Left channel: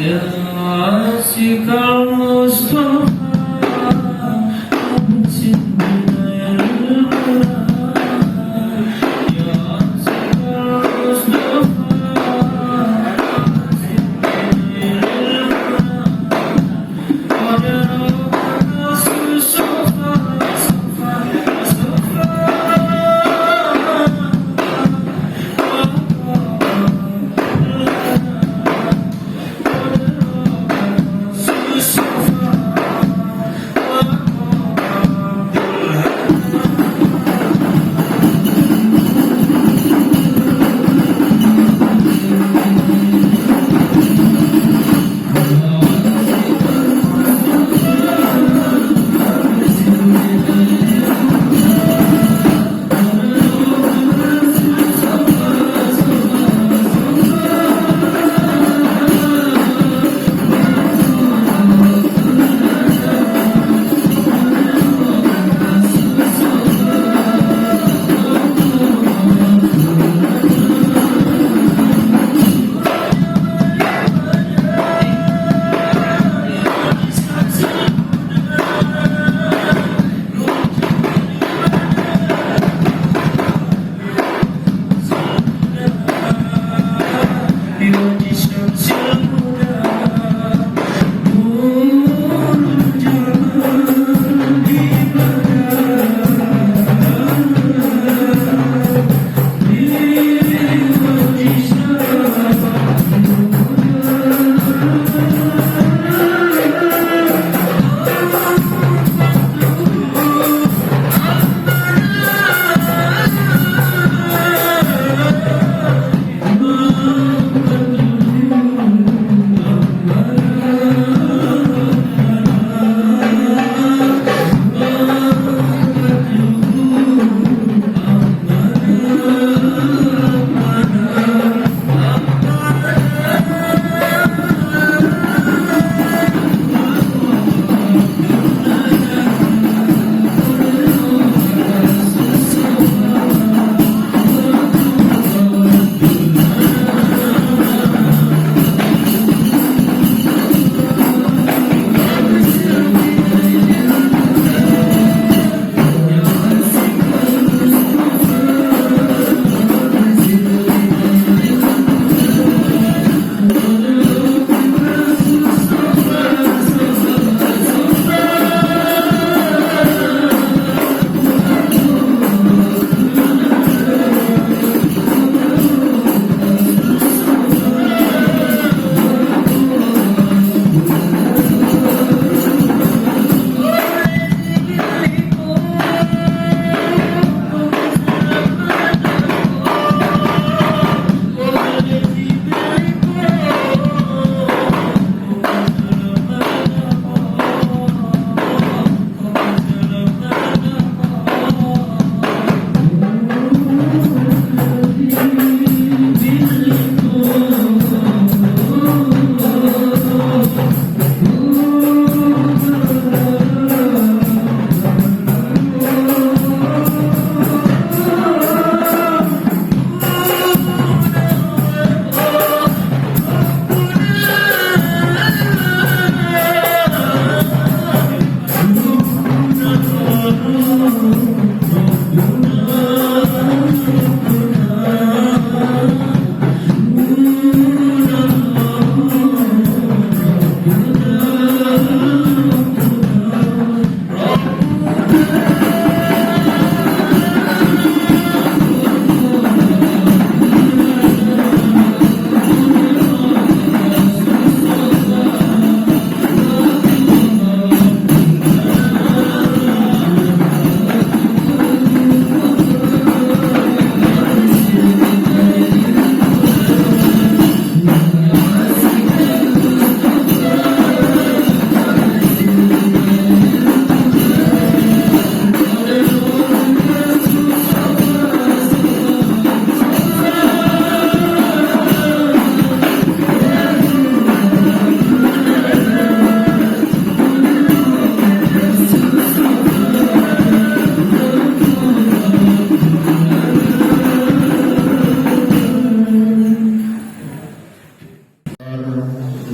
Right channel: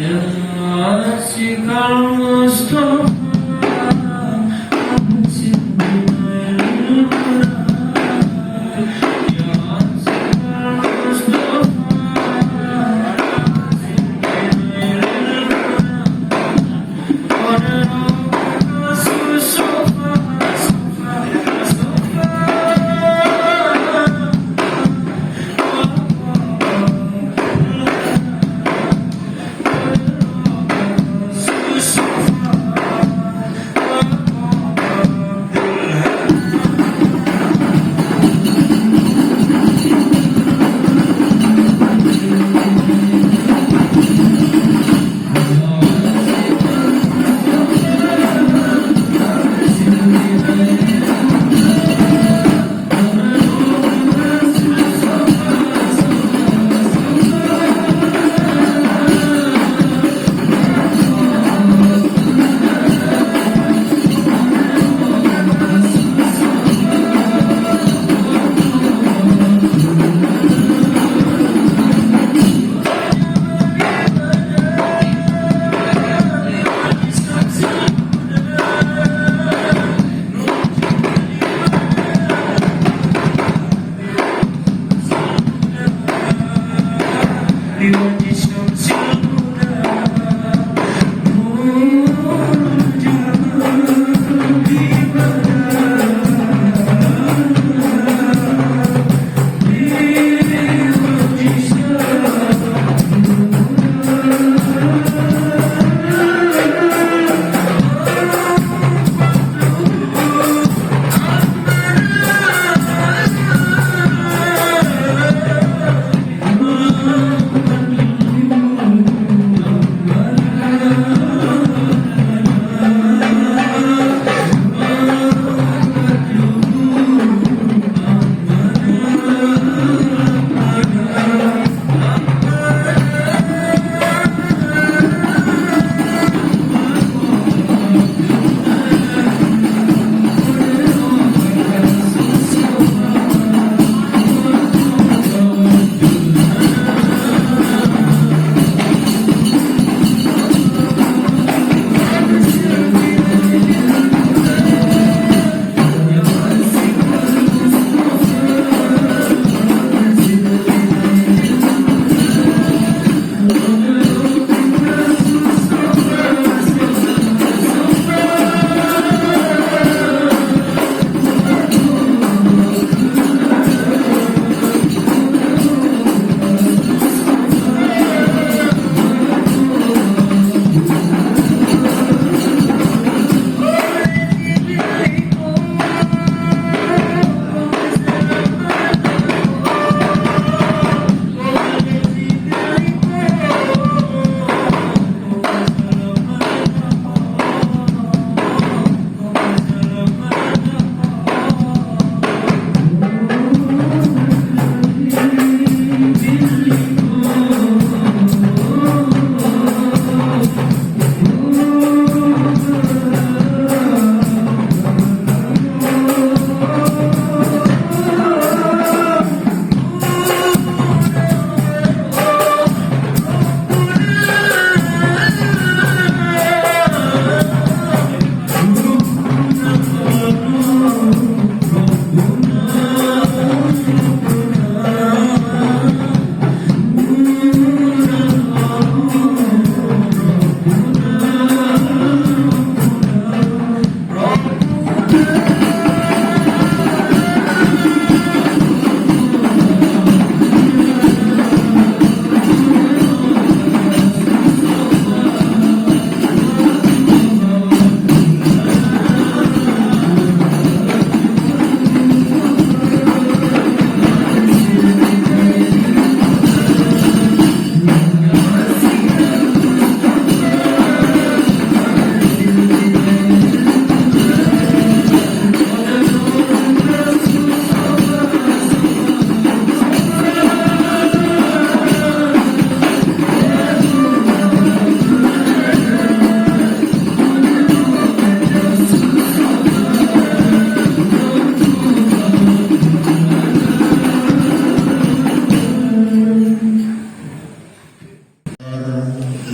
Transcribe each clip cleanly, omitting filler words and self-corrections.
يا عاشق المصطفى أبصر بنير الهدى يا عاشق المصطفى أبصر بنير الهدى ولربك صفا صفا صفا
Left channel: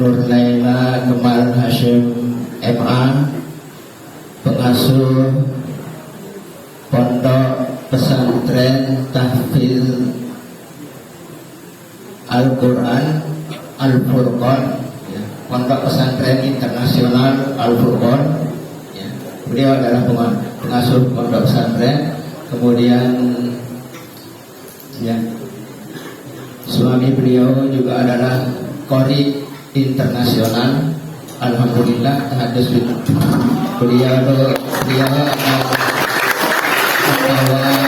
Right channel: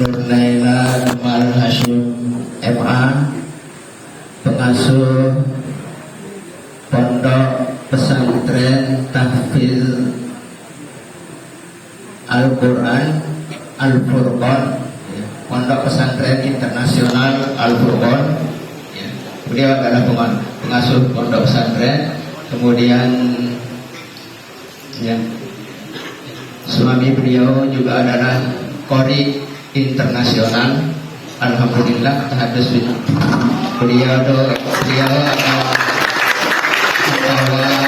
Nurlaila Numal Hashim MA, pengasuh Pondok Pesantren Tahfidz Al-Quran Al-Furqan, ya. Pondok Pesantren Internasional Al-Furqan, ya. Beliau adalah pengasuh pondok pesantren. Kemudian ya, suami beliau juga adalah Qori internasional. Alhamdulillah hadis beliau adalah kepala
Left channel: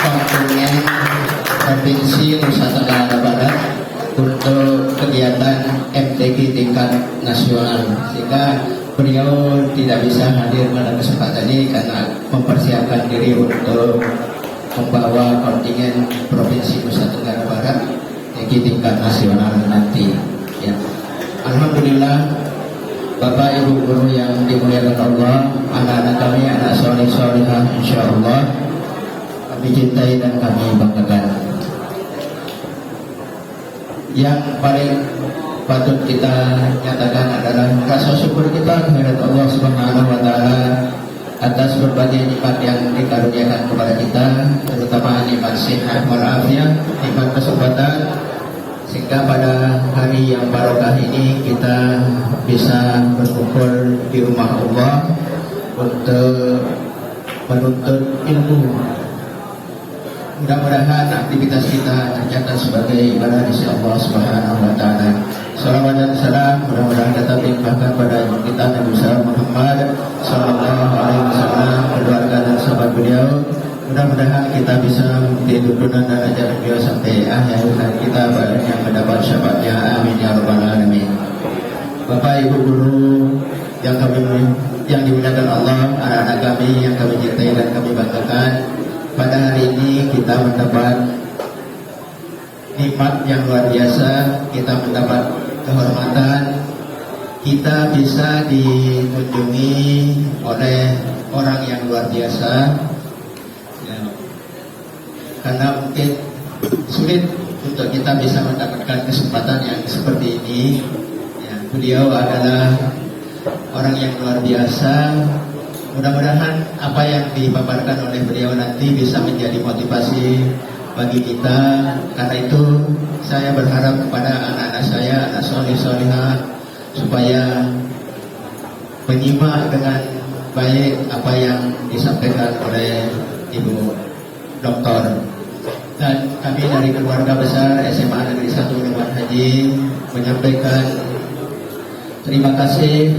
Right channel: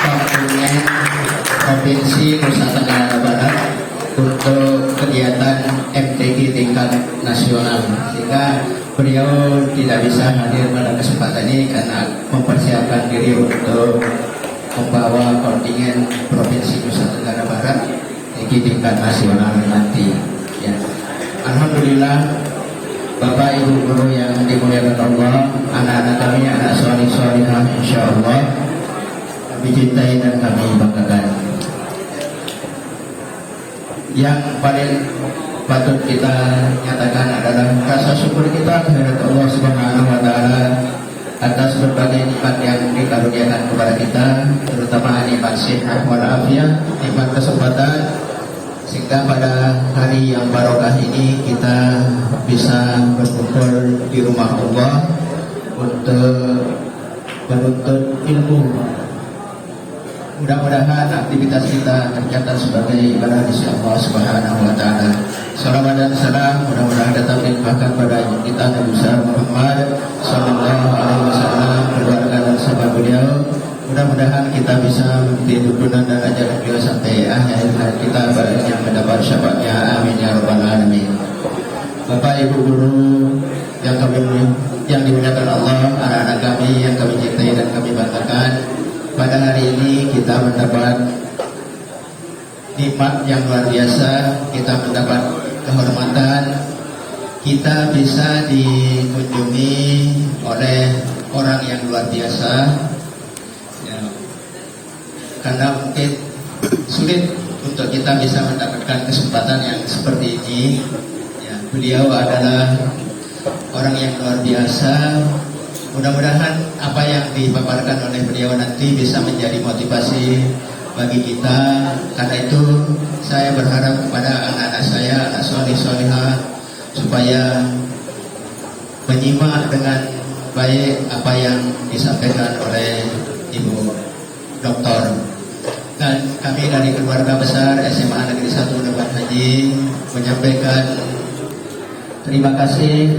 kontingen Provinsi Nusa Tenggara Barat untuk kegiatan MTQ tingkat nasional, sehingga beliau tidak bisa hadir pada kesempatan ini karena mempersiapkan diri untuk membawa kontingen Provinsi Nusa Tenggara Barat di tingkat nasional nanti. Ya. Alhamdulillah, Bapak Ibu guru yang dimuliakan Allah, anak-anak kami, anak soleh-solehah, insya Allah kami cintai dan kami banggakan. Yang paling patut kita nyatakan adalah rasa syukur kita kehadirat Allah Subhanahu wa Ta'ala atas berbagai nikmat yang dikaruniakan kepada kita, terutama nikmat sehat walafiat, nikmat kesempatan, sehingga pada hari yang barokah ini kita bisa berkumpul di rumah Allah untuk menuntut ilmu. Mudah-mudahan aktivitas kita tercatat sebagai ibadah di sisi Allah Subhanahu wa Ta'ala. Salawat dan salam mudah-mudahan datang limpahkan pada ibu kita Nabi besar Muhammad sallallahu alaihi wasallam, keluarga dan sahabat beliau. Mudah-mudahan kita bisa mengikuti tuntunan dan ajaran beliau sampai akhir hayat kita, banyak yang mendapat syafaatnya. Amin ya rabbal alamin. Bapak Ibu guru yang dimuliakan Allah, anak-anak kami yang kami cintai dan kami banggakan, pada hari ini kita mendapat nikmat yang luar biasa, kita mendapat kehormatan, kita bisa dikunjungi oleh orang yang luar biasa, ya. Karena mungkin sulit untuk kita bisa mendapatkan kesempatan yang seperti ini, ya. Beliau adalah orang yang luar biasa. Mudah-mudahan apa yang dipaparkan oleh beliau nanti bisa menjadi motivasi bagi kita. Karena itu saya berharap kepada anak-anak saya, anak soleh-solehah, supaya menyimak dengan baik apa yang disampaikan oleh Ibu Doktor. Dan kami dari keluarga besar SMA Negeri 1 Labuan Haji menyampaikan terima kasih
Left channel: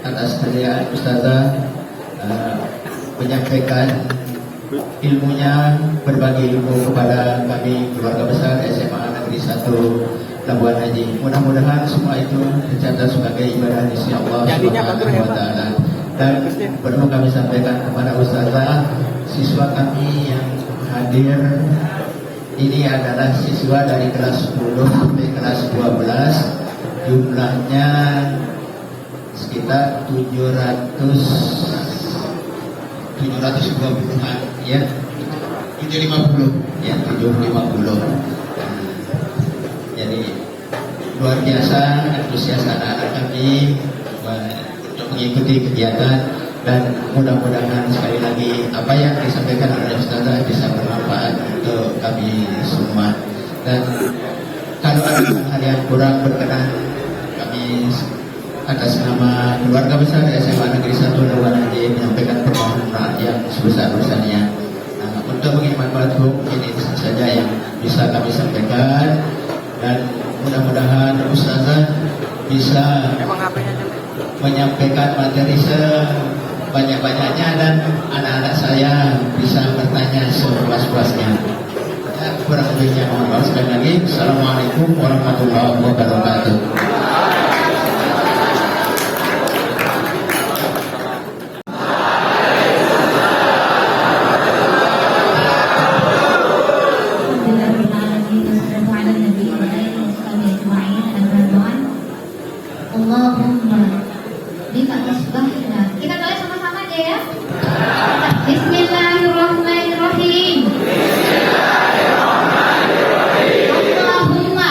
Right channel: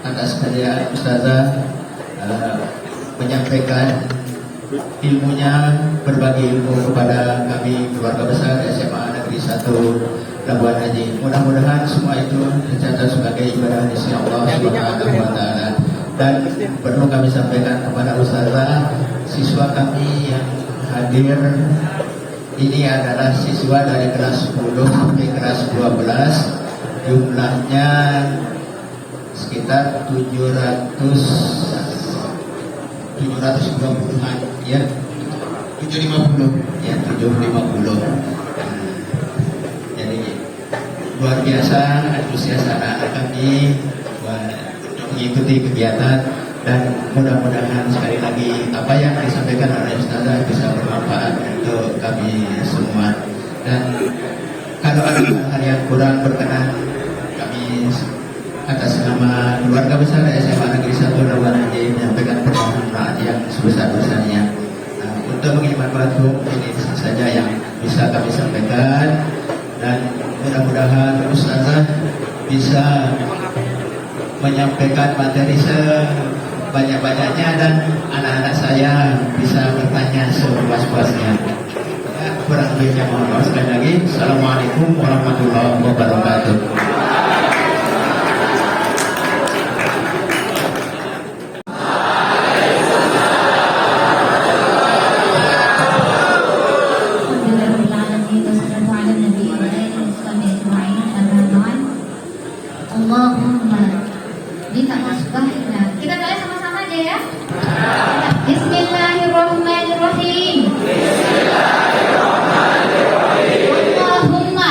atas kehadiran Ustazah, menyampaikan ilmunya, berbagi ilmu kepada kami keluarga besar SMA Negeri 1 Labuan Haji. Mudah-mudahan semua itu tercatat sebagai ibadah di sisi Allah Subhanahu wa Ta'ala. Dan perlu kami sampaikan kepada Ustazah, siswa kami yang hadir ini adalah siswa dari kelas 10 sampai kelas 12, jumlahnya sekitar 720-an, ya, 750, ya, 750. Jadi luar biasa antusias anak-anak kami untuk mengikuti kegiatan, dan mudah-mudahan sekali lagi apa yang disampaikan oleh Ustazah bisa bermanfaat untuk kami semua. Dan kalau ada hal yang kurang berkenan, kami atas nama keluarga besar SMA Negeri 1 Labuan Haji menyampaikan permohonan yang sebesar-besarnya. Untuk menghemat waktu, ini saja yang bisa kami sampaikan, dan mudah-mudahan Ustazah bisa menyampaikan materi sebanyak-banyaknya dan anak-anak saya bisa bertanya sepuas-puasnya. Ya, kurang lebihnya mohon maaf sekali lagi. Assalamualaikum warahmatullahi wabarakatuh. Allahumma kita masukkan. Kita doa sama-sama aja ya. Bismillahirrahmanirrahim. Allahumma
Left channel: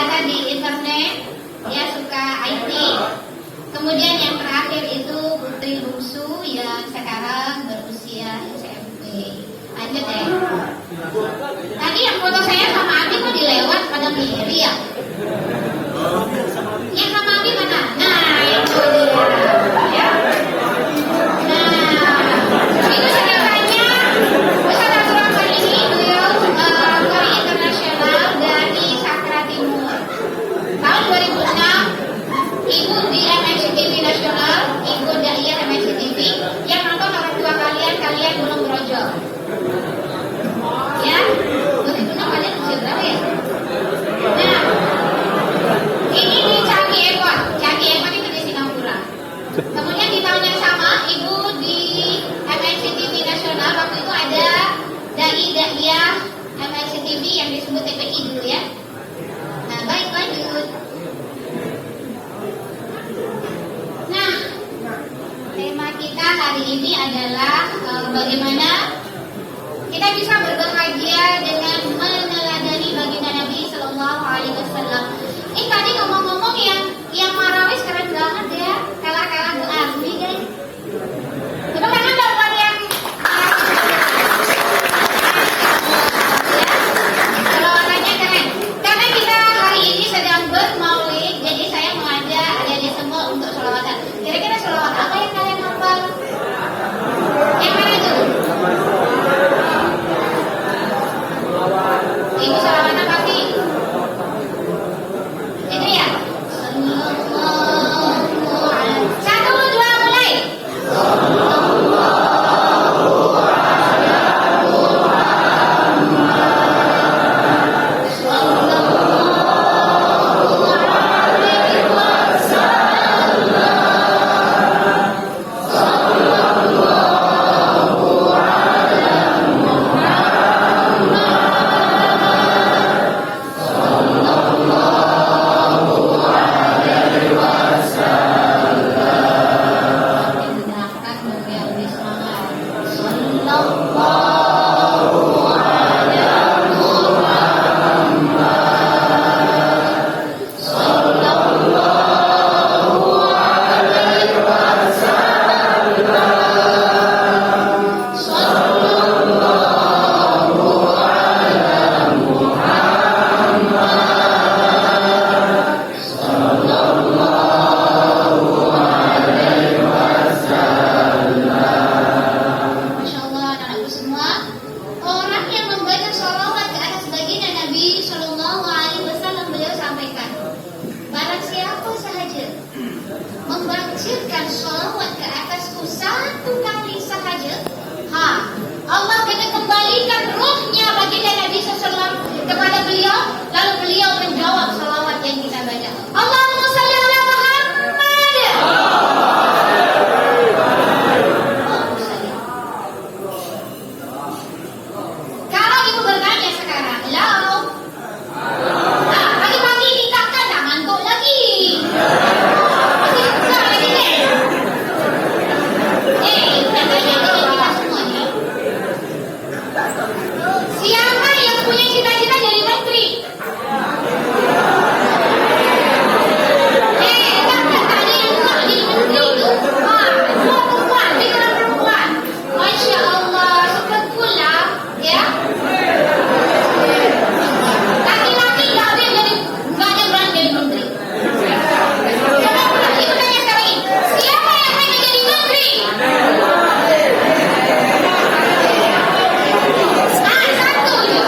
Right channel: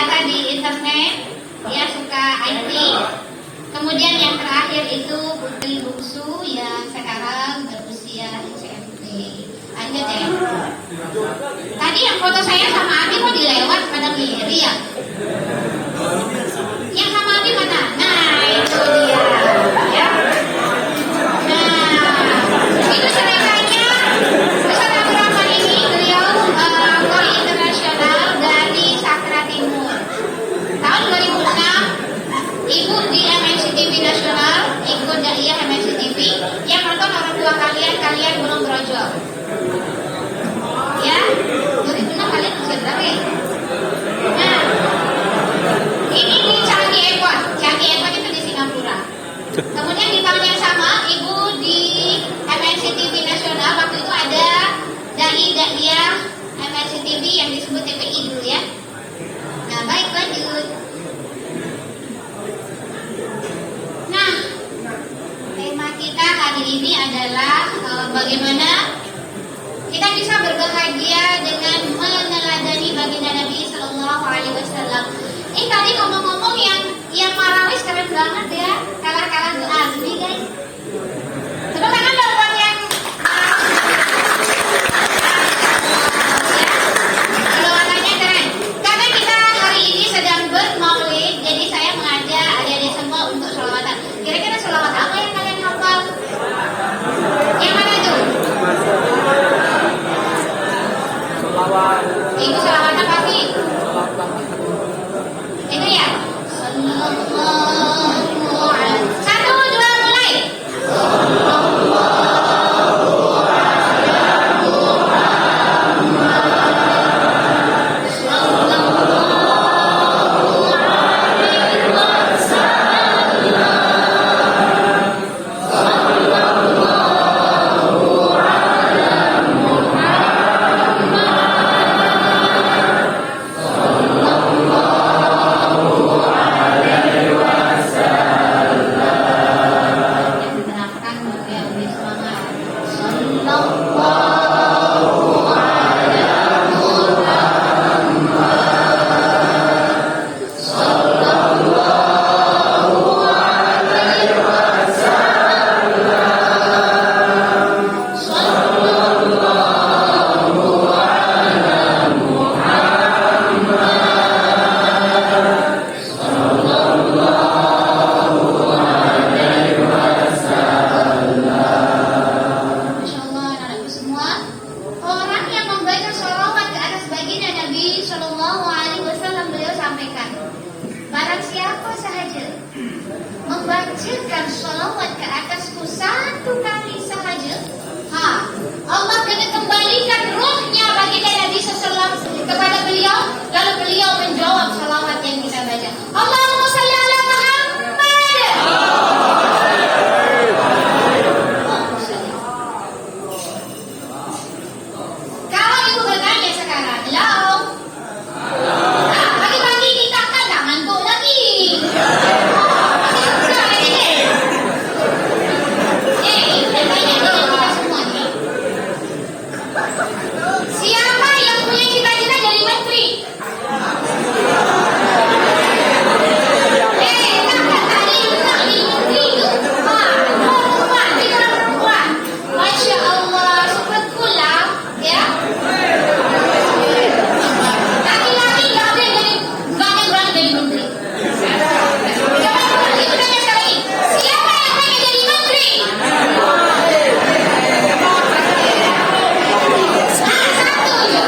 data di internet, dia suka IT. Kemudian yang terakhir itu putri bungsu yang sekarang berusia SMP. Lanjut ya. Tadi yang foto saya sama Abi kok dilewat pada kiri ya? Yang sama Abi mana? Nah itu dia. Ya. Nah, itu saudaranya. Saudara Rahman ini beliau Polri internasional dari Sakra Timur. Tahun 2006 ibu di MNCTV Nasional, ikut daiyah MNCTV. Yang nonton orang tua kalian belum brojol. Ya, 2006 kalian usia berapa ya? Nah, ini di Changi Airport. Changi Airport itu di Singapura. Kemudian di tahun yang sama, ibu di MNCTV Nasional waktu itu ada daiyah MNCTV yang disebut TPI dulu ya. Nah, baik lanjut. Nah, tema kita hari ini adalah bagaimana kita bisa berbahagia dengan meneladani baginda Nabi Sallallahu Alaihi Wasallam. Ini tadi ngomong-ngomong yang marawis keren banget ya, kalah Bu Azmi guys. Tepuk tangan dong buat yang selawatannya keren. Karena kita hari ini sedang bermaulid, jadi saya mengajak adik-adik semua untuk selawatan. Kira-kira selawat apa yang kalian hafal? Yang mana tuh? Ibu selawat apa sih? Itu ya. Sallallahu alaihi. 1, 2, mulai. Yang di belakang juga beri semangat. Sallallahu alaihi Masya Allah anak-anakku semua, orang yang membaca sholawat ke atas baginda Nabi Sallallahu Alaihi Wasallam, beliau sampaikan, barang siapa sahaja membacakan sholawat ke atasku 1 kali sahaja, Allah akan kembalikan ruhnya baginda Nabi Sallallahu kepada beliau, lalu beliau menjawab sholawat yang kita baca. Allahumma shalli ala Muhammad. Kalau ibu bertanya sekarang, halo, pagi-pagi kita kan tak ngantuk lagi. Masih susah lagi deh. Ibu dan tanya dengan kita semua nih. Siapa yang punya cita-cita jadi menteri? Takkan tadi yang nak jadi menteri itu? Perempuan, dia orang perempuan. Masya Allah, super cool lah, ya. Laki-laki nggak ada yang berani jadi menteri. Coba ibu tanya sekali lagi, siapa yang pengen jadi menteri? Satu aja.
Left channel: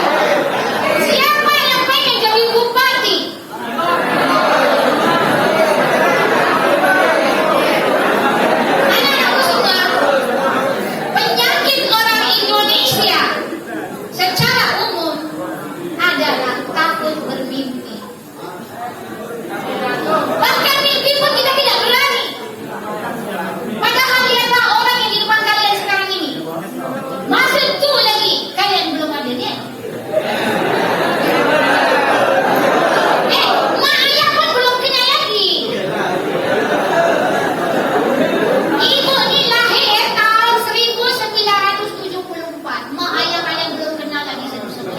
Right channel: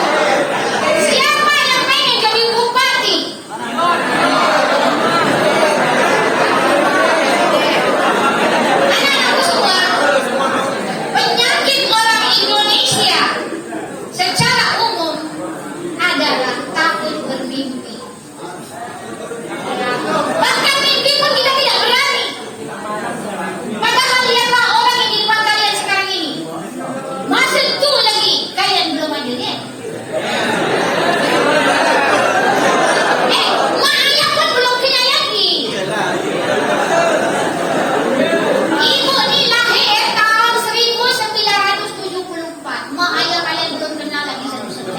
Siapa yang pengen jadi bupati? Anak-anakku semua, penyakit orang Indonesia secara umum adalah takut bermimpi. Bahkan mimpi pun kita tidak berani. Padahal lihatlah orang yang di depan kalian sekarang ini. Masih tua lagi, kalian belum ada ya? Mak ayah pun belum kena lagi. Ibu ni lahir tahun 1974. Mak ayah kalian belum kenal lagi satu-satu.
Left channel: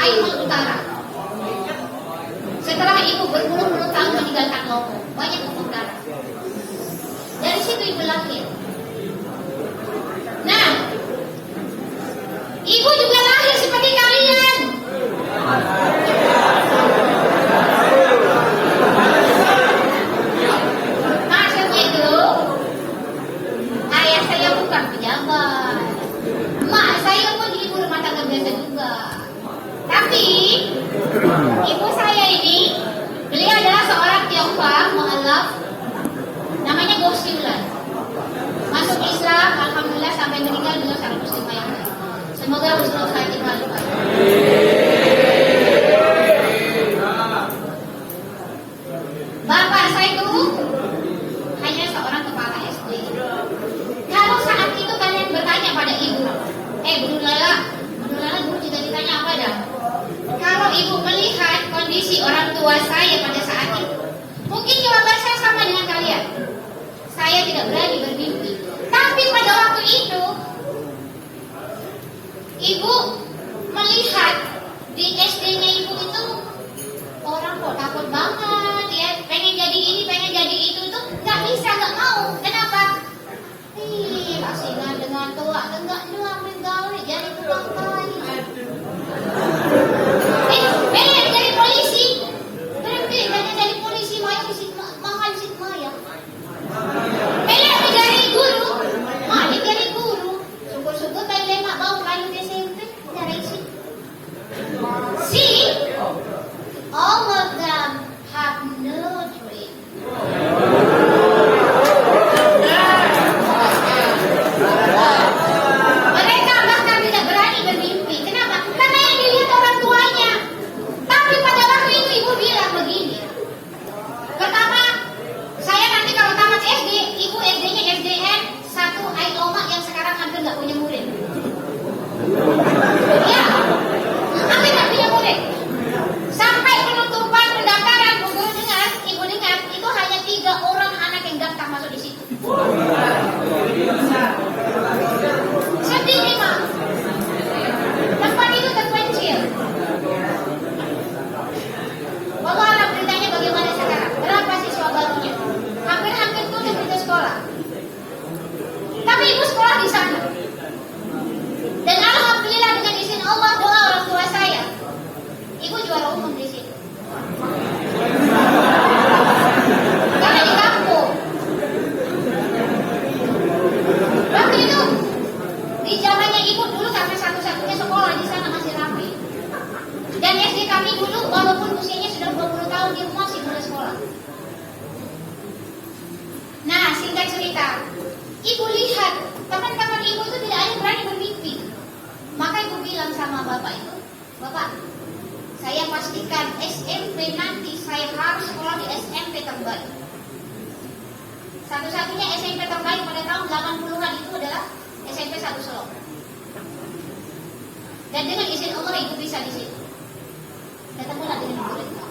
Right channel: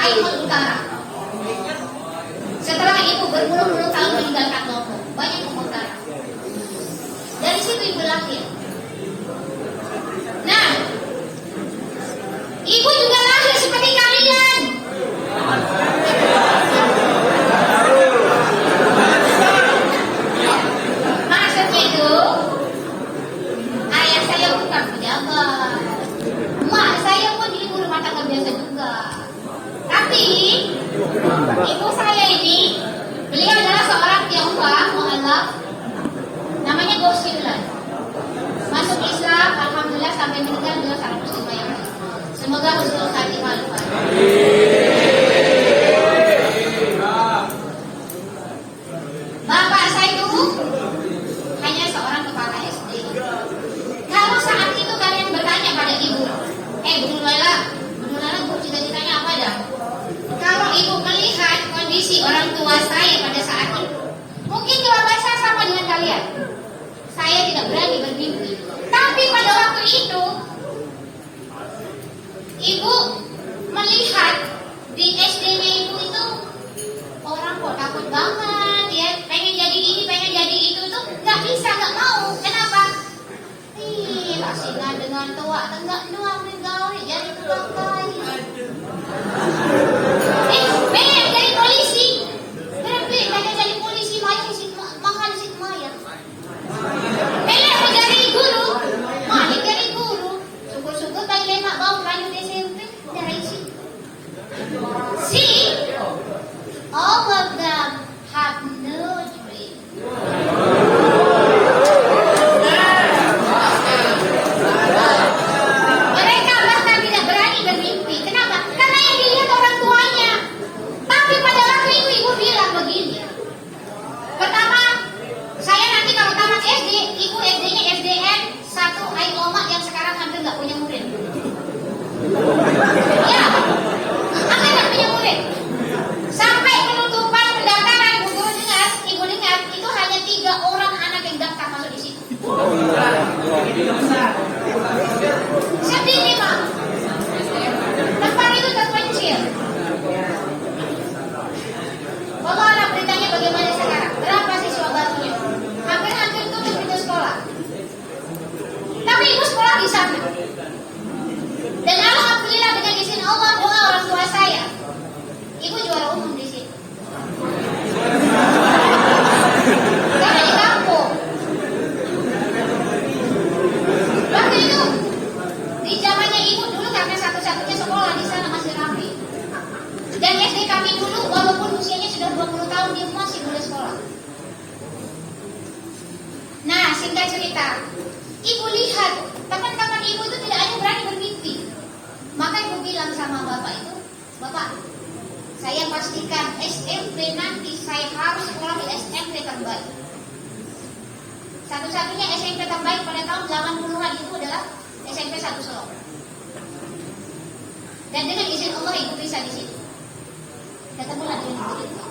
Kaiman Utara. Setelah ibu berpuluh-puluh tahun meninggalkan Lombok, banyak tumpah darah. Dari situ ibu lahir. Nah, ibu juga lahir seperti kalian. Maksudnya itu, ayah saya bukan pejabat, mak saya pun ibu rumah tangga biasa juga. Tapi ibu saya ini, beliau adalah seorang Tionghoa mualaf, namanya Gosila. Masuk Islam, alhamdulillah sampai meninggal beliau sangat muslimah yang baik. Semoga husnul khatimah. Bapak saya itu hanya seorang kepala SD. Kalau saat itu kalian bertanya pada ibu, Guru Lala guru cita-citanya apa dah? Kalau ibu melihat kondisi orang tua saya pada saat itu, mungkin jawaban saya sama dengan kalian. Saya tidak berani bermimpi. Tapi pada waktu itu, ibu melihat di SD-nya ibu itu orang kok takut banget, ya pengen jadi ini, pengen jadi itu nggak bisa, nggak mau. Kenapa? Lasina dengan tua, enggak nuang menggawe jadi tukang kayu. Pengen jadi polisi, pengen jadi polisi, mahal sih Maya. Pengen menjadi guru, malik jadi guru. Syukur-syukur kali lemak bau lanjut SMP dari sini. See, all of them have no dream. Mereka bahkan tidak berani bermimpi. Kenapa? Karena yang dilihat orang tuanya. Tapi pada waktu itu ibu bilang begini. Pertama, saya nanti kalau tamat SD, ibu SD-nya SDN 1 Ailoma yang sekarang hampir nggak punya murid. Ya, hampir nggak punya murid. Sampai penutupan pendaftaran, ibu dengar, itu hanya 3 orang anak yang daftar masuk di situ. Sedih memang. Tempat itu terpencil. Bagaimana beritanya bagaimana sekarang? Berapa siswa barunya? Hampir tutup itu sekolah. Tapi ibu sekolah di sana. Dan alhamdulillah dengan izin Allah, doa orang tua saya, ibu juara umum di situ. Karena di kampung. Waktu itu di zamannya ibu dulu kami satu-satunya sekolah di sana masih rapi. Dan SD kami dulu walaupun usianya sudah 20 tahun ibu masih boleh sekolah. Nah, singkat cerita, ibu lihat teman-teman ibu itu tidak ada yang berani bermimpi. Maka ibu bilang sama bapak itu, Bapak, saya pastikan SMP nanti saya harus sekolah di SMP terbaik. Satu-satunya SMP terbaik pada tahun 80-an itu adalah SMP 1 Solo. Dan dengan izin Allah ibu bisa di situ. Ketemulah dengan ibu kita.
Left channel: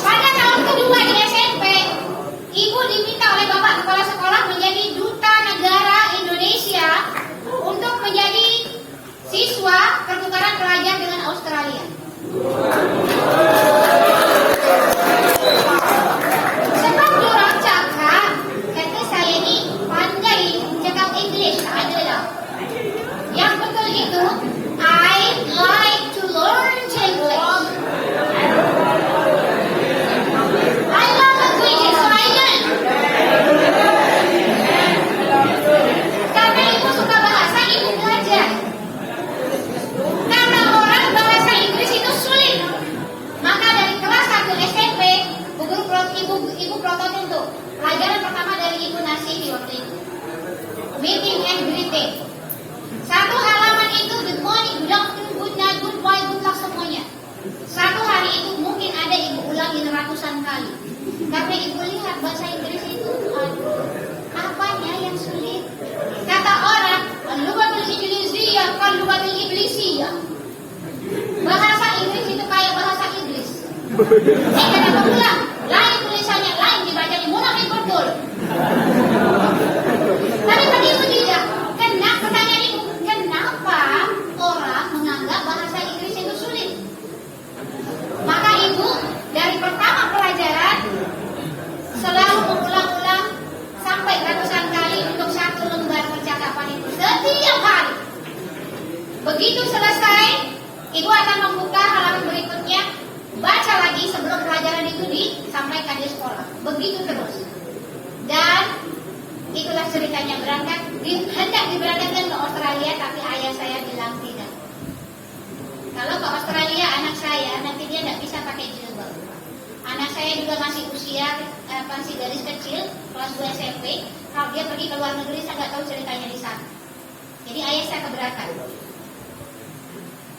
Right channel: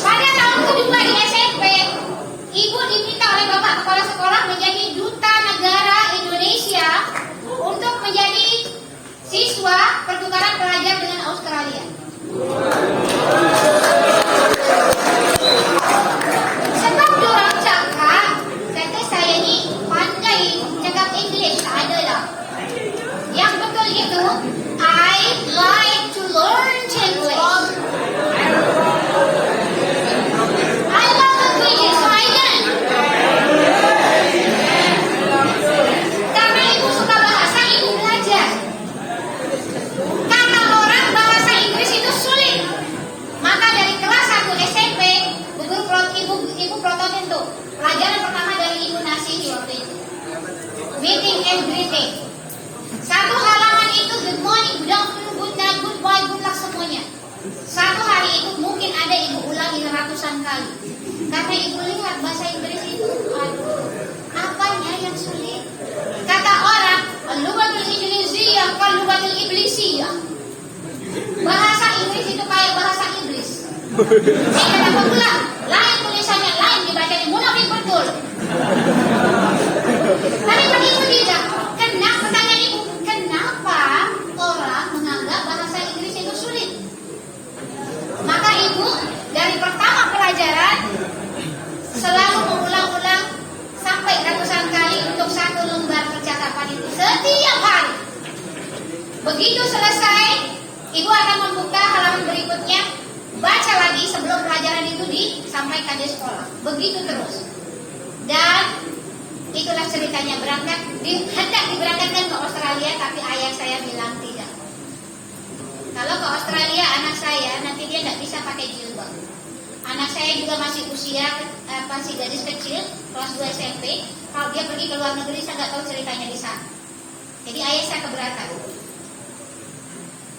Pada tahun kedua di SMP, ibu diminta oleh bapak kepala sekolah menjadi duta negara Indonesia untuk menjadi siswa pertukaran pelajar dengan Australia. Sebab orang cakap, kata saya ini pandai cakap English, tak ada lah. Yang betul itu, I like to learn English. I love languages, so I learn. Karena ibu suka bahasa, ibu belajar. Karena orang bahasa Inggris itu sulit. Maka dari kelas 1 SMP, ibu prototin tuh. Pelajaran pertama dari ibu Nasihi waktu itu. Meeting and greeting. Satu halaman itu good morning, good afternoon, good night, goodbye, good luck semuanya. Satu hari itu mungkin ada ibu ulangi ratusan kali. Karena ibu lihat bahasa Inggris itu, aduh, apanya yang sulit? Kata orang, al-lughatul ingliziyah kal-lughatul iblisiyah. Bahasa Inggris itu kayak bahasa iblis. Kenapa pula? Lain tulisannya, lain dibacanya, munafik betul. Tapi bagi ibu tidak. Kenapa? Begitu selesai, ibu akan membuka halaman berikutnya, baca lagi sebelum pelajaran itu disampaikan di sekolah. Begitu terus. Dan itulah ceritanya hendak diberangkatkan ke Australia, tapi ayah saya bilang tidak. Kalau ke Australia anak saya nanti dia tidak bisa pakai jilbab. Anak saya juga masih usia masih gadis kecil, kelas 2 SMP. Kalau dia pergi ke luar negeri saya nggak tahu ceritanya di sana. Jadi ayah saya keberatan.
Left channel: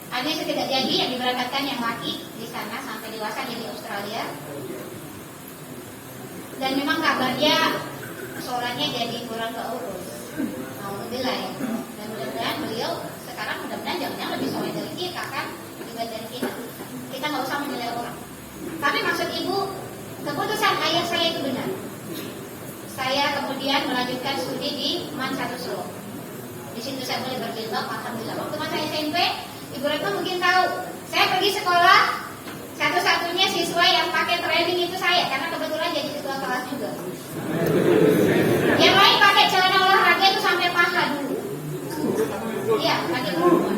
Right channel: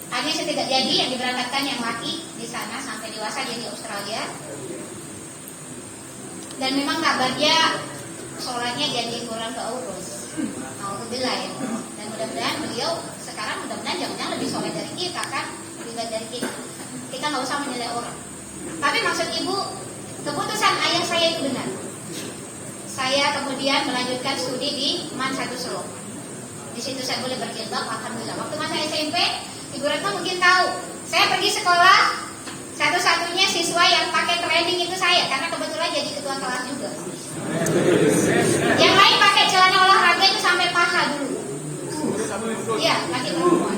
Akhirnya saya tidak jadi, yang diberangkatkan yang laki di sana sampai dewasa dia di Australia. Dan memang kabarnya sholatnya jadi kurang keurus. Alhamdulillah ya. Dan mudah-mudahan beliau sekarang jangan lebih soleh dari kita kan, dibanding kita. Kita nggak usah menilai orang. Tapi maksud ibu, keputusan ayah saya itu benar. Saya kemudian melanjutkan studi di MAN 1 Solo. Di situ saya boleh berjilbab, alhamdulillah. Waktu masa SMP, Ibu Retno mungkin tahu, saya pergi sekolah, satu-satunya siswa yang pakai training itu saya, karena kebetulan jadi ketua kelas juga. Yang lain pakai celana olahraga itu sampai paha dulu. Iya, kaki perempuan.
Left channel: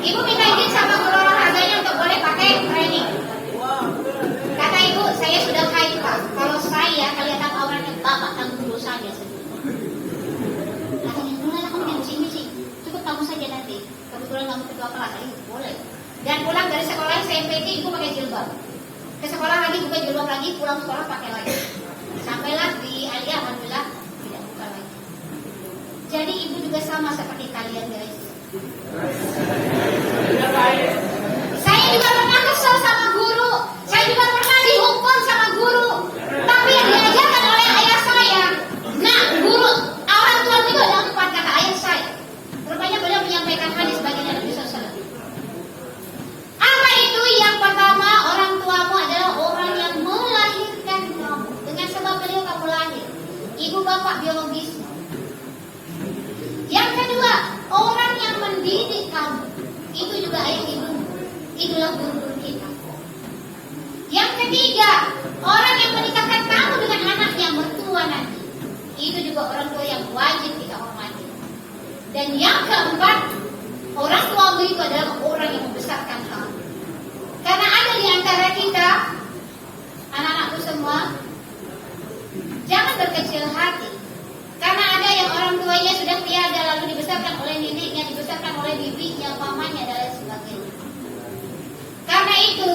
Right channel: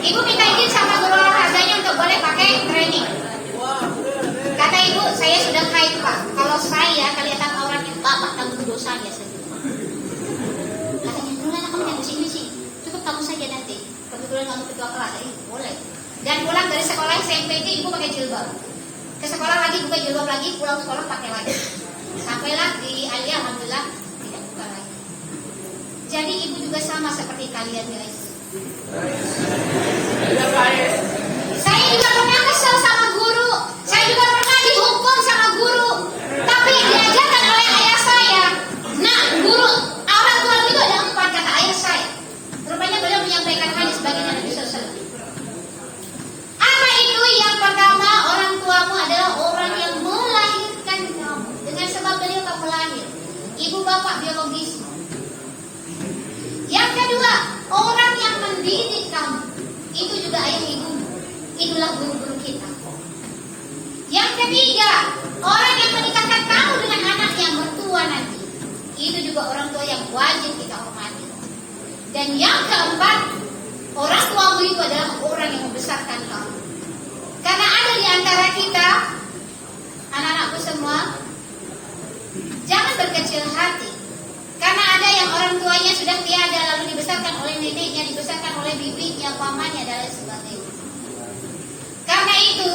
Ibu minta izin sama guru olahraganya untuk boleh pakai training. Kata ibu, saya sudah haid Pak. Kalau saya kelihatan auratnya bapak dan berdosa ya. Katanya, mulai kamu yang sini sih. Cukup kamu saja nanti. Kebetulan kamu ketua kelas, boleh. Dan pulang dari sekolah SMP itu ibu pakai jilbab. Ke sekolah lagi buka jilbab lagi, pulang sekolah pakai lagi. Sampailah di Alia, alhamdulillah tidak buka lagi. Jadi ibu juga sama seperti kalian guys. Saya juga pernah kesel sama guru. Saya juga pernah dihukum sama guru. Tapi yang diajarkan oleh ayah saya. Nah, guru orang tua itu ada 4 kata ayah saya. Rupanya beliau menyampaikan hadis baginda Nabi SAW. Apa itu? Yang pertama, orang tuamu adalah orang yang melahirkan kamu. Dengan sebab beliau kamu lahir. Ibu bapak biologis. Yang kedua, orang yang mendidik kamu. Itu juga ayah ibu. Itulah guru-guru kita. Yang ketiga, orang yang menikahkan kamu dengan anak yang mertua nanti. Itu juga orang tua yang wajib kita hormati. Dan yang keempat, orang tuamu itu adalah orang yang membesarkan kamu. Karena ada di antara kita, anak-anakku semua, jangan berkecil hati. Karena ada yang orang tuanya sudah tiada, lalu dibesarkan oleh neneknya, dibesarkan oleh bibinya, pamannya, dan lain sebagainya. Karena itu,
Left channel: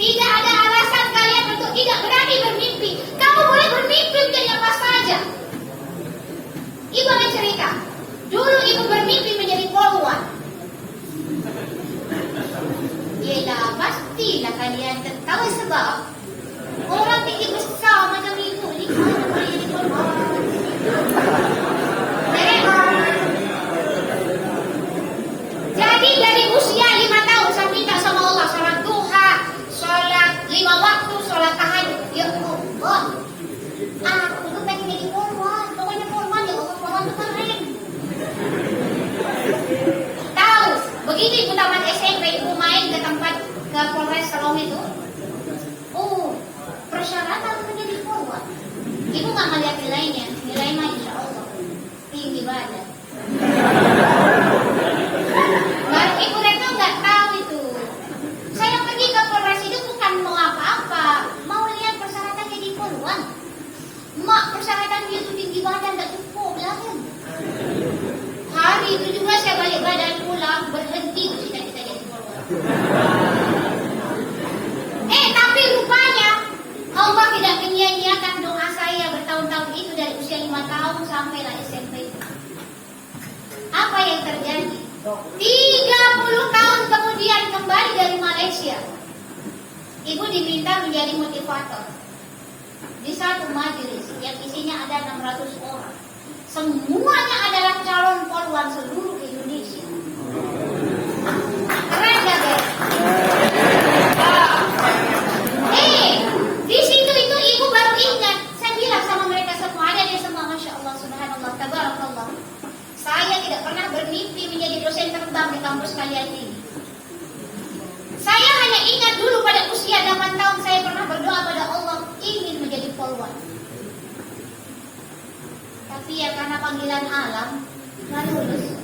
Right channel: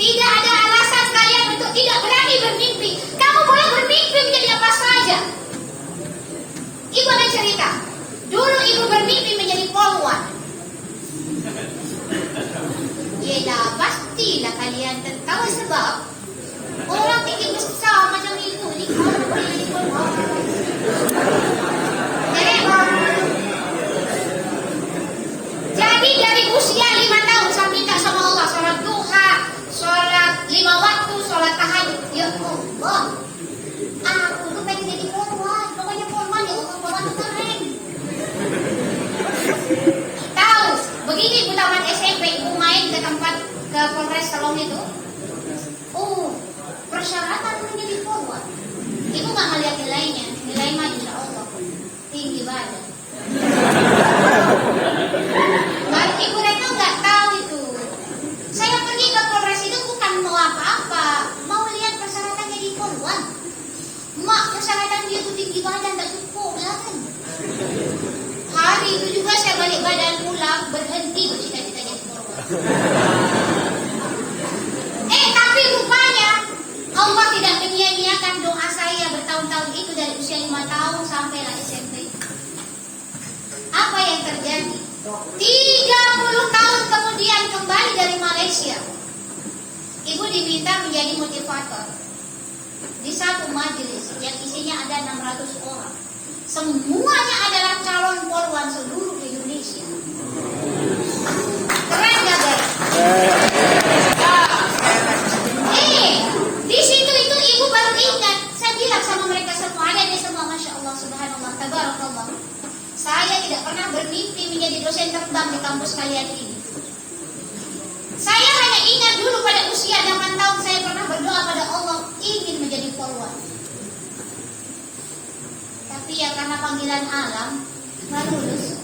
tidak ada alasan kalian untuk tidak berani bermimpi. Kamu boleh bermimpi menjadi apa saja. Ibu ada cerita. Dulu ibu bermimpi menjadi polwan. Yelah, pastilah kalian tertawa sebab orang tinggi besar macam ibu ni mana boleh jadi polwan. Jadi dari usia 5 tahun saya minta sama Allah salat duha, salat 5 waktu, salat tahajud. Ya Allah, aku tuh pengen jadi polwan. Pokoknya polwan ya Allah, polwan tuh keren. Tahu, begitu ibu tamat SMP, ibu main ke tempat ke Polres Salom itu. Oh, persyaratan menjadi polwan. Ibu nggak ngeliat nilainya, nilai mah insya Allah tinggi banget. Baru ibu Retno nggak tahu itu. Saya pergi ke Polres itu bukan mau apa-apa, mau lihat persyaratan jadi polwan. Mak, persyaratan dia tuh tinggi badan tak cukup ya kan? Hari itu juga saya balik badan pulang berhenti bercita-cita jadi polwan. Tapi rupanya Allah tidak menyia-nyiakan doa saya bertahun-tahun itu dari usia 5 tahun sampailah SMP. Apa yang terjadi? 30 tahun kemudian kembali dari Malaysia. Ibu diminta menjadi motivator di satu majelis yang isinya ada 600 orang. Semuanya adalah calon polwan seluruh Indonesia. Keren gak guys? Di situ itu ibu baru ingat. Saya bilang sama mereka semua, ada di semua, Masya Allah, Subhanallah, Tabarakallah. Saya tidak pernah bermimpi menjadi dosen terbang di kampus kalian ini. Saya hanya ingat dulu pada usia 8 tahun saya pernah berdoa pada Allah ingin menjadi polwan. Tapi ya karena panggilan alam, nggak lulus.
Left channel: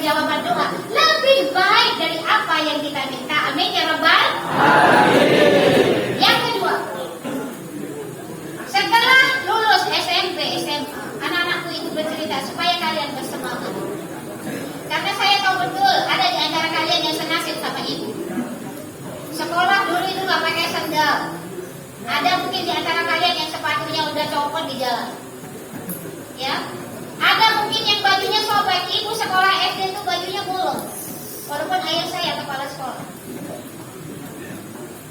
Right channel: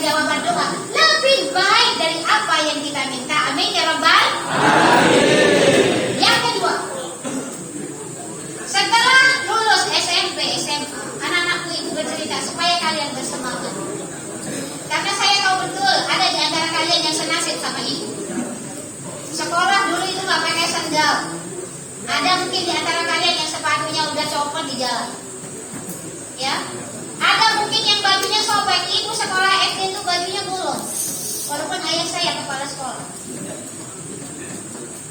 dikasih jawaban doa lebih baik dari apa yang kita minta. Amin ya Rabbal. Yang kedua, setelah lulus SMP, SMA, anak-anakku ibu bercerita supaya kalian bersemangat. Karena saya tahu betul ada di antara kalian yang senasib sama ibu. Sekolah dulu itu nggak pakai sandal. Ada mungkin di antara kalian yang sepatunya udah copot di jalan. Ya, ada mungkin yang bajunya sobek. Ibu sekolah SD itu bajunya bolong. Walaupun ayah saya kepala sekolah.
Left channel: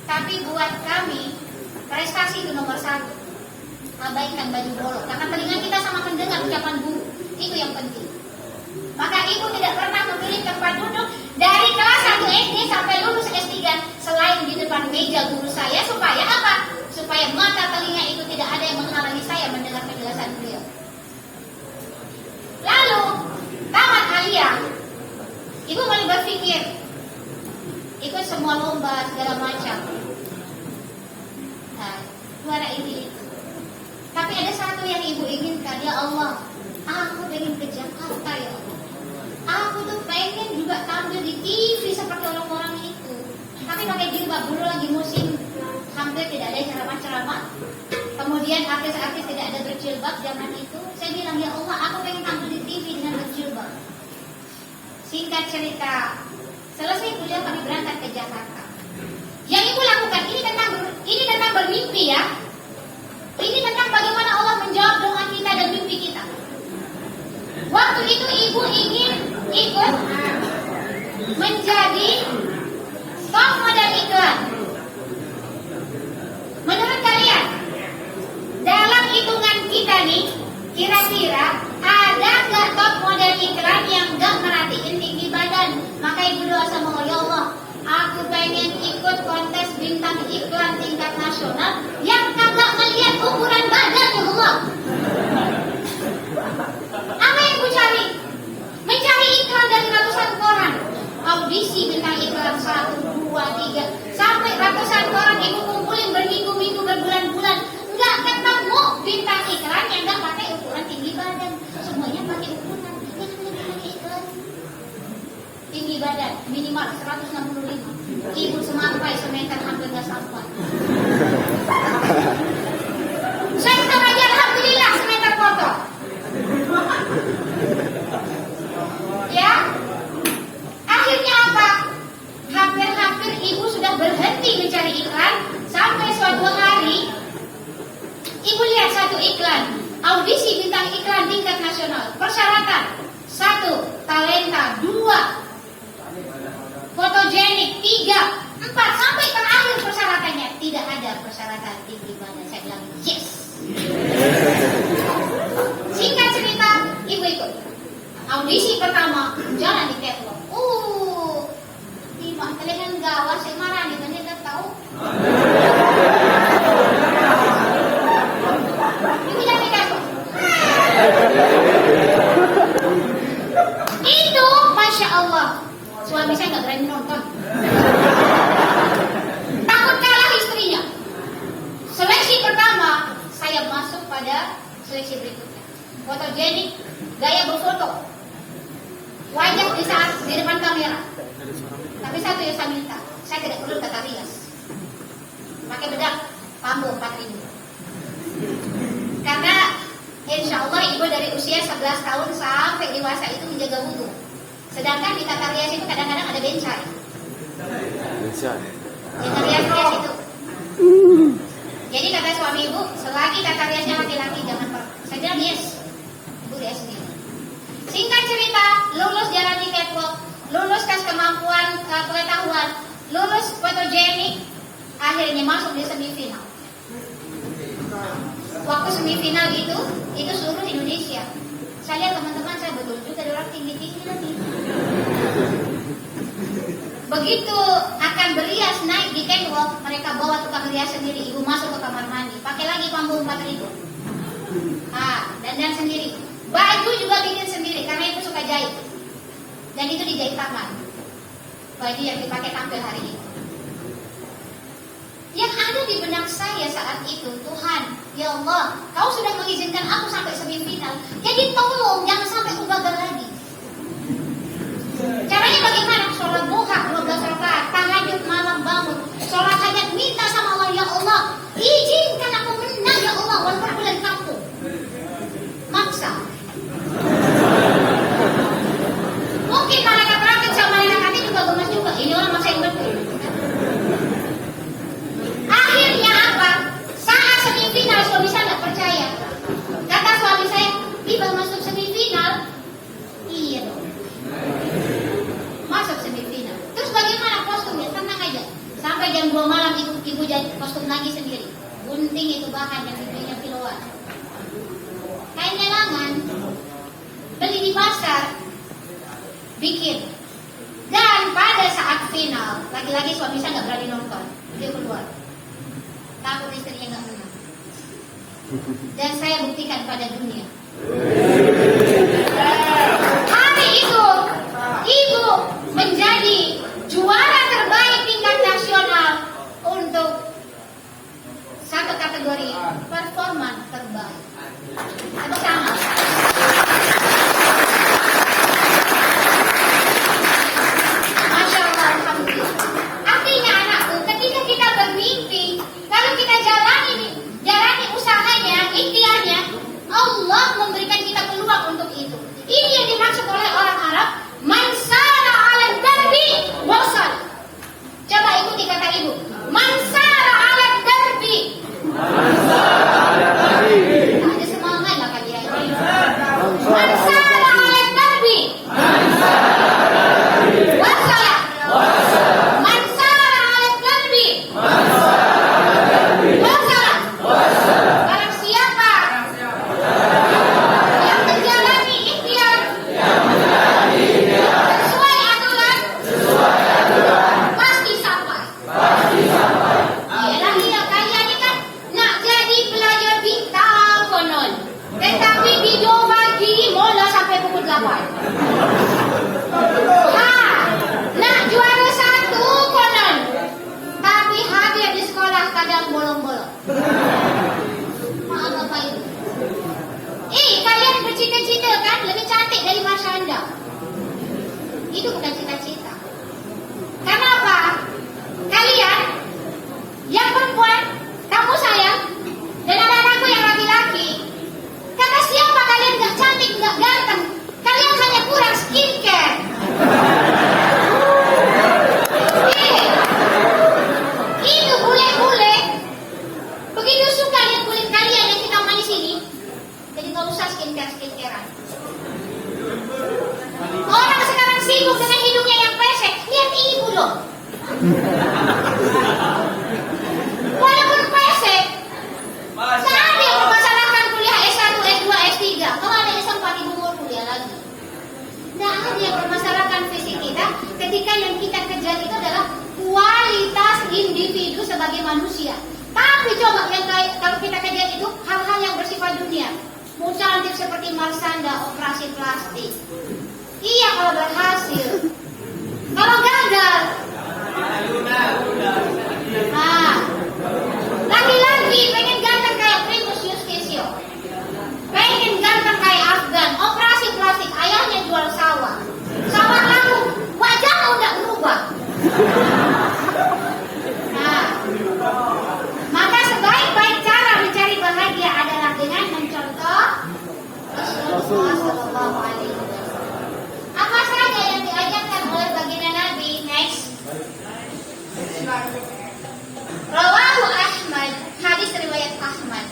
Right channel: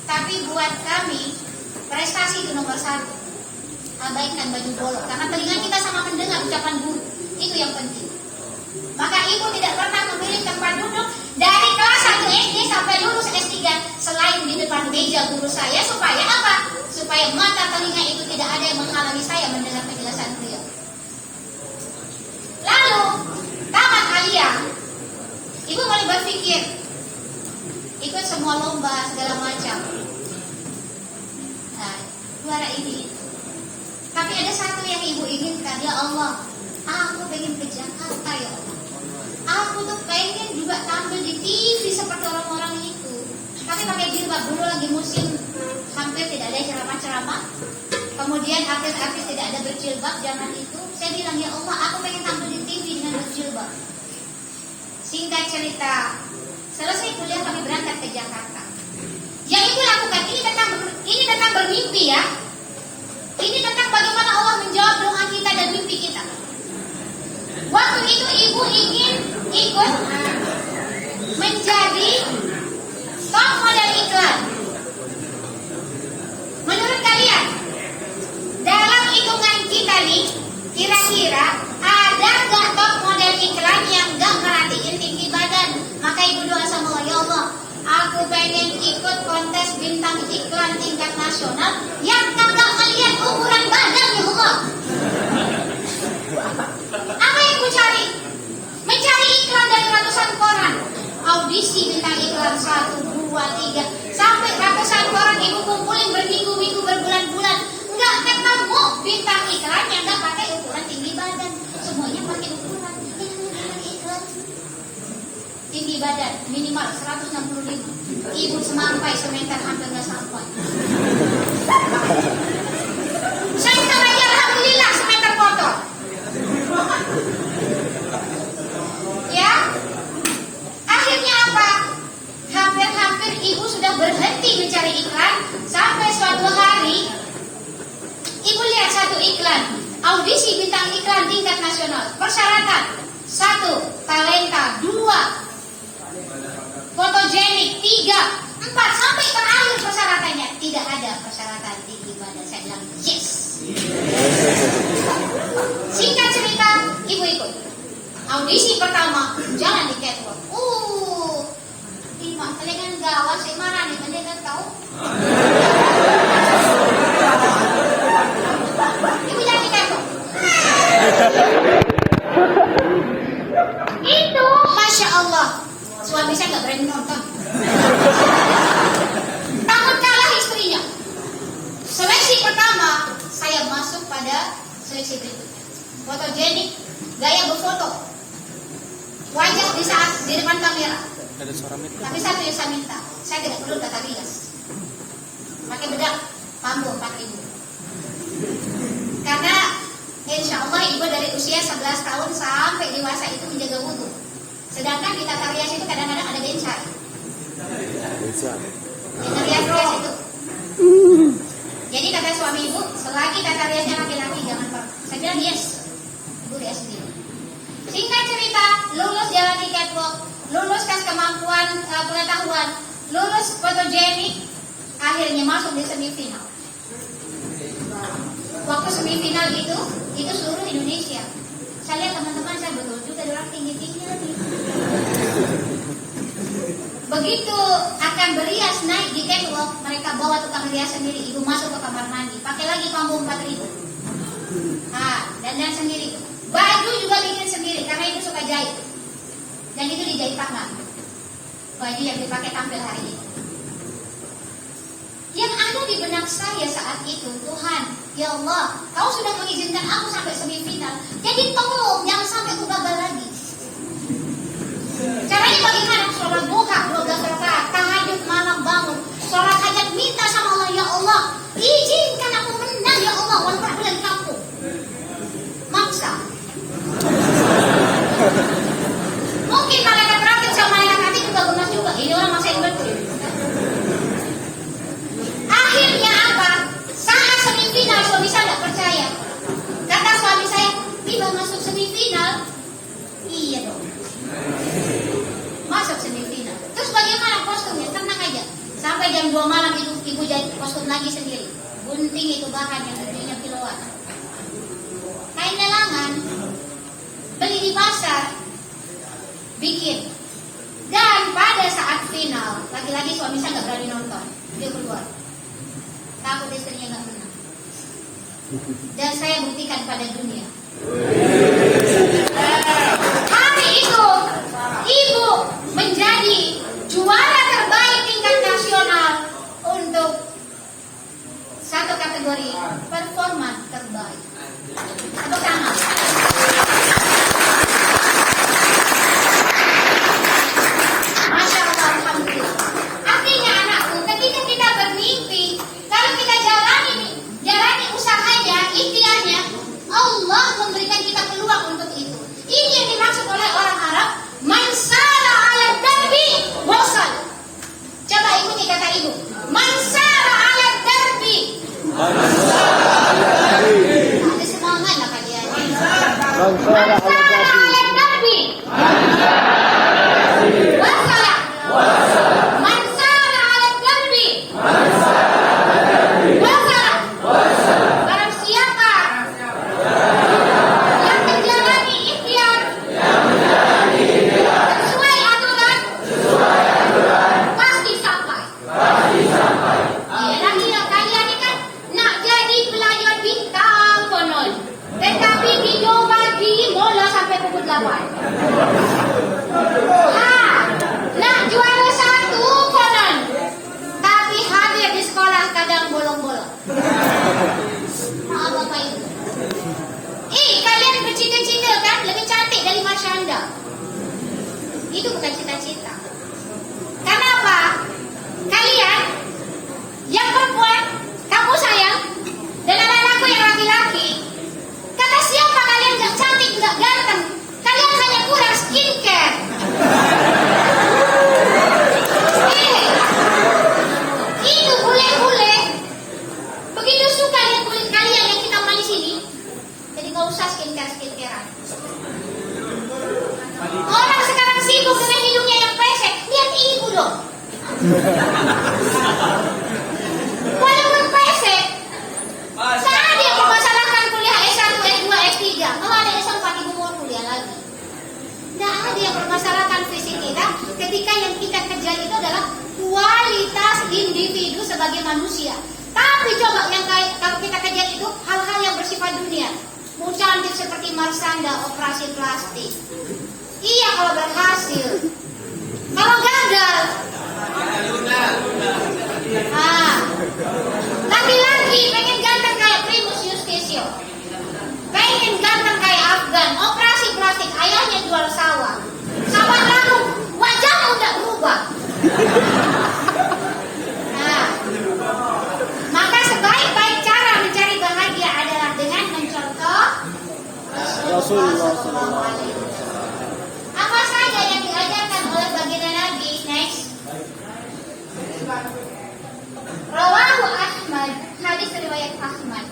Tapi buat kami prestasi itu nomor 1. Abaikan baju bolong. Karena telinga kita sama mendengar ucapan guru. Itu yang penting. Maka ibu tidak pernah memilih tempat duduk dari kelas 1 SD sampai lulus S3 selain di depan meja guru saya. Supaya apa? Supaya mata telinga itu tidak ada yang menghalangi saya mendengar penjelasan beliau. Lalu tamat aliyah, ibu mulai berpikir ikut semua lomba segala macam. Nah, juara ini itu. Tapi ada satu yang ibu inginkan, ya Allah, aku pengen ke Jakarta ya Allah. Aku tuh pengen juga tampil di TV seperti orang-orang itu. Tapi pakai jilbab, dulu lagi musim hampir tidak ada ceramah-ceramah. Kemudian artis-artis tidak ada berjilbab zaman itu. Saya bilang, ya Allah, aku pengen tampil di TV dengan berjilbab. Singkat cerita, selesai kuliah kami berangkat ke Jakarta. Yang ibu lakukan ini tentang bermimpi ya. Ini tentang bagaimana Allah menjawab doa kita dan mimpi kita. Waktu itu ibu ingin ikut menjadi top model iklan. Menurut kalian, dalam hitungan kita nih, kira-kira ada gak top model iklan yang gak merhatiin tinggi badan? Maka ibu doa sama Allah, ya Allah, aku pengen ikut kontes bintang iklan tingkat nasional yang kagak melihat ukuran badan, ya Allah. Apa yang ibu cari? Mencari iklan dari ratusan koran. Audisi bintang iklan 1, 2, 3 sampai ratusan koran ibu kumpulin berminggu-minggu, berbulan-bulan. Nggak ketemu bintang iklan yang nggak pakai ukuran tinggi badan. Semuanya pakai ukuran iklan tinggi badan minimal 165. Ibu semampai semeter hampir nggak sampai. Saya hitung aja, alhamdulillah semeter kotor. Ya, akhirnya apa? Hampir-hampir ibu sudah berhenti mencari iklan sampai suatu hari ibu lihat satu iklan audisi bintang iklan tingkat nasional. Persyaratan 1, talenta, 2, fotogenik, 3, 4 sampai terakhir persyaratannya tidak ada persyaratan tinggi badan. Saya bilang yes. Singkat cerita, ibu ikut audisi pertama, jalan di catwalk. Lima kalian gawat, saya marah nih, kalian kan tahu? Ibu jalan di catwalk. Itu, masya Allah, suami saya nggak berani nonton. Takut kalah istrinya. Seleksi pertama, saya masuk pada seleksi berikutnya. Fotogenik, gaya berfoto, wajah di depan kamera. Tapi satu yang saya minta, saya tidak perlu tata rias. Pakai bedak, pambu 4.000. Karena insya Allah ibu dari usia 11 tahun sampai dewasa itu menjaga wudhu. Sedangkan di tata rias itu kadang-kadang ada bencai. Tata rias itu. Jadi kata suami ibu, selagi tata riasnya laki-laki jangan pernah. Saya bilang yes. Ibu di SD. Singkat cerita, lulus jalan di catwalk, lulus tes kemampuan pengetahuan, lulus fotogenik, akhirnya masuk di semifinal. Waktu semifinal itu seluruh Indonesia. Saya lihat teman-teman saya betul juga ada orang tinggi-tinggi lagi. Begitu akan berias naik di catwalk, mereka bawa tukang rias sendiri. Ibu masuk ke kamar mandi, pakai lagi pambu 4.000. Dandan sendiri. Baju juga bikin sendiri karena ibu suka jahit. Dan itu dijahit tangan. Baju yang dipakai tampil hari ini. Yang ada di benak saya saat itu, Tuhan, ya Allah, Kau sudah mengizinkan aku sampai semifinal. Jadi tolong jangan sampai aku gagal lagi. tiba-tiba masuk semifinal, iya dong. Masuk semifinal. Terus bagaimana kostumnya? Tenang aja. Sampai jam 2 malam itu ibu jadi kostum lagi sendiri. Gunting itu bahan yang dibelinya kiloan. Kain dalangan, beli di pasar, bikin. Dan pada saat final, lagi-lagi suami saya nggak berani nonton, dia keluar. Takut istrinya nggak menang. Dan saya buktikan pada dunia. Hari itu, ibu menjadi juara terbaik tingkat nasional untuk satu kategori performa terbaik. Tepuk tangan. Masya Allah, alhamdulillah. Artinya anakku, ketika kita bermimpi, kalau kita jalani usahanya, ikhtiarnya, Allah memberikan kita peluang untuk itu. Ini yang dimaksud oleh orang Arab, man sara 'ala darbi wasal. Coba ikuti kata ibu. Man sara 'ala darbi. Ada semangat lah kalian. Man sara 'ala darbi. Wasala. Man sara 'ala darbi. Wasala. Barang siapa yang menjalani ikhtiar sesuai aturan pasti sampai. Iya, tidak kalian ini kan nak jadi pelajar bintang konon, tetapi dicoba di mola sampai pukul 8. Nak juara 1 konon, tapi hadir di sekolah kadang bolong-bolong. Maaf Bapak Ibu. Kalian bercita-cita kan lebih cantik dari Marsyanda. Itu bukan cita-cita. Kenapa? Kalian yang perempuan, kamu sayang, dan anak-anakku yang laki-laki, kata siapa kalian gak cantik, gak ganteng? Kalian hanya kurang skincare. Itu bule-bule begitu suka lihat kulit kalian yang hitam manis ini, jadi gak usah skincare-skincarean. Orang sekarang sibuk dengan hidungnya yang pesek. Lihat ibu loh. Walaupun pesek, saat dia mempermasalahkan kuliah S1, S2, S3, kalau ada S4 ibu mau kuliah lagi. Tidak ada yang mempermasalahkan fisik kita ketika yang kita kejar itu adalah kualitas individu sebagai manusia. Tapi coba yang kalau kita kejar itu hal-hal yang bersifat dunia. Mau cantik seperti Marsyanda, operasi plastik. Iya kalau berhasil. Kalau gagal, laki-laki pengen ganteng kayak Primus Yustisio, pengen ganteng kayak Afgan, operasi plastik, ayahnya jual sawah. Sawah laku, wajahmu udah berubah. Maka sebaik-baik cara mencari bahagia adalah dengan mencontoh Rasulullah SAW. Apa saja yang diajarkan oleh baginda Nabi? Next. Rawahu Ahmad, hadis riwayat Ahmad.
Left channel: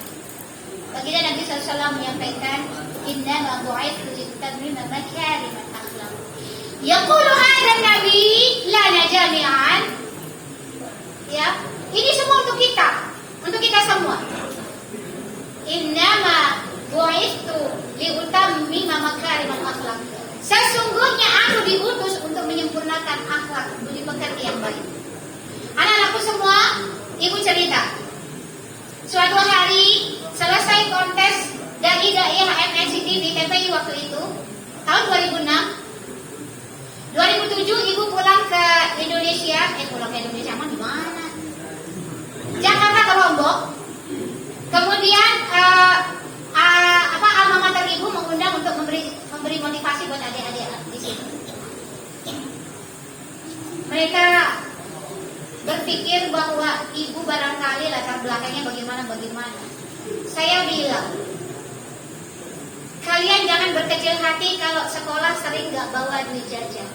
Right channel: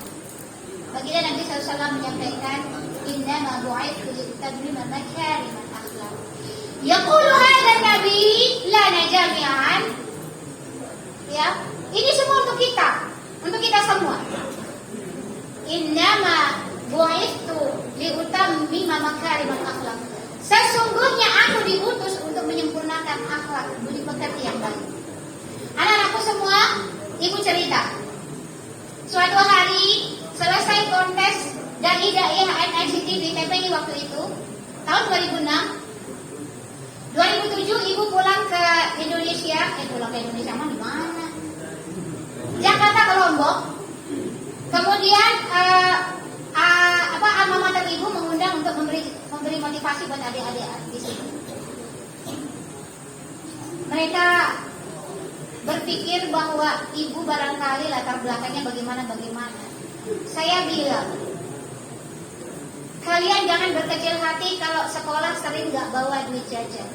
Baginda Nabi SAW menyampaikan, innama bu'itsu litammima makarimal akhlaq. Yaqulu hadha Nabi lana jami'an. Ya, ini semua untuk kita semua. Innama bu'itsu liutammima makarimal akhlaq. Sesungguhnya aku diutus untuk menyempurnakan akhlak budi pekerti yang baik. Anak-anakku semua, ibu cerita. Suatu hari selesai kontes dan Hidayah MNCTV TPI waktu itu, tahun 2006. 2007 ibu pulang ke Indonesia. Pulang ke Indonesia mah di mana? Jakarta ke Lombok. Kemudian alma mater ibu mengundang untuk memberi motivasi buat adik-adik di sini. Mereka berpikir bahwa ibu barangkali latar belakangnya bagaimana. Saya bilang, kalian jangan berkecil hati kalau sekolah sering gak bawa duit jajan.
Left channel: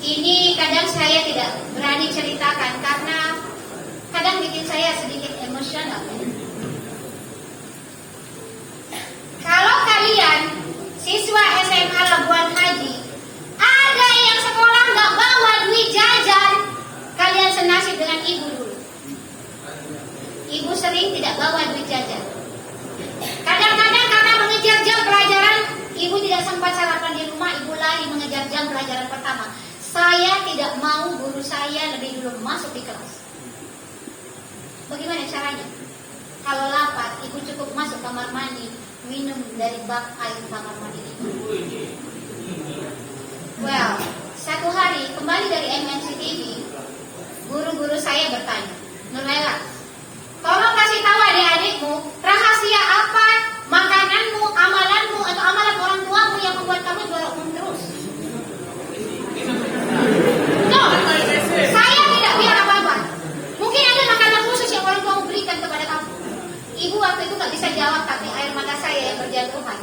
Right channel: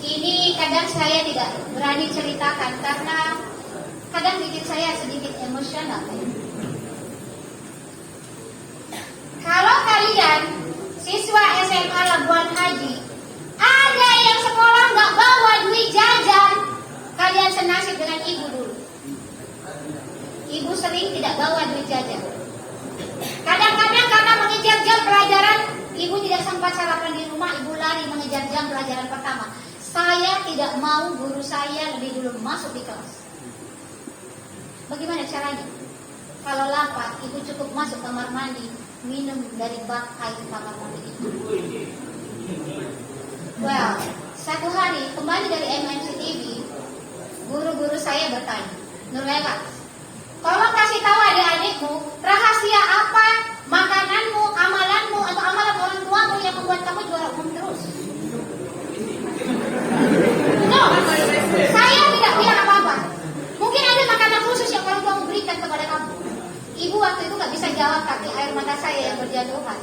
Ini kadang saya tidak berani ceritakan karena kadang bikin saya sedikit emosional. kalian, siswa SMA Labuan Haji, ada yang sekolah nggak bawa duit jajan, kalian senasib dengan ibu dulu. Ibu sering tidak bawa duit jajan. Kadang-kadang karena mengejar jam pelajaran, ibu tidak sempat sarapan di rumah, ibu lari mengejar jam pelajaran pertama. Saya tidak mau guru saya lebih dulu masuk di kelas. Bagaimana caranya? Kalau lapar, ibu cukup masuk kamar mandi, minum dari bak air kamar mandi itu. Well, satu hari kembali dari MNC TV, guru-guru saya bertanya, Nurlela, tolong kasih tahu adik-adikmu, rahasia apa makananmu, amalanmu, atau amalan orang tuamu yang membuat kamu juara umum terus? No, saya tidak bilang apa-apa. Mungkin ada makanan khusus yang orang tuamu berikan kepada kamu. Ibu waktu itu nggak bisa jawab, tapi air mata saya yang berjatuhan.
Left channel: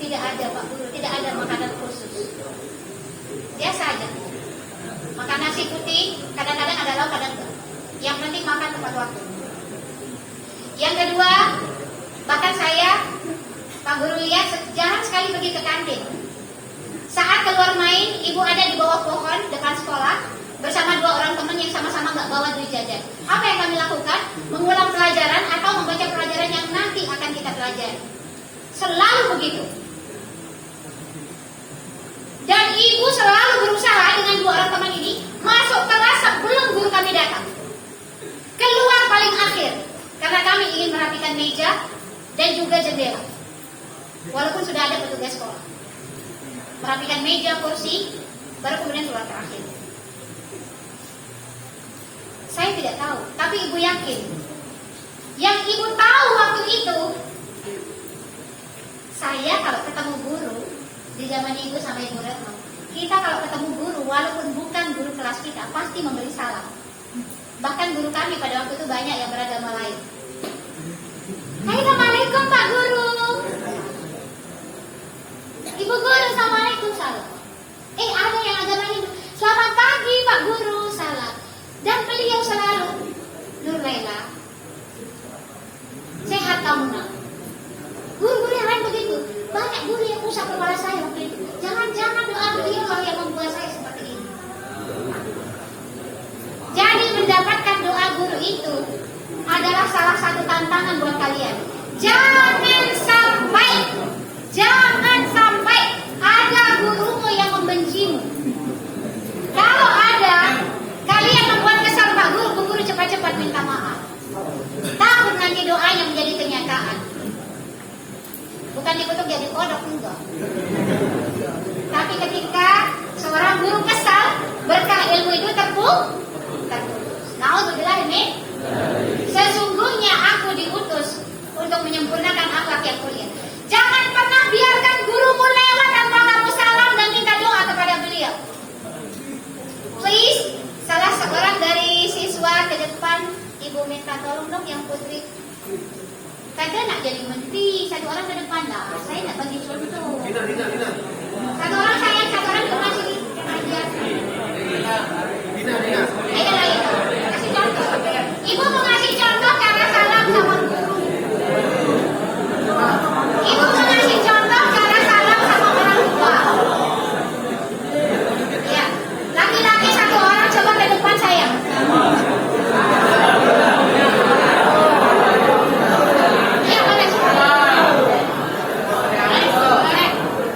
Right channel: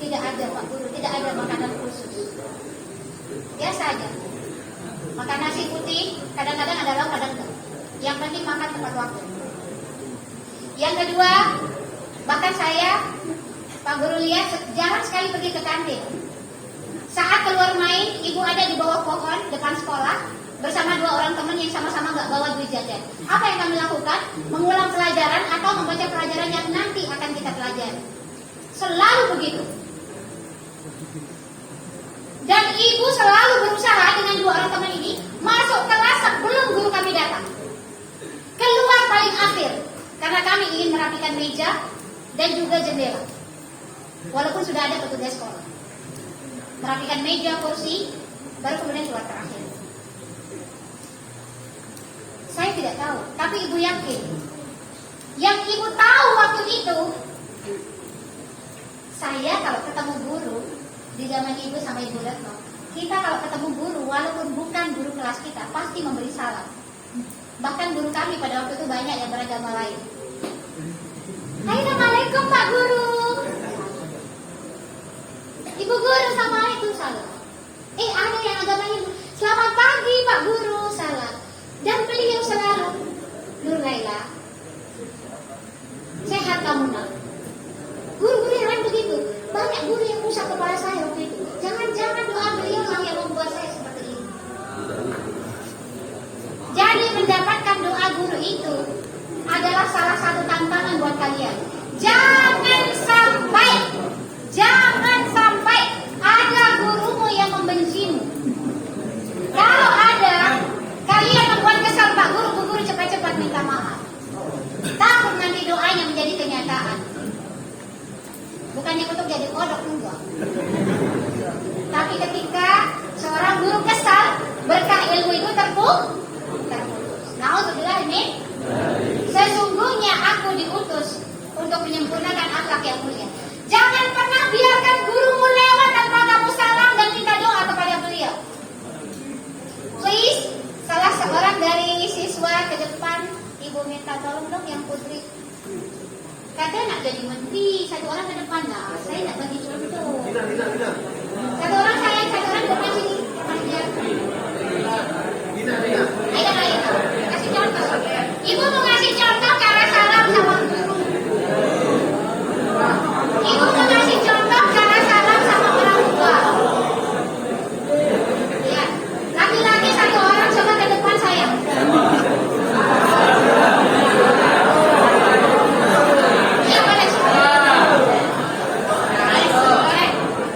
Tidak ada Pak Guru, tidak ada makanan khusus. Biasa aja. Makan nasi putih, kadang-kadang ada lauk, kadang enggak. Yang penting makan tepat waktu. Yang kedua, bahkan saya, Pak Guru lihat jarang sekali pergi ke kantin. Saat keluar main, ibu ada di bawah pohon depan sekolah bersama dua orang teman yang sama-sama nggak bawa duit jajan. Apa yang kami lakukan? Mengulang pelajaran atau membaca pelajaran yang nanti akan kita pelajari. Selalu begitu. Dan ibu selalu berusaha dengan dua orang teman ini masuk kelas sebelum guru kami datang. Keluar paling akhir karena kami ingin merapikan meja dan juga jendela. Walaupun sudah ada petugas sekolah. Merapikan meja, kursi, baru kemudian keluar terakhir. Saya tidak tahu, tapi ibu yakin. Yang ibu tahu waktu itu, saya kalau ketemu guru di zaman ibu sama ibu Retno, kita kalau ketemu guru, walaupun bukan guru kelas kita, pasti memberi salam. Bahkan guru kami pada waktu itu banyak yang beragama lain. Assalamualaikum Pak Guru. Ibu Guru, Assalamualaikum, salam. Ada yang agama Hindu, selamat pagi Pak Guru, salam. Dan beliau selalu, Nurlela, sehat kamu nak. Guru-guru yang lain begitu. Banyak guru yang usap kepala saya waktu itu. Jangan-jangan doa beliau yang membuat saya seperti ini. Jadi mendapatkan doa guru itu adalah salah satu tantangan buat kalian. Jangan sampai ada gurumu yang membencimu. Kalau ada, kalian membuat kesal Pak Guru, Bu Guru cepat-cepat minta maaf. Takut nanti doanya menjadi kenyataan. Bukan dikutuk jadi kodok, enggak. Tapi ketika seorang guru kesal, berkah ilmu itu terputus. Nauzubillah ini. Sesungguhnya aku diutus untuk menyempurnakan akhlak yang mulia. Jangan pernah biarkan gurumu lewat tanpa kamu salam dan minta doa kepada beliau. Please, salah seorang dari siswa ke depan, ibu minta tolong dong yang putri. Kata nak jadi menteri, satu orang ke depan lah. Saya nak bagi contoh. Satu orang saya, satu orang ke depan sini. Ayo. Kasih contoh. Ibu mau ngasih contoh cara salam sama guru. Ibu mau ngasih contoh cara salam sama orang tua. Ya, laki-laki satu orang coba ke depan saya.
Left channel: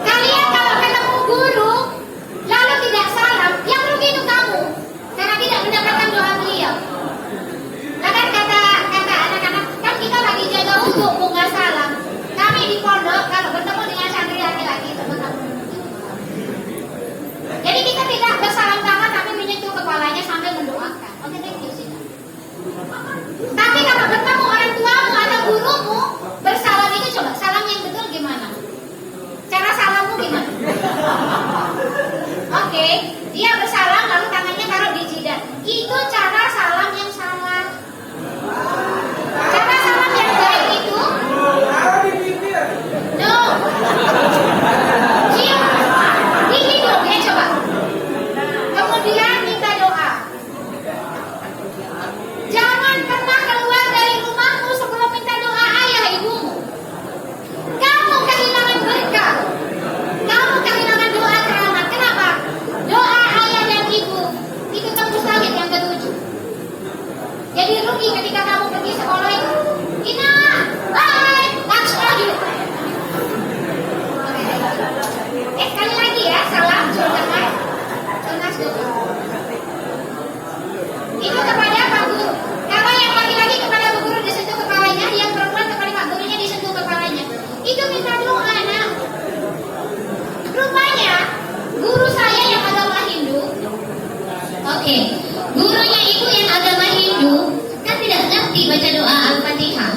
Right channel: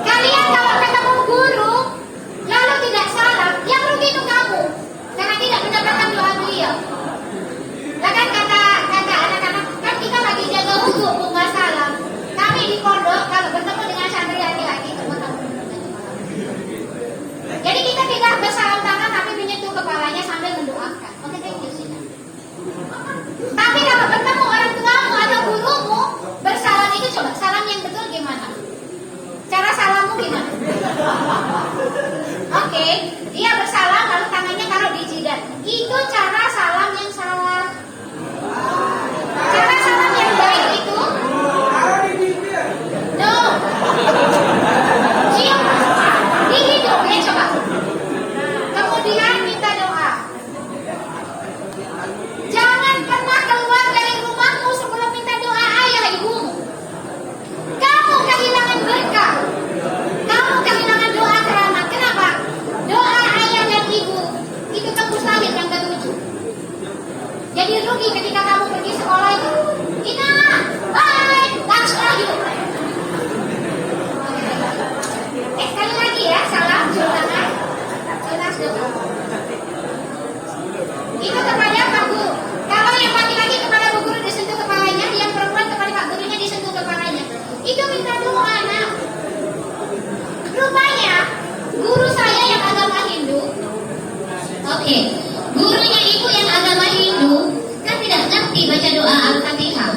Kalian kalau ketemu guru lalu tidak salam, yang rugi itu kamu karena tidak mendapatkan doa beliau. Nah kan kata anak-anak, kan kita lagi jaga wudhu mau nggak salam. Kami di pondok kalau bertemu dengan santri laki-laki coba kamu. Jadi kita tidak bersalam tangan tapi menyentuh kepalanya sambil mendoakan. Oke, thank you Sita. Tapi kalau bertemu orang tuamu atau gurumu, bersalam itu coba salam yang betul gimana? Cara salammu gimana? Oke, dia bersalam lalu tangannya taruh di jidat. Itu cara salam yang salah. Cara salam yang baik itu no. Di hidung ya coba. Kemudian minta doa. Jangan pernah keluar dari rumahmu sebelum minta doa ayah ibumu. bunyi ketika kamu pergi sekolah itu. Ina, bye, langsung lagi. Sekali lagi ya, salam, cium tangan. Tunas dulu. Itu kepada Pak Guru. Kalau yang laki-laki kepada Bu Guru disentuh kepalanya, yang perempuan kepada Pak Gurunya disentuh kepalanya. Itu minta doa, nak. Rupanya, guru saya yang agama Hindu. Oke, gurunya itu yang agama Hindu kan tidak ngerti baca doa Al-Fatihah.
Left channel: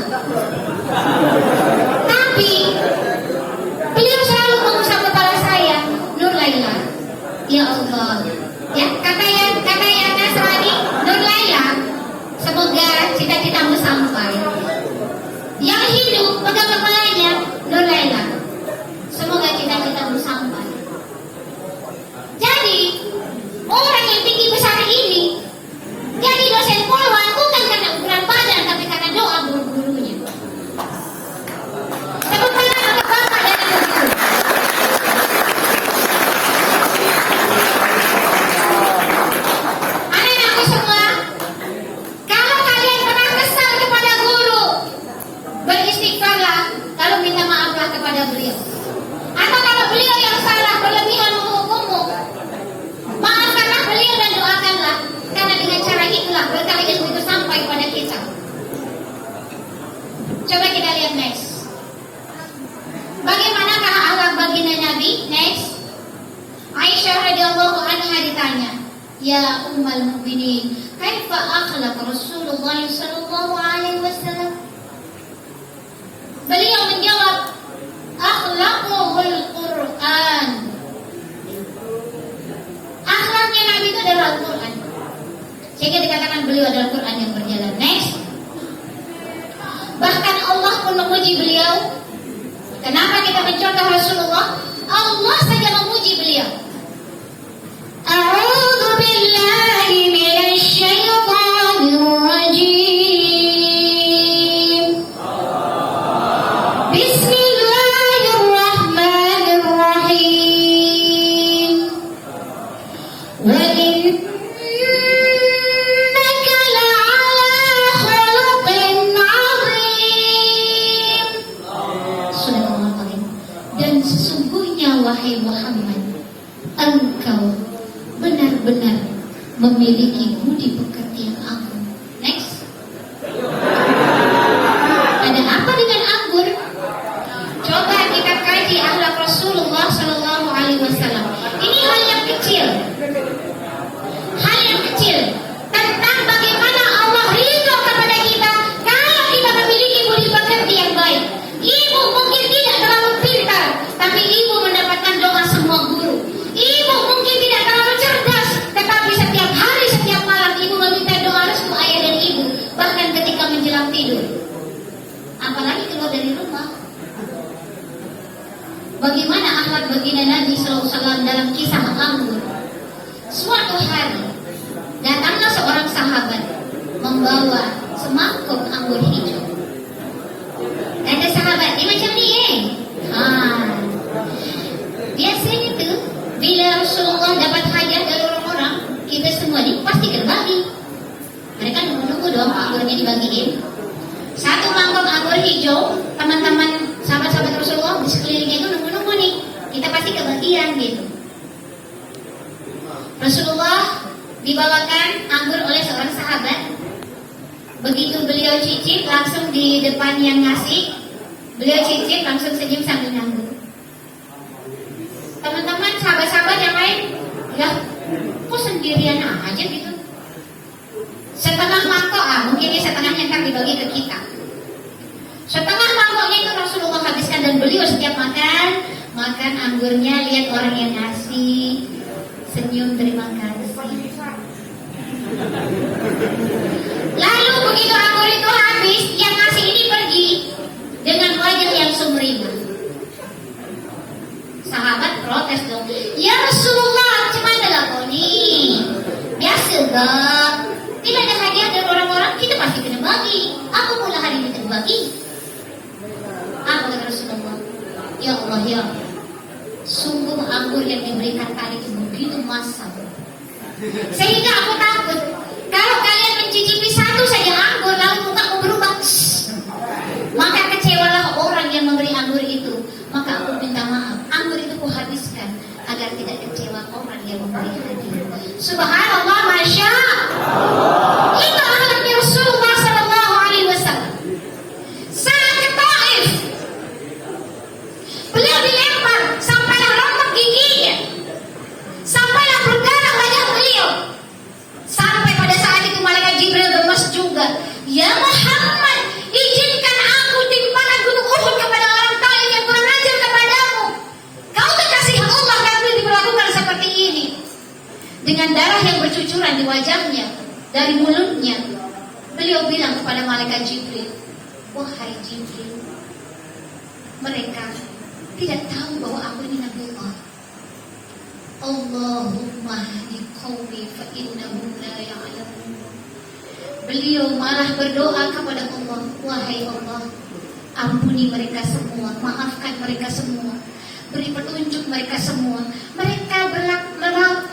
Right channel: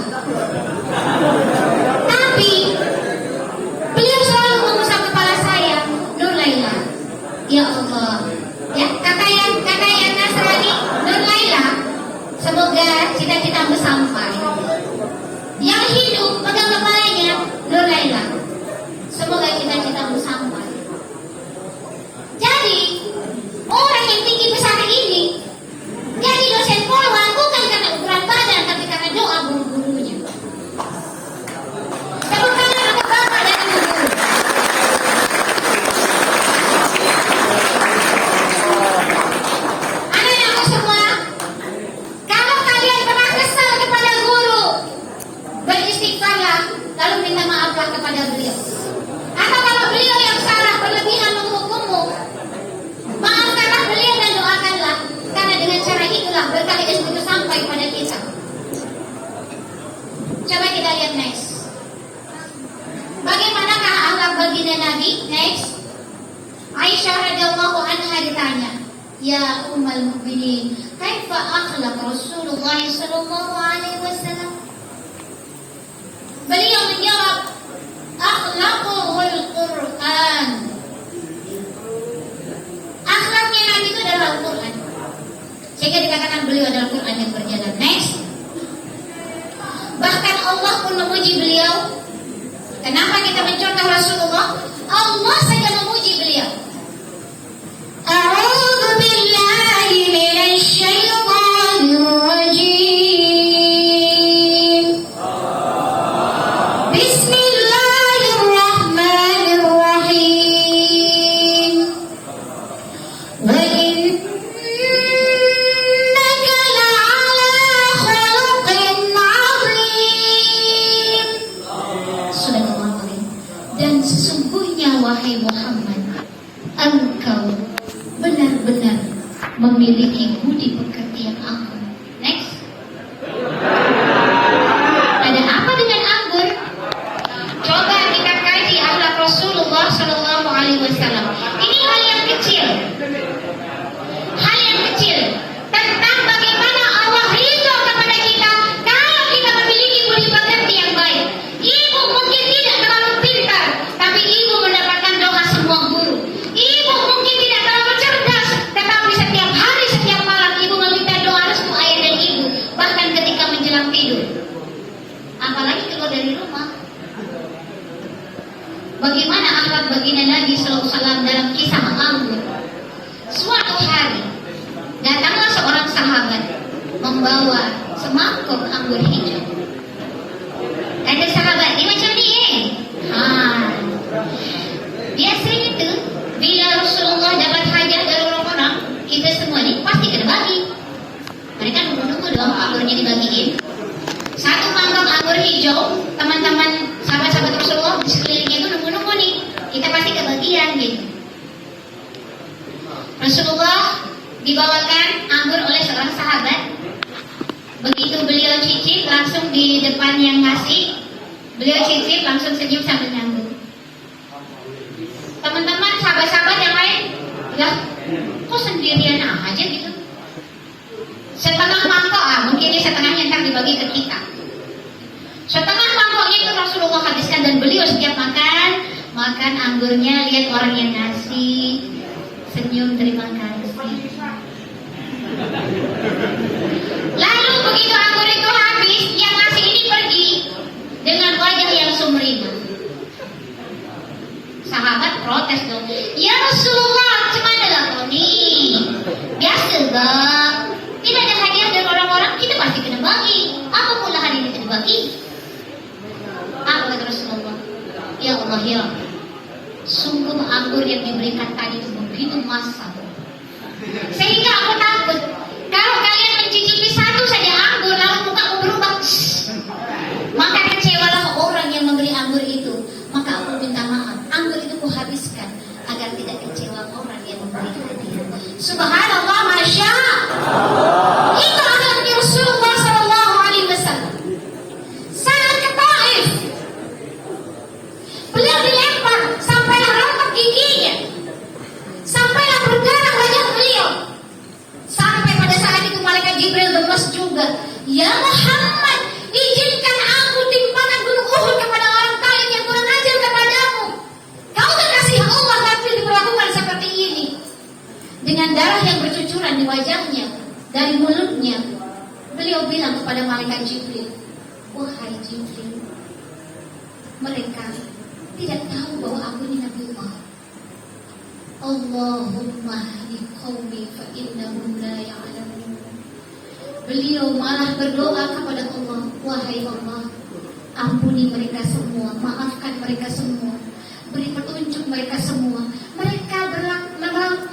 Tapi beliau selalu mengusap kepala saya, Nur Laila. Ya Allah. Ya, kata yang Nasrani, Nur Laila, semoga cita-citamu sampai. Yang Hindu pegang kepalanya, Nur Laila, semoga cita-citamu sampai. Jadi orang yang tinggi besar ini jadi dosen poluan bukan karena ukuran badan, tapi karena doa guru-gurunya. Tepuk tangan untuk bapak dan ibu guru. Anak-anakku semua, kalau kalian pernah kesal kepada guru, beristighfarlah, lalu minta maaflah kepada beliau. Atau kalau beliau yang salah berlebihan menghukummu, maafkanlah beliau dan doakanlah, karena dengan cara itulah berkali ilmu itu sampai pada kita. Coba kita lihat next. Bagaimanakah akhlak baginda Nabi? Next. Aisyah radhiyallahu anha ditanya, ya ummul mukminin, kaifa akhlaq Rasulullah sallallahu alaihi wasallam? Beliau menjawab, akhlaqul Quran. Akhlaknya Nabi itu adalah Al-Quran. Sehingga dikatakan beliau adalah Quran yang berjalan. Next. Bahkan Allah pun memuji beliau. Kenapa kita mencontoh Rasulullah? Allah saja memuji beliau. A'udzu billahi minasy syaithanir rajim. Bismillahirrahmanirrahim. Wa innaka la'ala khuluqin 'azim. Subhanallah. Dan sesungguhnya wahai Muhammad, engkau benar-benar memiliki budi pekerti yang agung. Next. Ada apa dengan anggur? Coba kita kaji akhlak Rasulullah Sallallahu Alaihi Wasallam. Ini hal yang kecil, tentang bagaimana Allah ridho kepada kita kalau kita memiliki budi pekerti yang baik. Ibu mungkin tidak terlalu pintar, tapi ibu mendapatkan doa semua guru. Ibu mungkin tidak terlalu cerdas, tetapi setiap hari, setiap malam ibu meminta doa restu ayah dan ibu, bahkan ketika menjelang tidur. Apalagi keluar dari rumah. Bagaimana akhlak baginda Nabi SAW dalam kisah anggur? Suatu hari datanglah seorang sahabat membawa semangkuk anggur hijau. Kata sahabat, ini macam ni biasanya tuh bila Rasulullah dapat hajat dari orang-orang, kita semua ni pasti kena bagi. Mereka nunggu-nunggu dong anggurnya dibagiin. Satu mangkok anggur hijau, teman-teman sahabat-sahabat Rasulullah di sekelilingnya itu nunggu-nunggu nih, kita pasti kebagian gitu. Rasulullah dibawakan anggur oleh seorang sahabat. Begitu beliau cicip, langsung di depan yang ngasih, beliau cicip langsung senyum sambil nanggung. Teman-teman sahabat-sahabat yang lain, lah, kok sendirian aja gitu? Setengah mangkok, mungkin ini setengahnya ntar dibagi ke kita. Setengah mangkoknya itu Rasulullah habiskan, dan beliau setiap makan anggurnya, lihat orang yang ngasih, senyum terima kasih. Lalu begitu anggur itu habis, yang ngasih ini pergi dengan wajah yang sumringah. Sahabat protes dong, ya Rasulullah, gimana lah kau nih? Biasa bang, tidak ada hadiah dari orang-orang, kita pasti kena bagi. Apa pula hari ini kita bagi? Apa kata Rasulullah? Ya Allah, ya Allah, sungguh anggur yang diberikan tadi begitu masam, sehingga aku takut kalau kalian mencicipi satu saja anggur Subhanallah, masya Allah. Itu anaknya Rasulullah Sallallahu Alaihi Wasallam. Saat ke Taif, beliau dilempar sampailah rontok giginya, sampailah berdarah wajah beliau. Sampai pada saat itu malaikat Jibril gemas juga. Ya Muhammad, izinkan aku timpakan gunung Uhud kepada orang Taif yang kurang ajar kepadamu. Kau kekasih Allah tapi diperlakukan seperti ini. Dengan darah yang bercucuran di wajahnya, dari mulutnya, beliau bilang kepada malaikat Jibril, wahai Jibril, mereka tidak tahu bahwa aku ini Nabi Allah. Allahumma hadi qaumi fa innahum la ya'lamun. Beliau malah berdoa kepada Allah, wahai Allah, ampuni mereka semua, maafkan mereka semua, beri petunjuk mereka semua. Mereka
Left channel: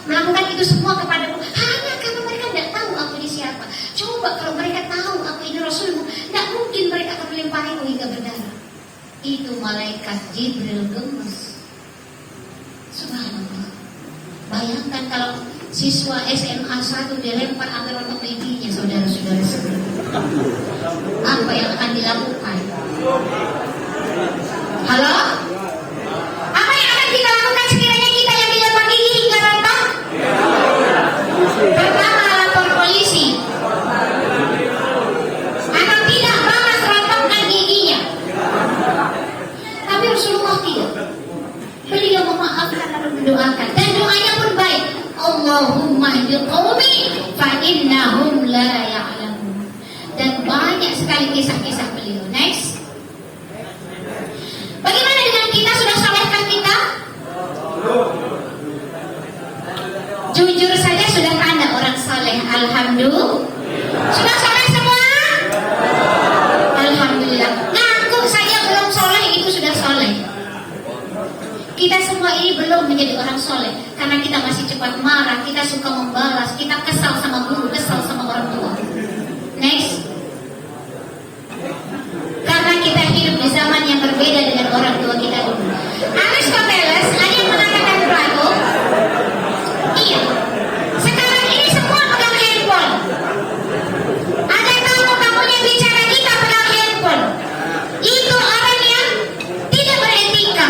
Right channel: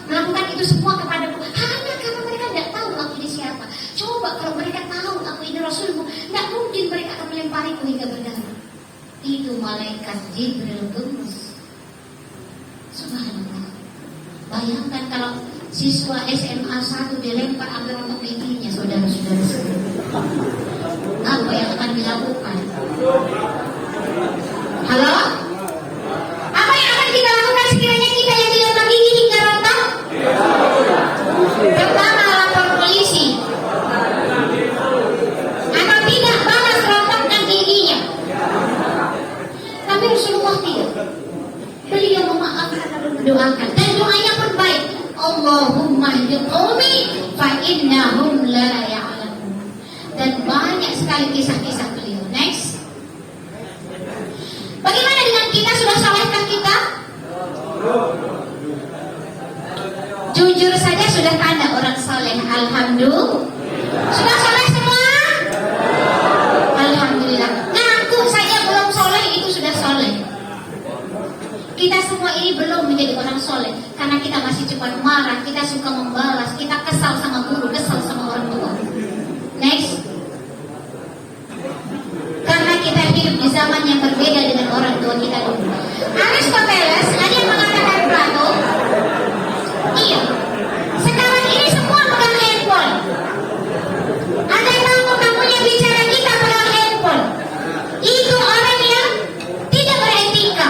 melakukan itu semua kepadaku hanya karena mereka tidak tahu aku ini siapa. Coba kalau mereka tahu aku ini Rasulmu, tidak mungkin mereka akan melempariku hingga berdarah. Itu malaikat Jibril gemes. Subhanallah. Bayangkan kalau siswa SMA 1 dilempar sampai rontok giginya, saudara-saudara sekalian. Apa yang akan dilakukan? Halo? Apa yang akan kita lakukan sekiranya kita yang dilempar gigi hingga rontok? Pertama, lapor polisi. Atau tidak balas rontoknya giginya. Tapi Rasulullah tidak. Beliau memaafkan lalu mendoakan, dan doanya pun baik. Allahumma hdi qaumi fa innahum la ya'lamun. Dan banyak sekali kisah-kisah beliau. Next. Bagaimana dengan kita, sudah salehkah kita? Jujur saja sudah tanda orang saleh. Alhamdulillah. Sudah saleh semua? Alhamdulillah. Ngaku saja belum saleh itu sudah saleh. Kita semua ini belum menjadi orang soleh karena kita masih cepat marah, kita suka membalas, kita kesal sama guru, kesal sama orang tua. Next. Karena kita hidup di zaman yang berbeda dengan orang tua kita dulu. Aristoteles ada yang mengatakan Plato, iya, sekarang ini semua pegang handphone. Ada tamu-tamunya bicara, kita pegang handphone. Itu orang yang tidak beretika.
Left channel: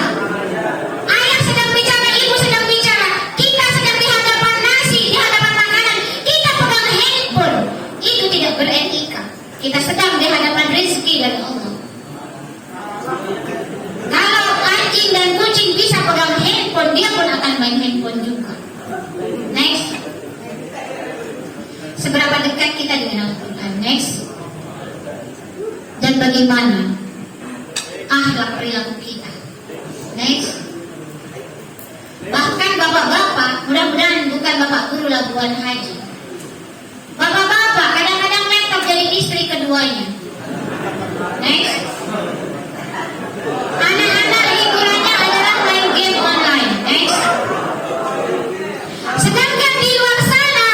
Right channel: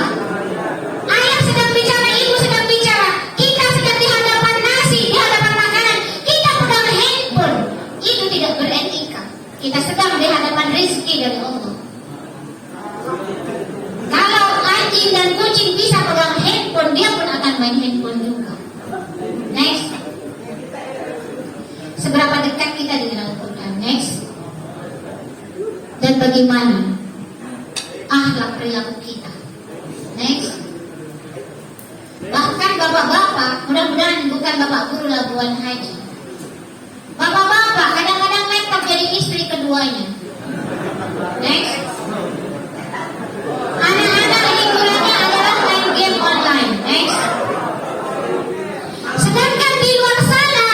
Ayah sedang bicara, ibu sedang bicara, kita sedang di hadapan nasi, di hadapan makanan, kita pegang handphone. Itu tidak beretika. Kita sedang di hadapan rezeki dari Allah. Kalau anjing dan kucing bisa pegang handphone, dia pun akan main handphone juga. Next. Seberapa dekat kita dengan Al-Quran? Next. Dan bagaimana akhlak perilaku kita? Next. Bahkan bapak-bapak, mudah-mudahan bukan bapak guru labuan haji. Bapak-bapak kadang-kadang laptop jadi istri keduanya. Next. Anak-anak hiburannya adalah main game online. Next. Sedangkan di luar sana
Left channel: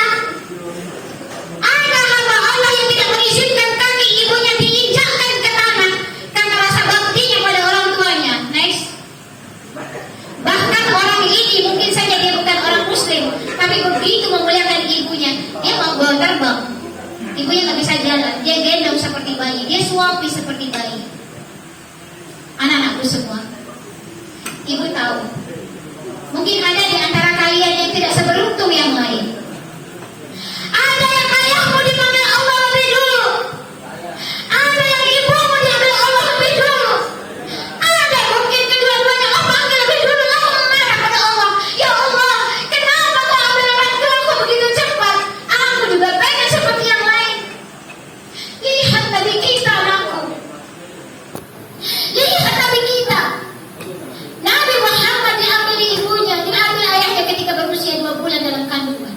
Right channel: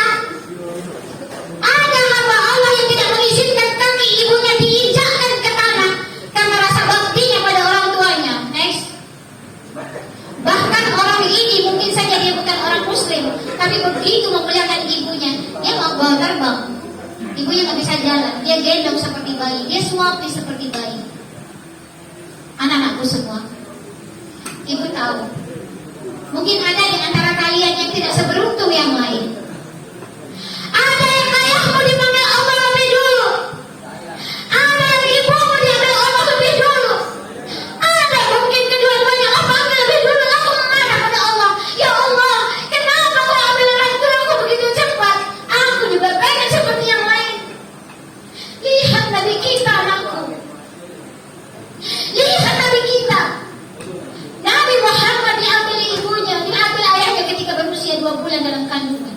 ada hamba Allah yang tidak mengizinkan kaki ibunya diinjakkan ke tanah karena rasa baktinya pada orang tuanya. Next. Bahkan orang ini mungkin saja dia bukan orang muslim, tapi begitu memuliakan ibunya, dia mau bawa terbang. Ibunya nggak bisa jalan, dia gendong seperti bayi, dia suapi seperti bayi. Anak-anakku semua, ibu tahu, mungkin ada di antara kalian yang tidak seberuntung yang lain. Ada yang ayahmu dipanggil Allah lebih dulu, ada yang ibumu diambil Allah lebih dulu, ada mungkin kedua-duanya Allah ambil lebih dulu, lalu memarah pada Allah. Ya Allah, kenapa kau ambil orang tuaku begitu cepat? Aku juga pengen seperti yang lain. Lihat Nabi kita, anakku. Lihat Nabi kita. Nabi Muhammad diambil ibunya, diambil ayahnya ketika berusia 2 bulan dalam kandungan,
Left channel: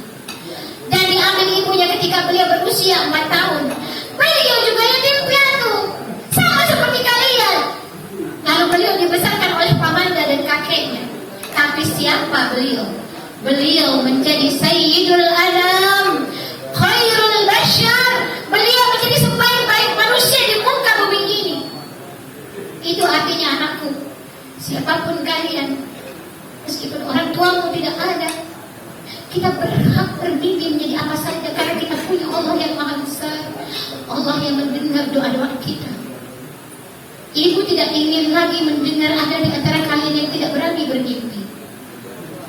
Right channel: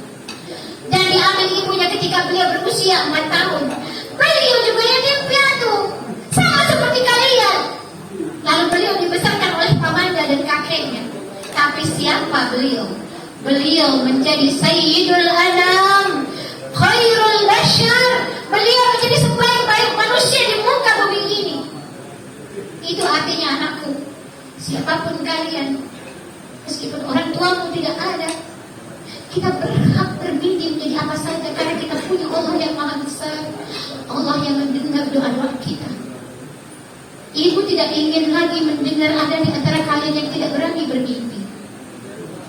dan diambil ibunya ketika beliau berusia 4 tahun. Beliau juga yatim piatu, sama seperti kalian. Lalu beliau dibesarkan oleh pamannya dan kakeknya. Tapi siapa beliau? Beliau menjadi Sayyidul Anam, Khairul Bashar. Beliau menjadi sebaik-baik manusia di muka bumi ini. Itu artinya, anakku, siapapun kalian, meskipun orang tuamu tidak ada, Kita berhak berdiri menjadi apa saja karena kita punya Allah yang maha besar, Allah yang mendengar doa-doa kita. Ibu tidak ingin lagi mendengar ada di antara kalian yang tidak berani bermimpi,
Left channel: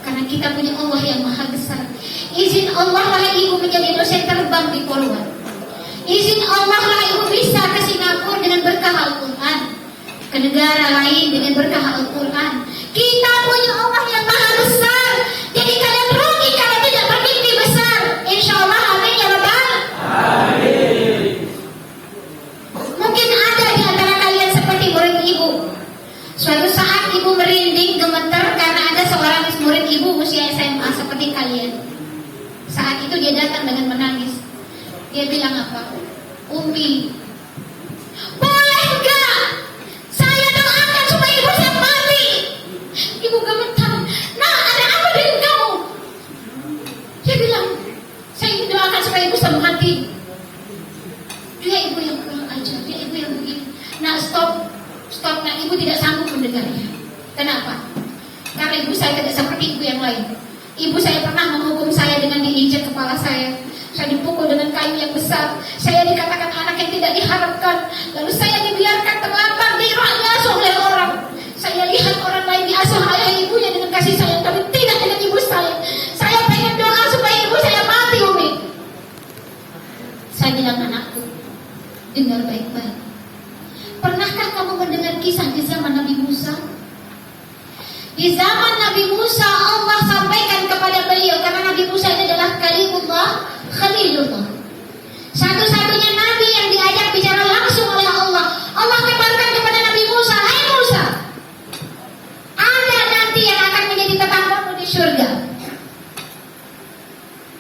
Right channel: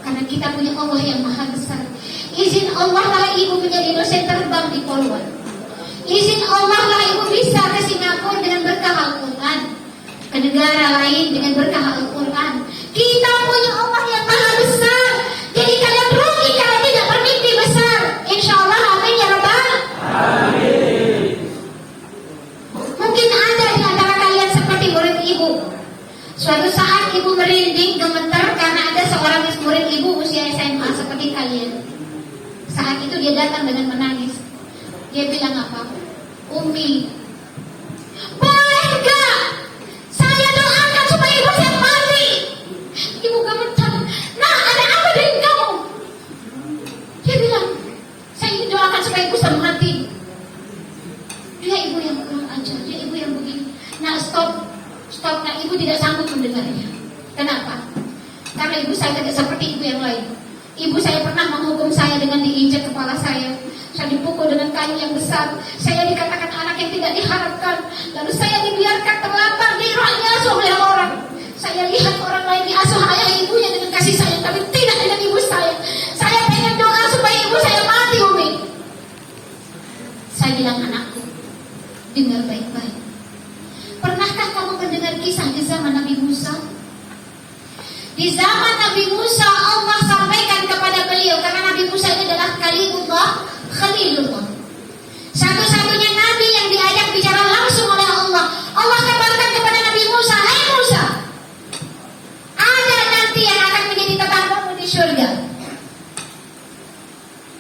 karena kita punya Allah yang maha besar. Izin Allah lah ibu menjadi dosen terbang di Polwan. Izin Allah lah ibu bisa ke Singapura dengan berkah Al-Quran, ke negara lain dengan berkah Al-Quran. Kita punya Allah yang maha besar. Jadi kalian rugi karena tidak bermimpi besar. Insya Allah, amin ya Rabbal. Mungkin ada di antara kalian seperti murid ibu. Suatu saat ibu merinding gemetar karena ada seorang murid ibu usia SMA seperti kalian. Saat itu dia datang dengan menangis. Dia bilang apa? Umi, boleh enggak saya doakan supaya ibu saya mati? Ibu gemetar. Nah, ada apa dengan kamu? Dia bilang, saya ingin doakan supaya ibu saya mati. Dia ibu yang kurang ajar, dia ibu yang begini. Nah, stop. Nah, ibu tidak sanggup mendengarnya. Kenapa? Karena ibu saya tidak seperti ibu yang lain. Ibu saya pernah menghukum saya dengan diinjak kepala saya. Saya dipukul dengan kayu yang besar. Saya dikatakan anak yang tidak diharapkan. Lalu saya dibiarkan terlantar diasuh oleh orang. Saya lihat orang lain diasuh ayah ibunya dengan kasih sayang, tapi tidak dengan ibu saya. Saya pengen doa supaya ibu saya mati, Umi. Saya bilang, anakku, dengar baik-baik. Pernahkah kamu mendengar kisah di zaman Nabi Musa? Di zaman Nabi Musa, Allah sampaikan kepada beliau, karena Nabi Musa ini adalah Khalilullah, satu-satunya Nabi yang diajak bicara langsung oleh Allah. Allah kabarkan kepada Nabi Musa, hai Musa, ada nanti yang akan menjadi tetanggamu di surga.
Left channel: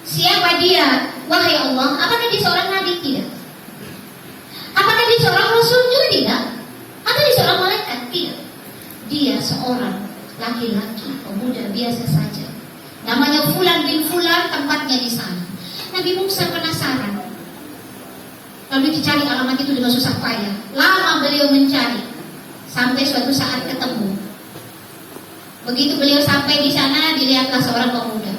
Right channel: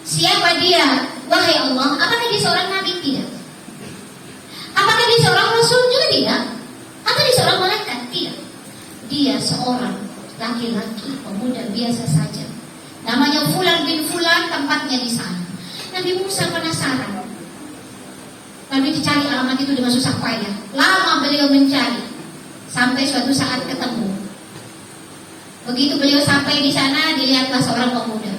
Siapa dia? Wahai Allah, apakah dia seorang Nabi? Tidak. Apakah dia seorang Rasul? Juga tidak. Apakah dia seorang malaikat? Tidak. Dia seorang laki-laki pemuda biasa saja. Namanya Fulan bin Fulan, tempatnya di sana. Nabi Musa penasaran. Lalu dicari alamat itu dengan susah payah. Lama beliau mencari, sampai suatu saat ketemu. Begitu beliau sampai di sana, dilihatlah seorang pemuda.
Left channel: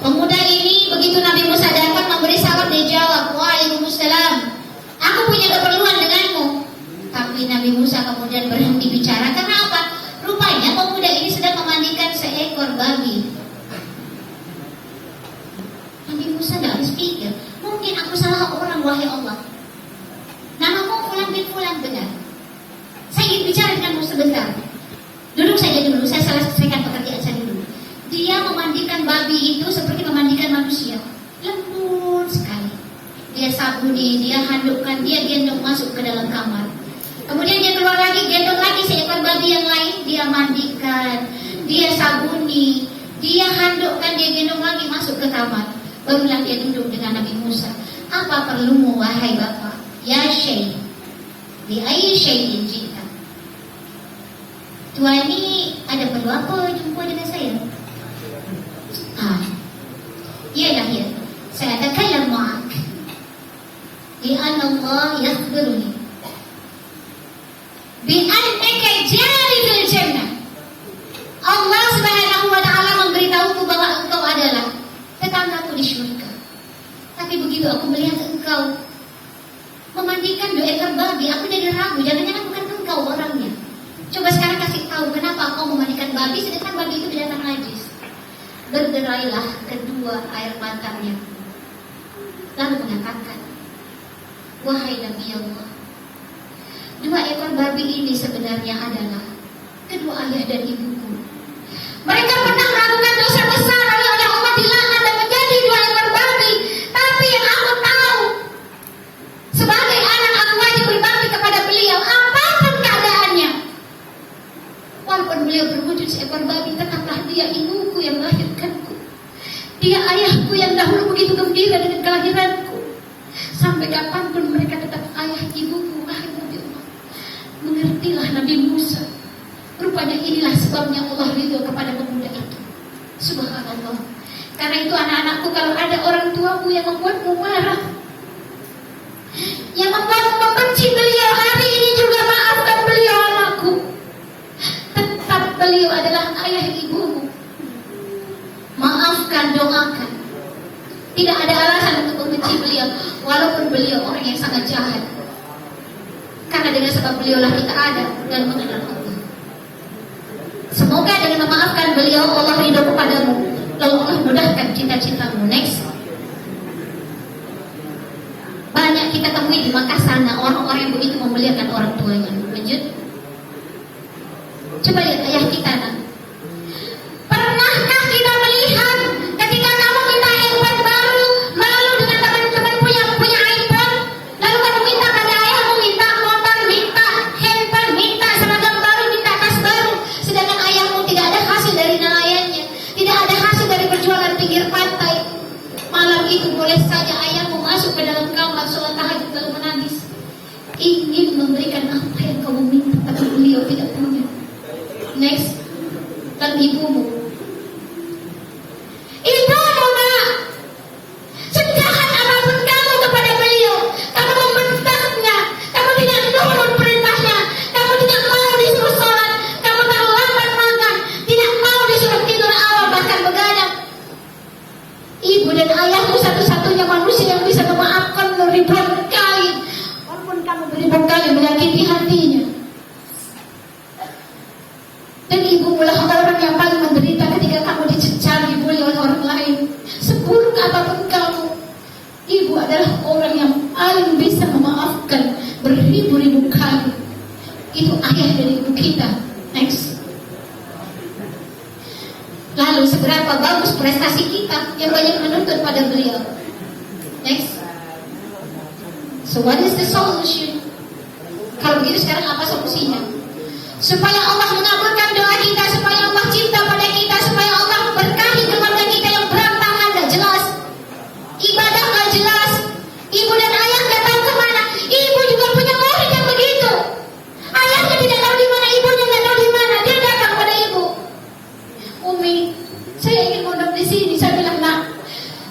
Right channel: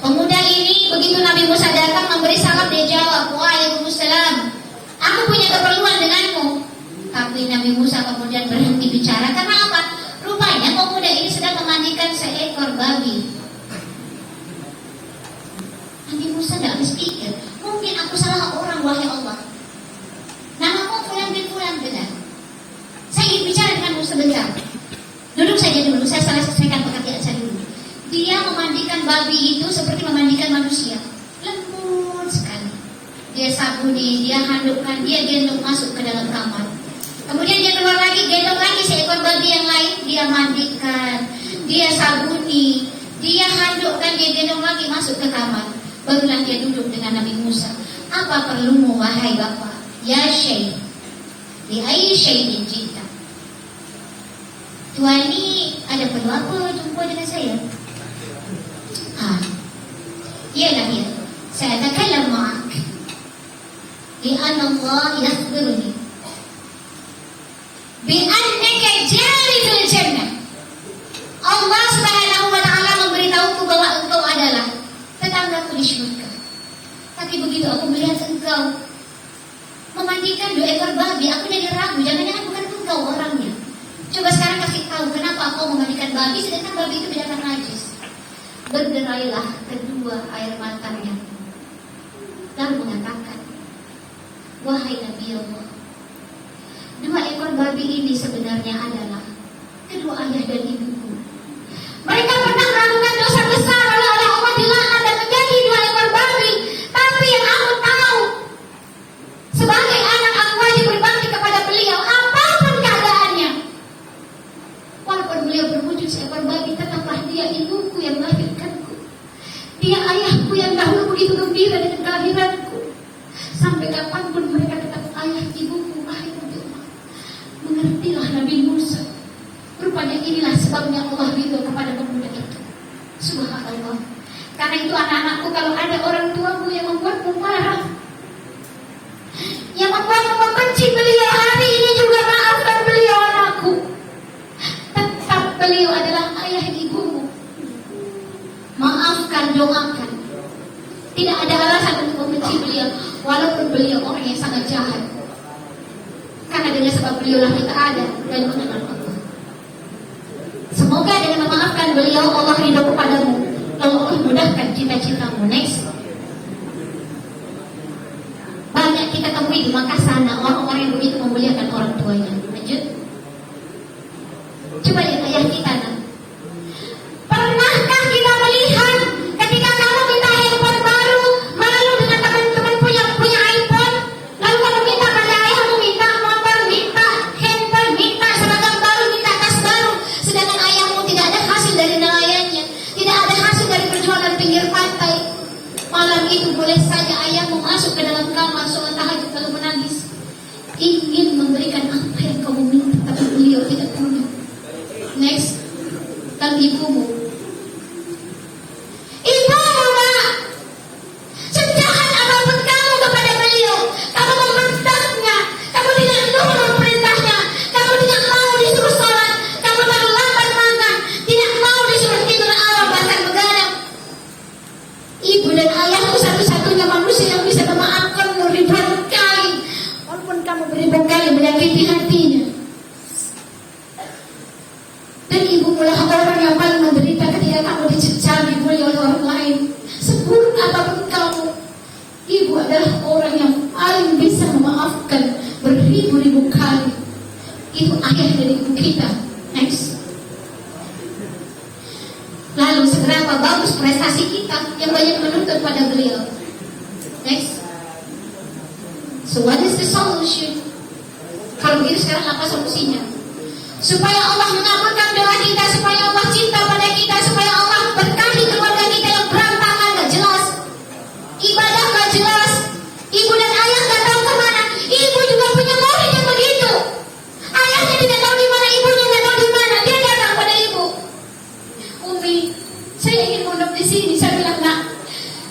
Pemuda ini begitu Nabi Musa datang memberi salam, dia jawab, waalaikumsalam, aku punya keperluan denganmu. Tapi Nabi Musa kemudian berhenti bicara. Karena apa? Rupanya pemuda ini sedang memandikan seekor babi. Nabi Musa tidak habis pikir, mungkin aku salah orang, wahai Allah. Namamu Fulan bin Fulan, benar. Saya ingin bicara denganmu sebentar. Duduk saja dulu, saya selesaikan pekerjaan saya dulu. Dia memandikan babi itu seperti memandikan manusia, lembut sekali. Dia sabuni, dia handukkan, dia gendong masuk ke dalam kamar. Kemudian dia keluar lagi, gendong lagi seekor babi yang lain, dia mandikan, dia sabuni, dia handukkan, dia gendong lagi masuk ke kamar. Barulah dia duduk dengan Nabi Musa. Apa perlumu wahai Bapak? Ya Syekh, di ayyi syai'in jita. Tuan ini ada perlu apa jumpa dengan saya? Iyalah ya, saya takalam ma'ak li'anna Allah yakhbiruni bi'annaka jalidul jannah. Allah subhanahu wa ta'ala memberitahuku bahwa engkau adalah tetanggaku di syurga. Tapi begitu aku melihat engkau memandikan 2 ekor babi, aku jadi ragu, jangan-jangan bukan engkau orangnya. Coba sekarang kasih tahu kenapa kau memandikan babi sedangkan babi itu binatang najis. Berderailah kedua air matanya, lalu mengatakan, wahai Nabi Allah, 2 ekor babi ini sebenarnya adalah kedua ayah dan ibuku. Mereka pernah melakukan dosa besar, lalu oleh Allah dilaknat dan menjadi 2 ekor babi. Tapi yang aku tahu, sebagai anak aku wajib berbakti kepada beliau apapun keadaannya. Walaupun beliau berwujud seekor babi, tetaplah dia ibuku yang melahirkanku. Dia ayahku yang dahulu begitu gembira dengan kelahiranku. Sampai kapanpun mereka tetap ayah ibuku. Akhirnya mengertilah Nabi Musa. Rupanya inilah sebabnya Allah ridho kepada pemuda itu. Subhanallah. Karena itu anak-anakku, kalau ada orang tuamu yang membuatmu marah, yang membuatmu membenci beliau, hari ini juga maafkan beliau, anakku. Tetap beliau adalah ayah ibumu. Maafkan walaupun beliau orang yang sangat jahat. Karena dengan sebab beliaulah kita ada dan mengenal Allah. Semoga dengan memaafkan beliau Allah ridho kepadamu, lalu Allah mudahkan cita-citamu. Next. Banyak kita temui di Makkah sana orang-orang yang begitu memuliakan orang tuanya. Lanjut. Coba lihat ayah kita nak. Pernahkah kita melihat ketika kamu minta handphone baru, malu dengan teman-teman punya iPhone, lalu kamu minta pada ayahmu, minta motor, minta handphone, minta seragam baru, minta tas baru, sedangkan ayahmu tidak ada hasil dari nelayannya, tidak ada hasil dari perjualan pinggir pantai. Malam itu boleh saja ayahmu masuk ke dalam kamar sholat tahajud lalu menangis, ingin memberikan apa yang kamu minta, tapi beliau tidak punya. Next. Dan ibumu, nak, sejahat apapun kamu kepada beliau, kamu membentaknya, kamu tidak nurut perintahnya, kamu tidak mau disuruh sholat, kamu terlambat makan, tidak mau disuruh tidur awal bahkan begadang. Ibu dan ayahmu satu-satunya manusia yang bisa memaafkanmu ribuan kali, walaupun kamu beribu kali menyakiti hatinya. Dan ibu adalah orang yang paling menderita ketika kamu dicecar, dibully oleh orang lain. Seburuk apapun kamu, ibu adalah orang yang paling bisa memaafkan beribu-ribu kali. Itu ayah dari ibu kita. Next. Lalu seberapa bagus prestasi kita yang banyak menuntut pada beliau. Next. So what is the solution? Kalau begitu sekarang apa solusinya? Supaya Allah mengabulkan doa kita, supaya Allah cinta pada kita, supaya Allah berkahi keluarga kita yang berantakan gak jelas, ibadah gak jelas, ibu dan ayah gak tahu kemana. Ibu juga punya murid yang begitu, ayahnya tidak tahu di mana, ibunya gak tahu di mana. Dia datang pada ibu, Umi, saya ingin pondok di sini. Saya bilang, nak,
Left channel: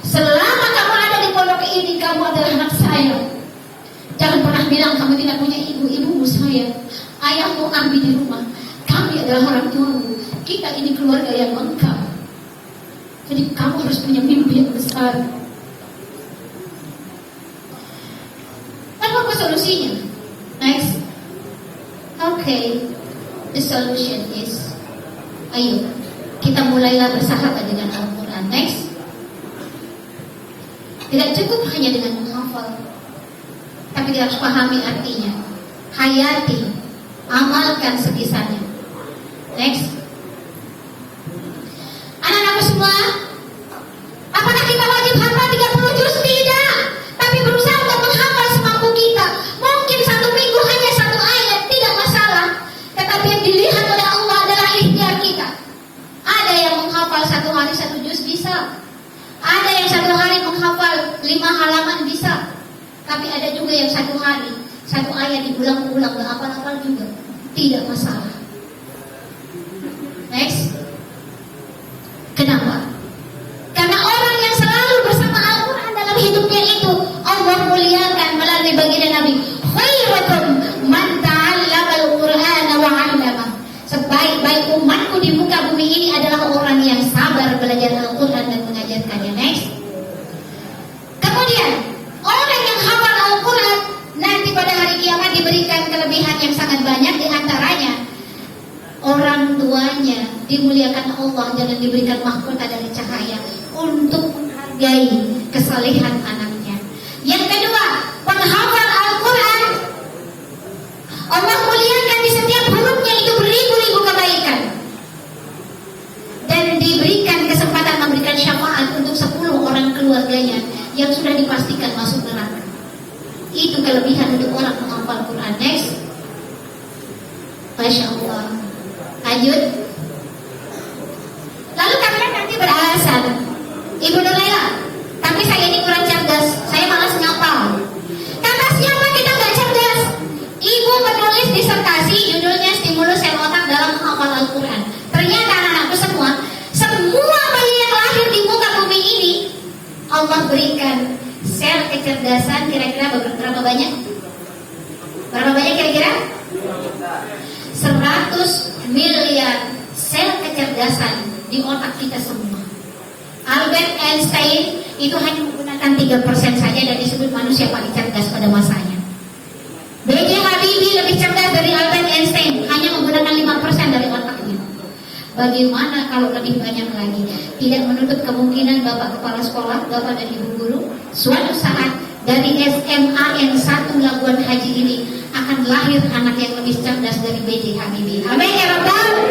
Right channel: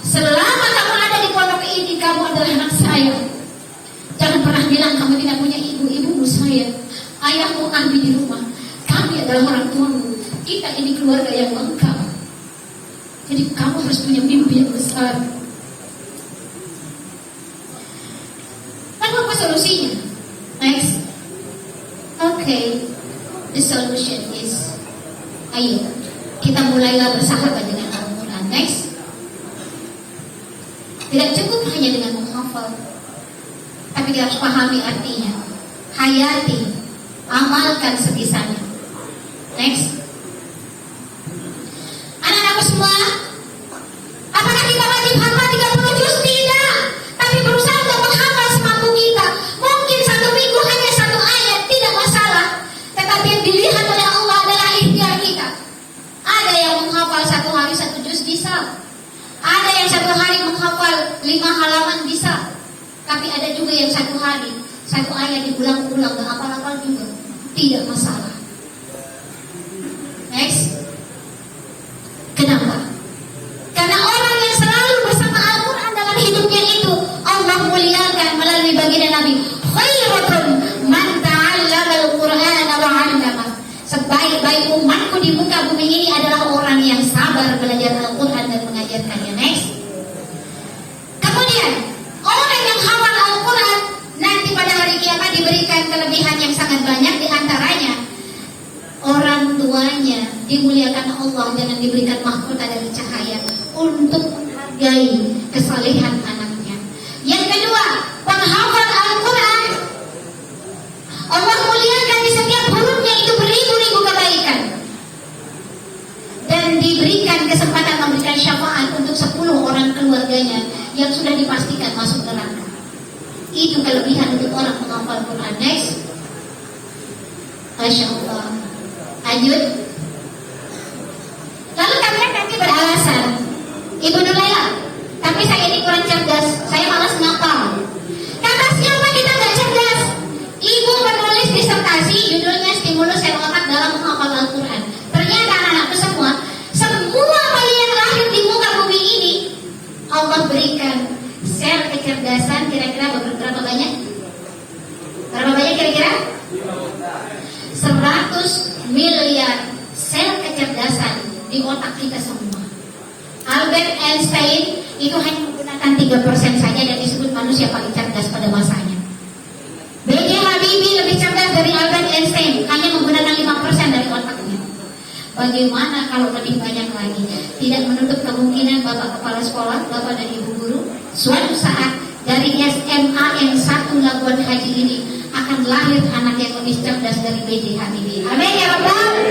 selama kamu ada di pondok ini, kamu adalah anak saya. Jangan pernah bilang kamu tidak punya ibu. Ibumu saya, ayahmu kami di rumah, kami adalah orang tuamu. Kita ini keluarga yang lengkap. Jadi kamu harus punya mimpi yang besar. Lalu apa solusinya? Next. Okay, the solution is, ayo kita mulailah bersahabat dengan Al-Quran. Next. Tidak cukup hanya dengan menghafal, tapi dia harus pahami artinya, hayati, amalkan sebisanya. Next. Anak-anakku semua, apakah kita wajib hafal 30 juz? Tidak. Tapi berusaha untuk menghafal semampu kita. Mungkin satu minggu hanya satu ayat, tidak masalah. Tetapi yang dilihat oleh Allah adalah ikhtiar kita. Ada yang menghafal 1 hari 1 juz bisa. Ada yang 1 hari menghafal 5 halaman bisa. Tapi ada juga yang 1 hari 1 ayat diulang-ulang, gak hafal-hafal juga, tidak masalah. Next. Kenapa? Karena orang yang selalu bersama Al-Quran dalam hidupnya itu Allah muliakan melalui baginda Nabi. Khairukum man ta'allama al-Qur'ana wa 'allama. Sebaik-baik umatku di muka bumi ini adalah orang yang sabar belajar Al-Quran dan mengajarkannya. Next. Kemudian orang yang hafal Al-Quran nanti pada hari kiamat diberikan kelebihan yang sangat banyak, di antaranya orang tuanya dimuliakan Allah dan diberikan mahkota dari cahaya untuk menghargai kesalehan anaknya. Yang kedua, penghafal Al-Quran Allah muliakan di setiap hurufnya itu beribu-ribu kebaikan dan diberikan kesempatan memberikan syafaat untuk 10 orang keluarganya yang sudah dipastikan masuk neraka. Itu kelebihan untuk orang menghafal Quran. Next. Masya Allah. Lanjut. Lalu kalian nanti beralasan, Ibu Nurila, tapi saya ini kurang cerdas, saya malas ngapal. Kata siapa kita gak cerdas? Ibu menulis disertasi judulnya Stimulus Sel Otak dalam Menghafal Al-Quran. Ternyata anak-anakku semua bayi yang lahir di muka bumi ini Allah berikan sel kecerdasan kira-kira berapa banyak? Berapa banyak kira-kira? 100 miliar sel kecerdasan di otak kita semua. Albert Einstein itu hanya menggunakan 3% saja dan disebut disebut manusia paling cerdas pada masanya. B.J. Habibie lebih cerdas dari Albert Einstein, hanya menggunakan 5% dari otaknya. Bagaimana kalau lebih banyak lagi? Tidak menutup kemungkinan Bapak Kepala Sekolah, Bapak dan Ibu Guru, suatu saat dari SMA yang 1 Labuan Haji ini akan lahir anak yang lebih cerdas dari B.J. Habibie. Amin ya Rabbal.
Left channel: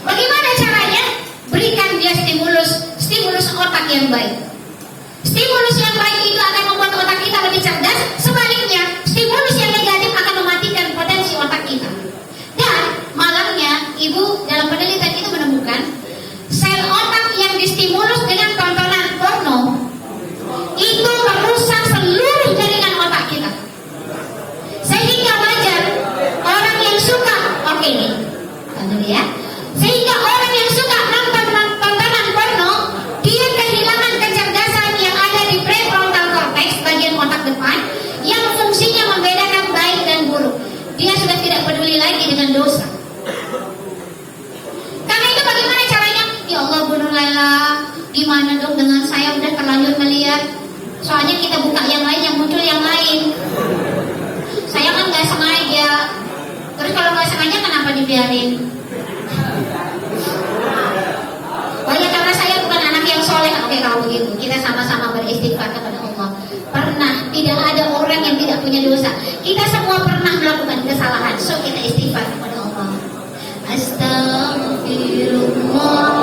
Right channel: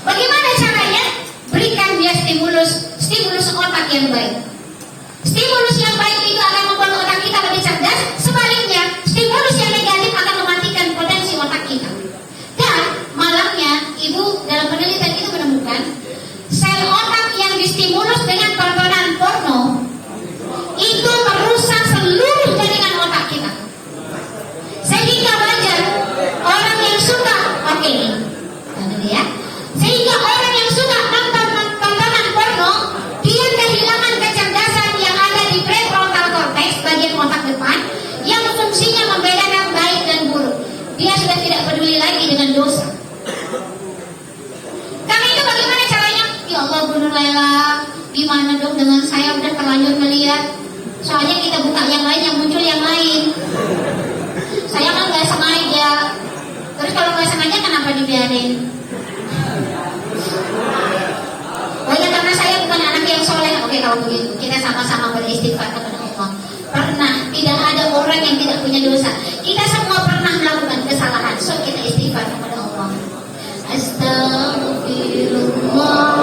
Bagaimana caranya? Berikan dia stimulus otak yang baik. Stimulus yang baik itu akan membuat otak kita lebih cerdas. Sebaliknya, stimulus yang negatif akan mematikan potensi otak kita. Dan malangnya, Ibu dalam penelitian itu menemukan sel otak yang distimulus dengan tontonan porno itu merusak seluruh jaringan otak kita. Sehingga wajar orang yang suka, oke nih, ya. Sehingga orang yang suka nonton tontonan porno, dia kehilangan kecerdasan yang ada di prefrontal cortex, bagian otak depan, yang fungsinya membedakan baik dan buruk. Dia sudah tidak peduli lagi dengan dosa. Karena itu bagaimana caranya? Ya Allah, bunuh Laila. Gimana dong dengan saya udah terlanjur melihat? Soalnya kita buka yang lain, yang muncul yang lain. Saya kan nggak sengaja. Terus kalau nggak sengaja kenapa dibiarin? Oh ya, karena saya bukan anak yang soleh. Oke, kalau begitu kita sama-sama beristighfar kepada Allah. Pernah, tidak ada orang yang tidak punya dosa. Kita semua pernah melakukan kesalahan. So kita istighfar kepada Allah. Astagfirullah.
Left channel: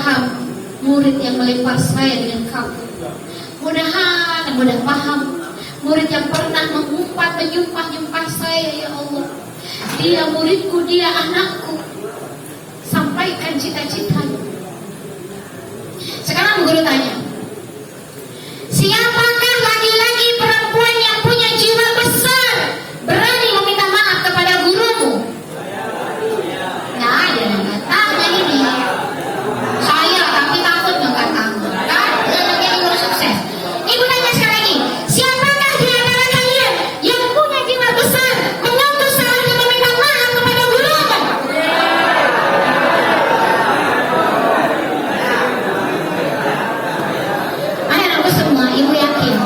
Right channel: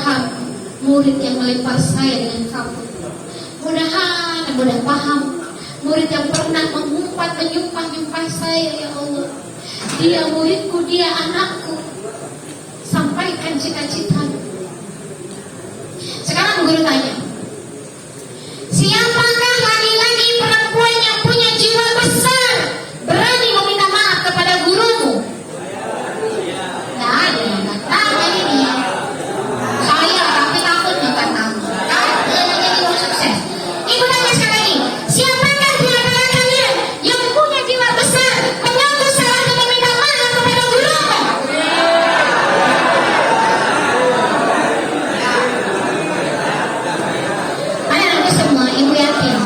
paham murid yang melempar saya dengan kapur. Mudah paham murid yang pernah menyumpah saya, ya Allah. Dia muridku, dia anakku. Sampaikan cita-citanya. Sekarang guru tanya, siapakah laki-laki perempuan yang punya jiwa besar berani meminta maaf kepada gurumu? Nggak ada yang tanya ini. Saya tapi takutnya nggak tahu. Jadi mau sukses. Ibu tanya sekali lagi, siapakah di antara kalian yang punya jiwa besar menyentuh selalu meminta maaf kepada gurumu? Anak-anakku semua, ibu yakin,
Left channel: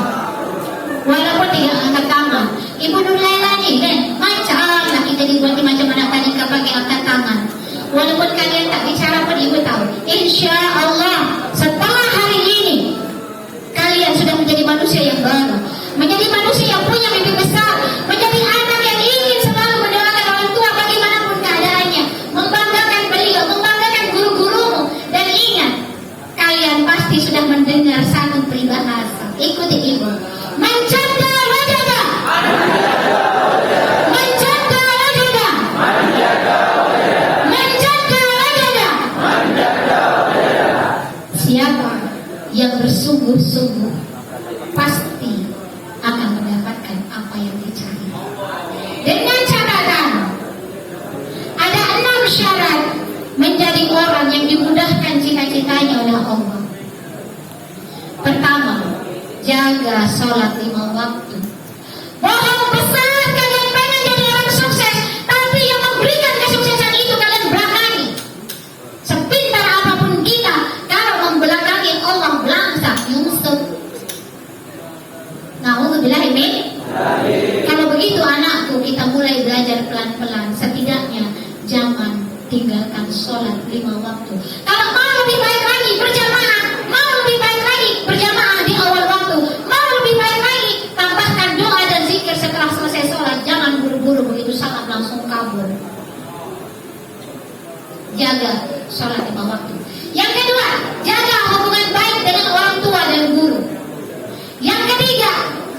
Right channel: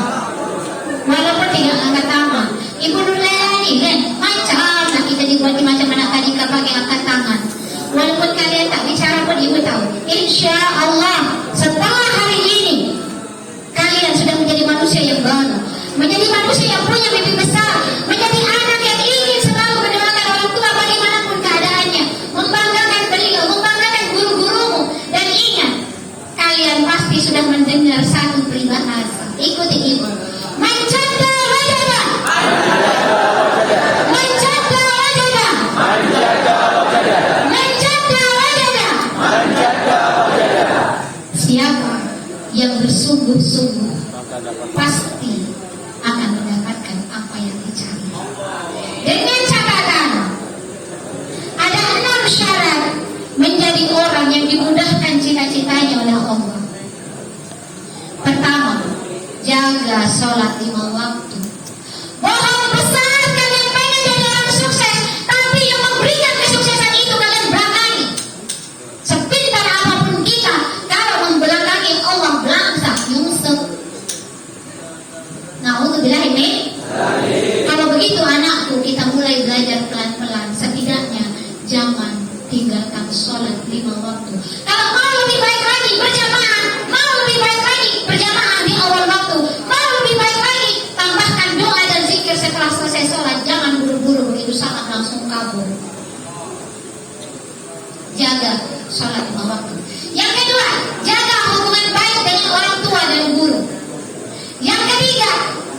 walaupun tidak angkat tangan, ibu Nurlela ini kan macam nak kita dibuat macam anak tadi pakai angkat tangan. Walaupun kalian tak bicara pun ibu tahu, insya Allah setelah hari ini kalian sudah menjadi manusia yang baru, menjadi manusia yang punya mimpi besar, menjadi anak yang ingin selalu mendoakan orang tua bagaimanapun keadaannya, membanggakan beliau, membanggakan guru-gurumu. Dan ingat, kalian pasti sudah mendengar satu peribahasa. Ikuti ibu. Mencanda wajada, mencanda wajada, mencanda wajada. Siapa yang bersungguh-sungguh pasti akan mendapatkan apa yang dicari. Dengan catatan ada 6 syarat menjadi orang yang dimudahkan cita-citanya oleh Allah. Pertama, jaga sholat 5 waktu. Bohong besar kalian pengen jadi orang sukses, tapi yang memberikan kesuksesan itu kalian belakangi. Sepintar apapun kita, kalau membelakangi Allah belangsak nyungsep. Na'udzubillah ini. Kalau begitu anakku, kita mulai belajar pelan-pelan. Setidaknya jangan tinggalkan sholat 5 waktu. Kalau mau lebih baik lagi berjamaah, mau lebih baik lagi berjamaah di awal waktu, mau lebih baik lagi tambahkan doa dan zikir setelah selesai sholat. Jangan buru-buru begitu salat langsung kabur. Jaga sholat 5 waktu. Yang kedua, jaga hubungan baik dengan orang tua dan guru. Yang ketiga,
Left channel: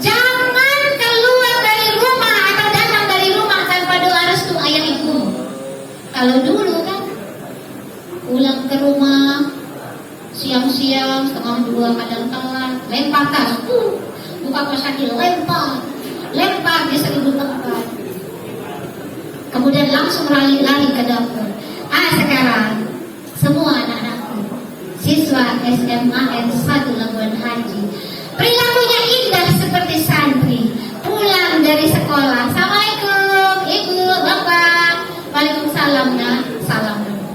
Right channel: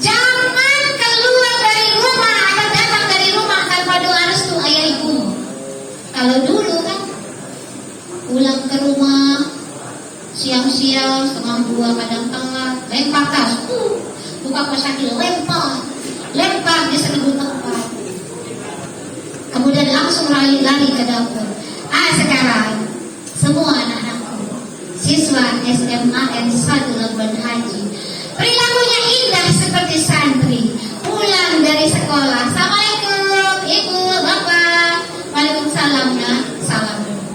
jangan keluar dari rumah atau datang dari rumah tanpa doa restu ayah ibumu. Kalau dulu kan pulang ke rumah siang-siang setengah 2 kadang telat, lempar tas, buka pesakit, lempar di seribu tempat. Kemudian langsung lari ke dapur. Sekarang semua anak-anakku siswa SMA N1 Labuan Haji, perilakunya indah seperti santri. Pulang dari sekolah, assalamualaikum ibu, bapak, waalaikumsalam nak, salam dulu.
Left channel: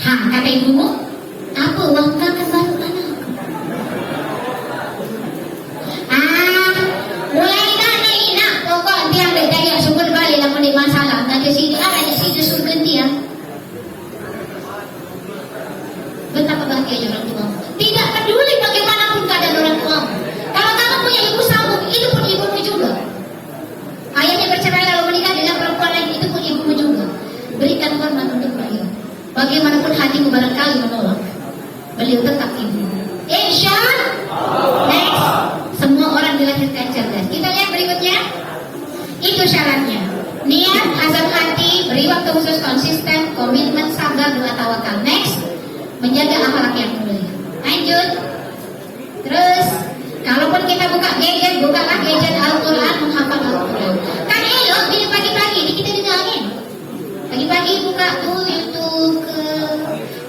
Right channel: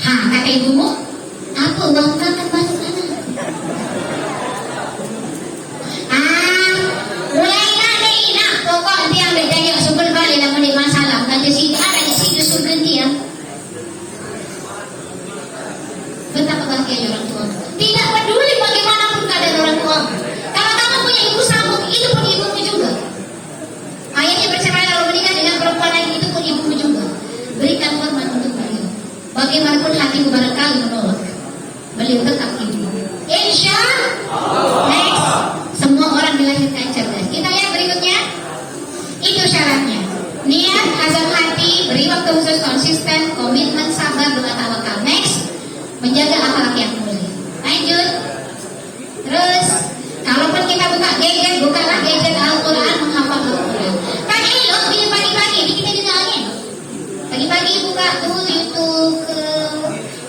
Kata ibumu, apa uang kangen masuk anak? Mulai nak pokok dia ambil daging sumber balik lah menit masalah. Nanti sini ada sini suruh ganti ya. Betapa bahagianya orang tua. Tidak peduli bagaimanapun keadaan orang tua. Kalau kamu punya ibu sambung, itu pun ibumu juga. Ayahnya bercerai lalu menikah dengan perempuan lain, itu pun ibumu juga. Berikan hormat untuk beliau. Bagaimanapun hatimu barangkali menolak, beliau tetap ibu. Insya Allah. Next, semua orang dilahirkan cerdas. Kita lihat berikutnya. Itu syaratnya. Niat, azam hati, beri waktu khusus, konsisten, komitmen, sabar, doa, tawakal. Next, menjaga akhlak yang mulia. Lanjut. Terus, kalaupun kita buka gadget, bukalah gadget Al-Quran, menghafal Al-Quran. Kan elok di pagi-pagi, ini kita juga angin. Pagi-pagi buka tuh YouTube ke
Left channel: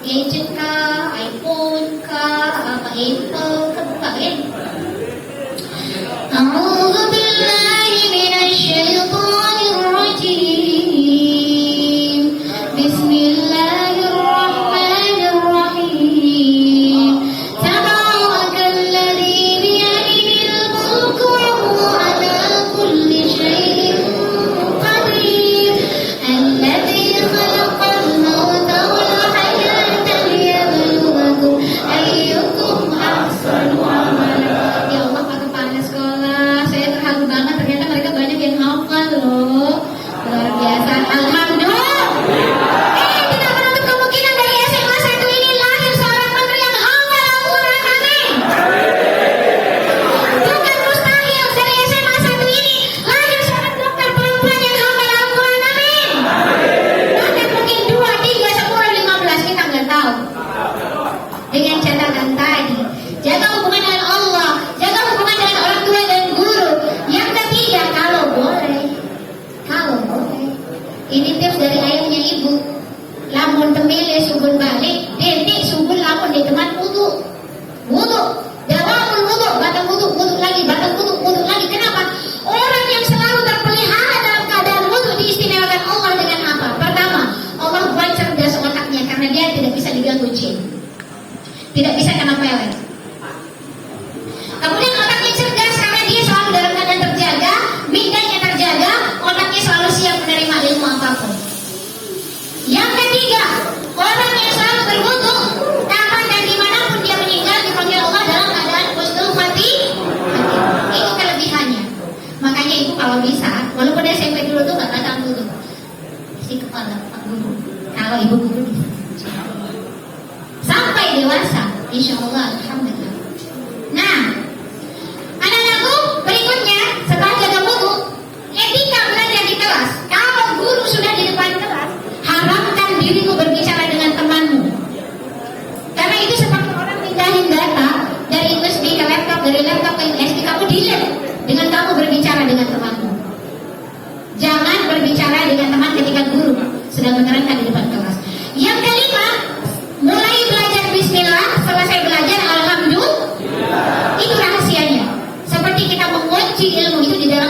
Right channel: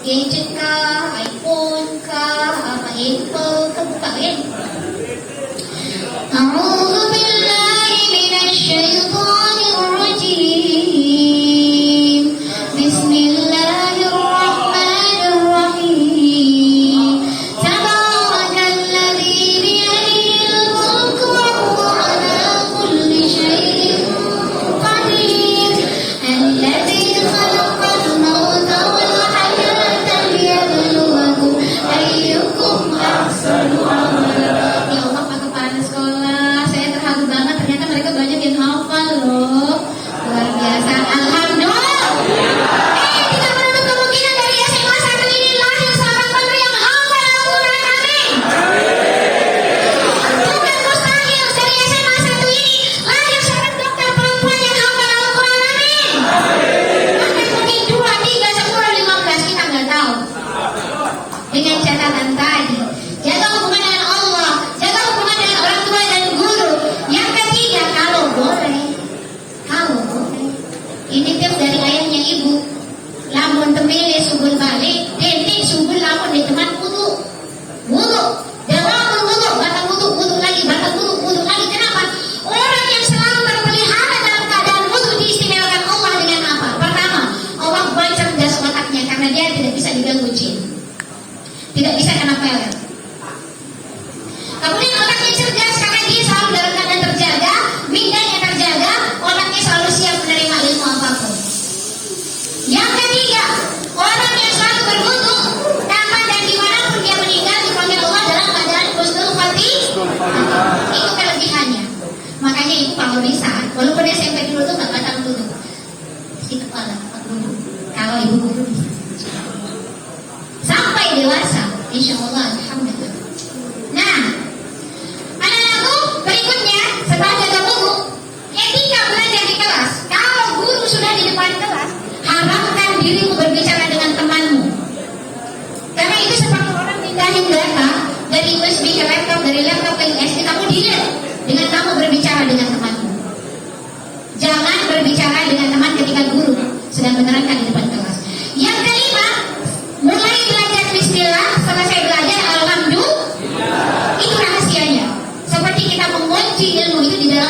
gadget kah, iPhone kah, apa Apple kah, buka kan. A'udzu billahi minasyaitonir rajim. Bismillah.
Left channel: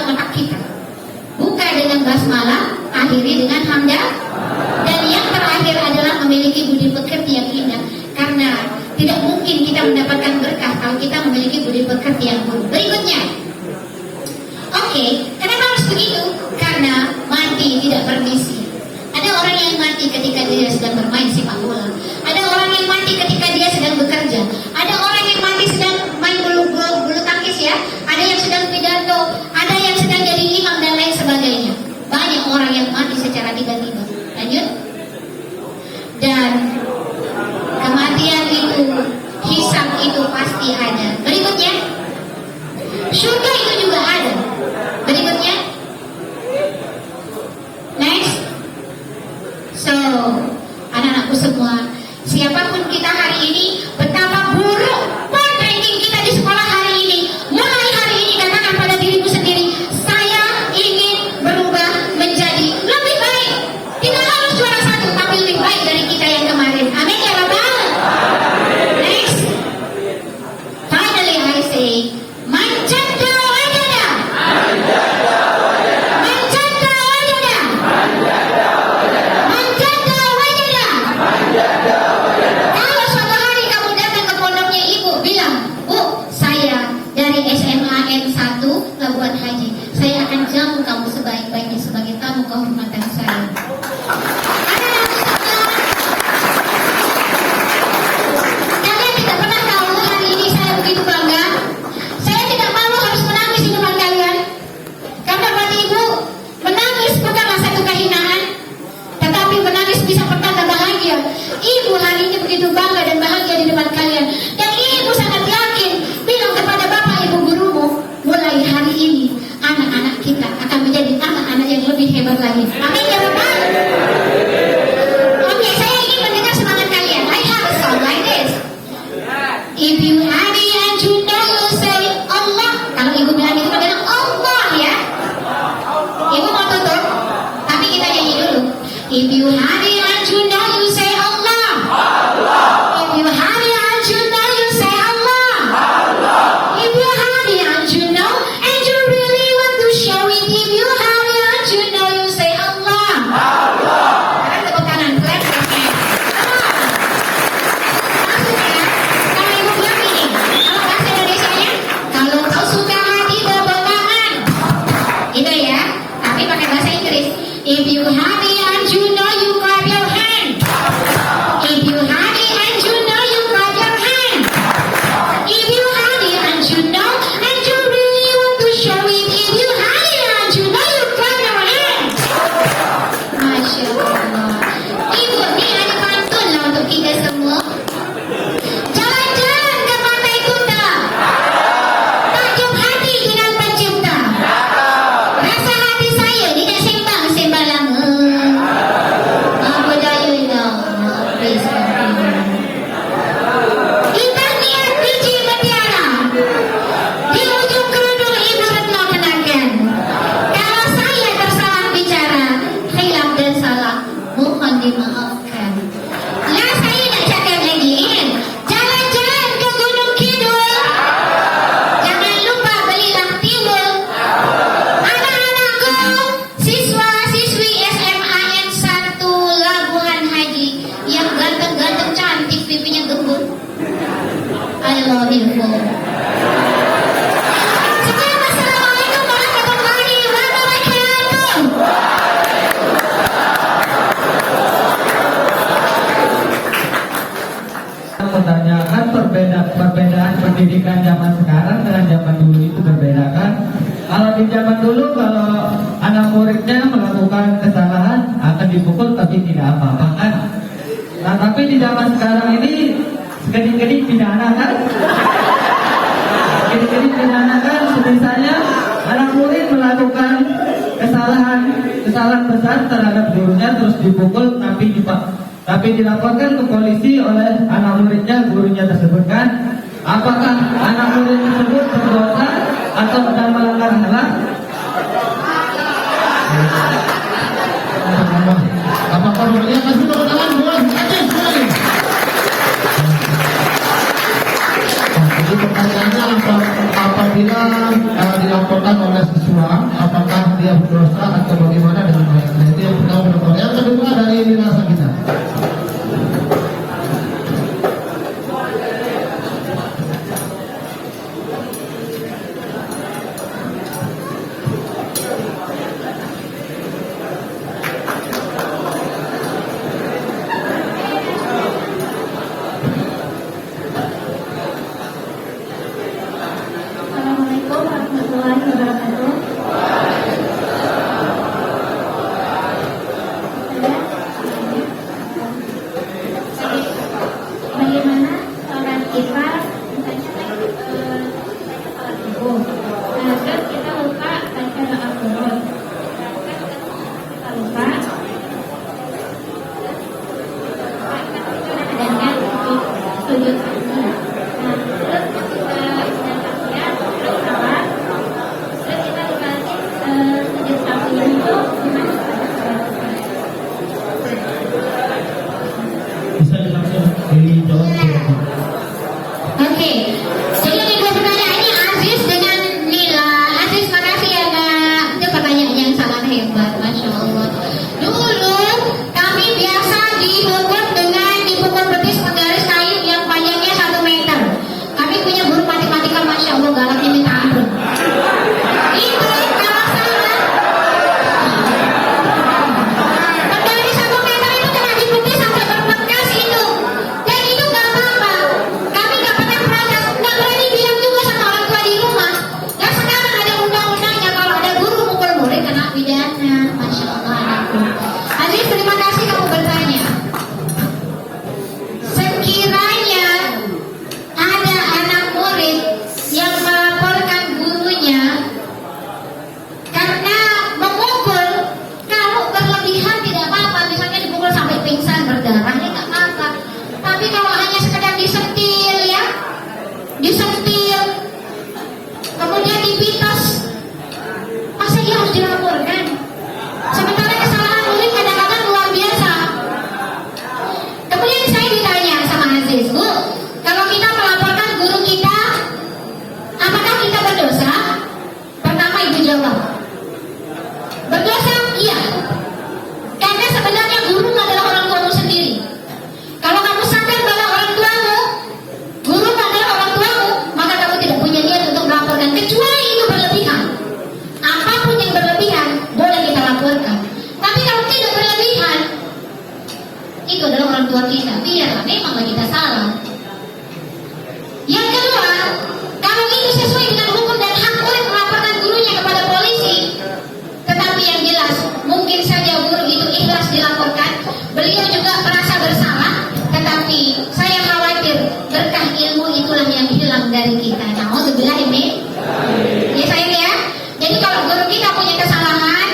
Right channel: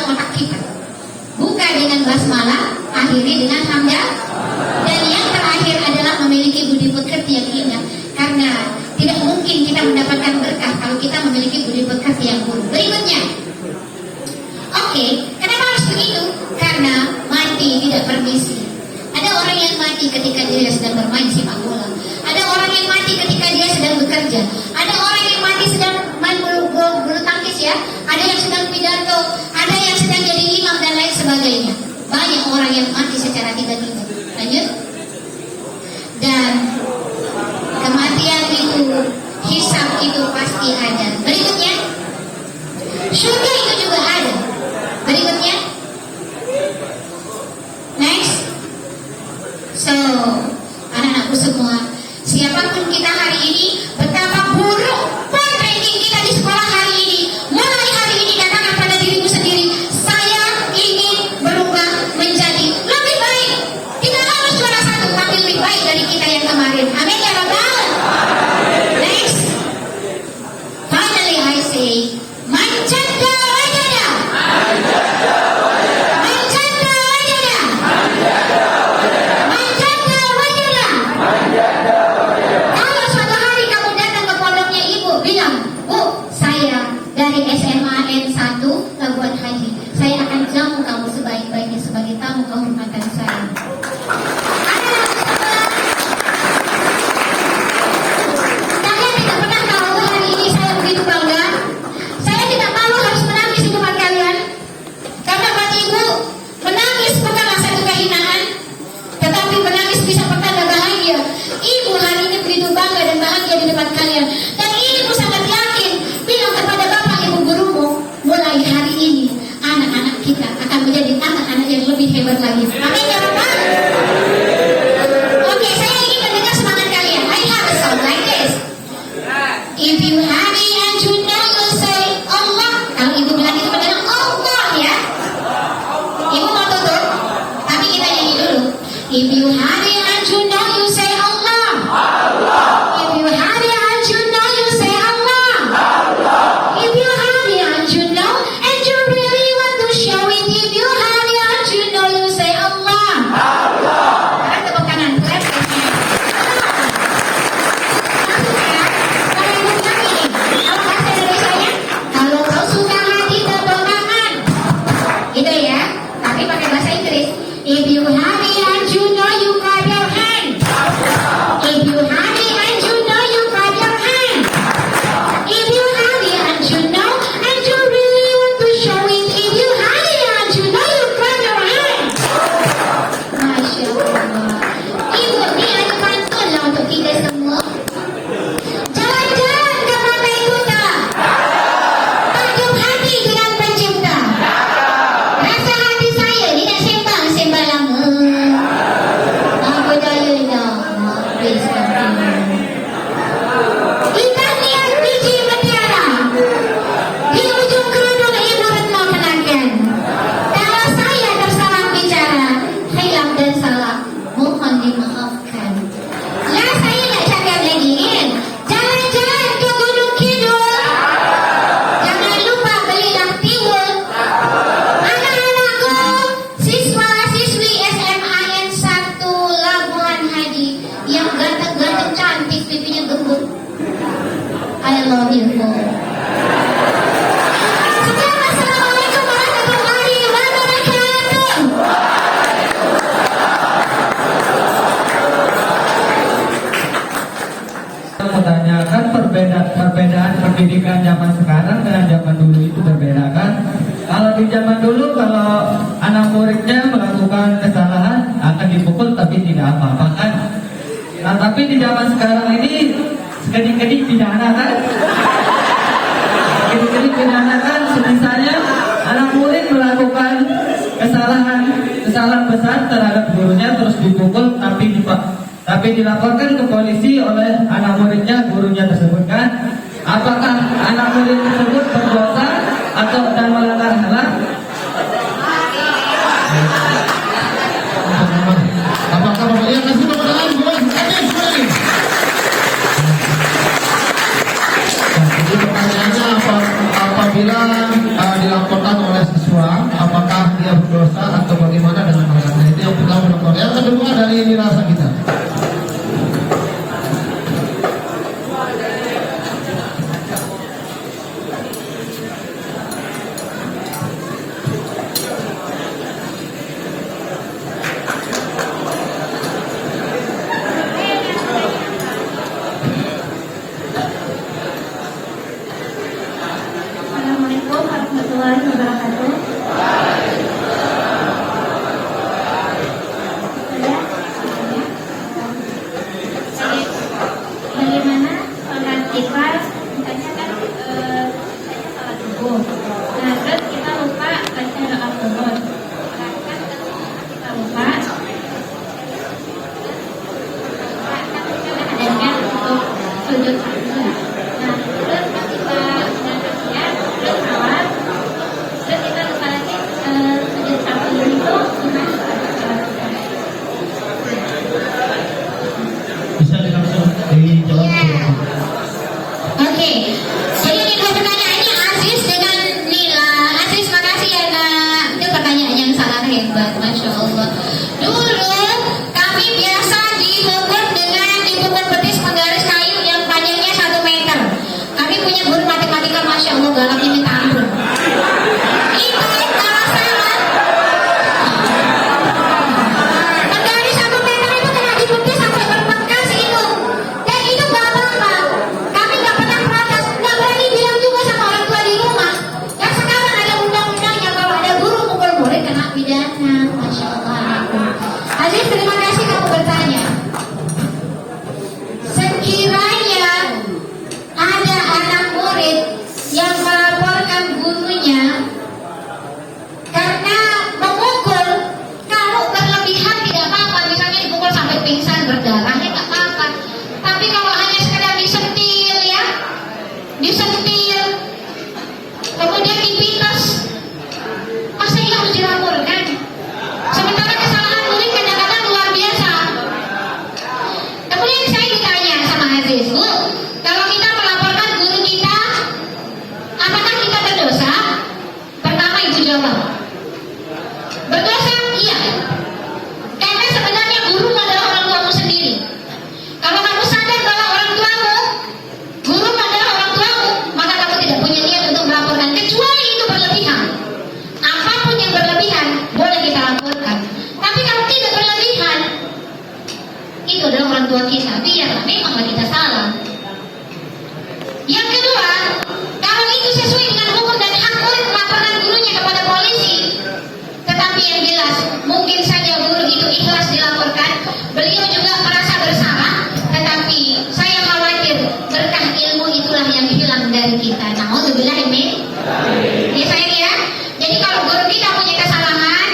dalam otak kita. Buka dengan basmalah, akhiri dengan hamdah, dan yang terakhir adalah memiliki budi pekerti yang indah. Karena tidak mungkin kita mendapatkan berkah kalau kita memiliki budi pekerti yang buruk. Berikutnya, oke, kenapa harus begitu? Karena mati tidak permisi. Ada orang yang mati ketika dia sedang bermain sepak bola. Ada orang yang mati ketika dia sedang bekerja. Ada orang yang mati sedang main bulu tangkis ya. Ada yang sedang pidato. Ada yang sedang jadi imam dan lain sebagainya. Banyak orang yang mati secara tiba-tiba. Lanjut. Dan kematian itu, hisab itu pasti ada. Berikutnya, surga itu juga ada. Berikutnya, next. So, anak-anakku semua, siapapun kita hari ini, betapa buruk poin ranking kita di sekolah hari ini. Mulai hari ini katakan pada dirimu sendiri, saya ingin berubah menjadi lebih baik. Tidak harus juara 1, tapi lebih baik dari kita yang kemarin. Amin ya Rabbal. Next. Finally I say, manjada wajada. Manjada wajada. Manjada wajada. Kalau suatu hari kamu datang ke pondoknya ibu bilang, Bu, saya dari SMA N1 Labuan Haji. Saya akan jamu kamu sebaik-baiknya sebagai tamu kehormatan saya. Kalian tidak pernah tahu hari ini saya begitu bangga. Saya tidak malu harus menangis di depan kalian. Karena buat ibu, menangis bukanlah satu kehinaan, tetapi menangis bisa pertanda bahagia. Ibu hari ini begitu bangga dan bahagia di depan kalian. Dan ibu sangat yakin, bilang kepada bapak ibu gurumu, mulai hari ini anak-anak kita akan menjadi anak-anak yang lebih hebat lagi. Amin ya Rabbal. Oke, saya ingin mendengar semangat kalian. I have a song like this. If you happy and you know you say Allah. Kalau ibu bilang ibu bilang Allah ya. Ibu mau tutup, tapi kita nyanyi dulu. If you happy and you know you say Allah. If you happy and you know you say Allah. If you happy and you know and you really want to show it. If you happy and you know you say Allah. Sekarang tepuk kanan, let's go. Kalau ibu nyanyi, kalau bahasa Indonesianya, kalau kau suka hati tepuk tangan. Gitu ya, tapi pakai bahasa Inggris. If you happy and you know you clap your hand. If you happy and you know you clap your hand. If you happy and you know and you really want to show it. If you happy and you know you clap your hand. Masya Allah. Ibu, ini ada pantun lah untuk kita semua. Jalan-jalan ke Pantai Kuta. Takjub hati dengan pencipta. Rasa hati saya tidak sembang sembarangan. Apa daya ya Allah. Kita lihat biji mutiara. Di ujung kerudung ibu retno kenakan. Kalau saya tersalah bicara, hilaf dan salah, mohon dimaafkan. Lah saya nak cakap lagi. Jalan-jalan ke Gunung Kidul. Jangan lupa belilah tiwul. Anak-anakku, siswa-siswi SMA N1 Labuan Haji yang ganteng-ganteng cantik pipinya gembur. I love you for. Sekian, Assalamualaikum warahmatullahi wabarakatuh. Menanyakan perbedaan pendidikan zaman sekarang dengan zaman dulu itu berbeda kan? Kalau di zaman dulu kalau anak muridnya melakukan kesalahan akan dipukul tapi tidak apa-apa kan? Nah tapi di zaman sekarang ini sekali-kali pidana kan? Sekali-kali pidana kan? Misalnya anak murid melakukan kesalahan besar terhadap gurunya terus dipukul tapi dilaporkan ke polisi oleh anak muridnya, gurunya tersebut kan? Apakah anak murid tersebut berdosa atau dan melanggar HAM? Apakah Romalia kasih tepuk tangan boleh? Aktif boleh. Jadi pertanyaannya apabila dilaporkan oleh siswa dia berdosa atau bagaimana dengan ayahnya. Itu yang pertama Dokter. Yang kedua dari dirasa kita. Assalamualaikum warahmatullahi wabarakatuh. Bagaimana sholat kita? Misalnya kan sholat subuh. Nah, terus kita lupa baca doa qunut. Kita lupa. Kadang-kadang untuk sujud sahwi. Nah, terus ketika sudah tahiyat, terus salam, terus kita lupa lagi sujud sahwi itu gimana? Bisa langsung dijawab. Oke, jadi kedua pertanyaannya Aziz dengan Nila. Aziz, makasih ya nak. Itu pertanyaan yang sangat hebat, masya Allah. Dulu kami biasa dipukul dengan dipukul betis penggaris kayu yang panjangnya 1 meter. Kami punya guru matematika, masya Allah, galaknya minta ampun. Itu kalau salah. Penggaris 1 meter itu kena dibetis sampai berbekas itu. Dan itu gak apa-apa. Kami gak pernah protes, gak berani bilang juga sama orang tua di rumah. Dan sekarang ada undang-undangnya kalau ada guru mukul murid kena pidana. Masya Allah. Aziz, terima kasih kamu bertanya. Sekiranya ada anak murid yang melaporkan gurunya karena memukul, kalau berlebihan tidak apa-apa, misalnya dipukul sampai pingsan berdarahnya nggak apa-apa. Tapi kalau hanya sekedar disentil ya, disentil, kemudian dipitos, masa iya harus dilaporkan? Sementara kesalahan murid kadang-kadang luar biasa. Kemudian saya ditanya sama Aziz, Bu, kalau kita melaporkan guru kita, apakah kita berdosa? Pertama itu jawab. Berdosa? Iya. Karena sebenarnya guru adalah orang tuamu sendiri. Kalau kamu sadar bahwa orang tuamu, guru adalah orang tuamu, maka kamu tidak punya niat untuk melaporkan, kecuali itu berlebihan. Apapun yang berlebihan, boleh kita laporkan. Tapi kalau tidak berlebihan, itu adalah orang tua kita. Biarlah, memanglah kita salah. Yang kedua, kalau itu sesuai dengan hukum dan hak murid melaporkan gurunya kepada polisi, tetapi yang jelas mungkin saja guru itu ikhlas dilaporkan, beliau juga merasa bersalah, tetapi saya khawatir berkah ilmu itulah yang hilang dari kita. Nauzubillah min. Ya sayang ya. Jadi kalau guru kita punya kesalahan,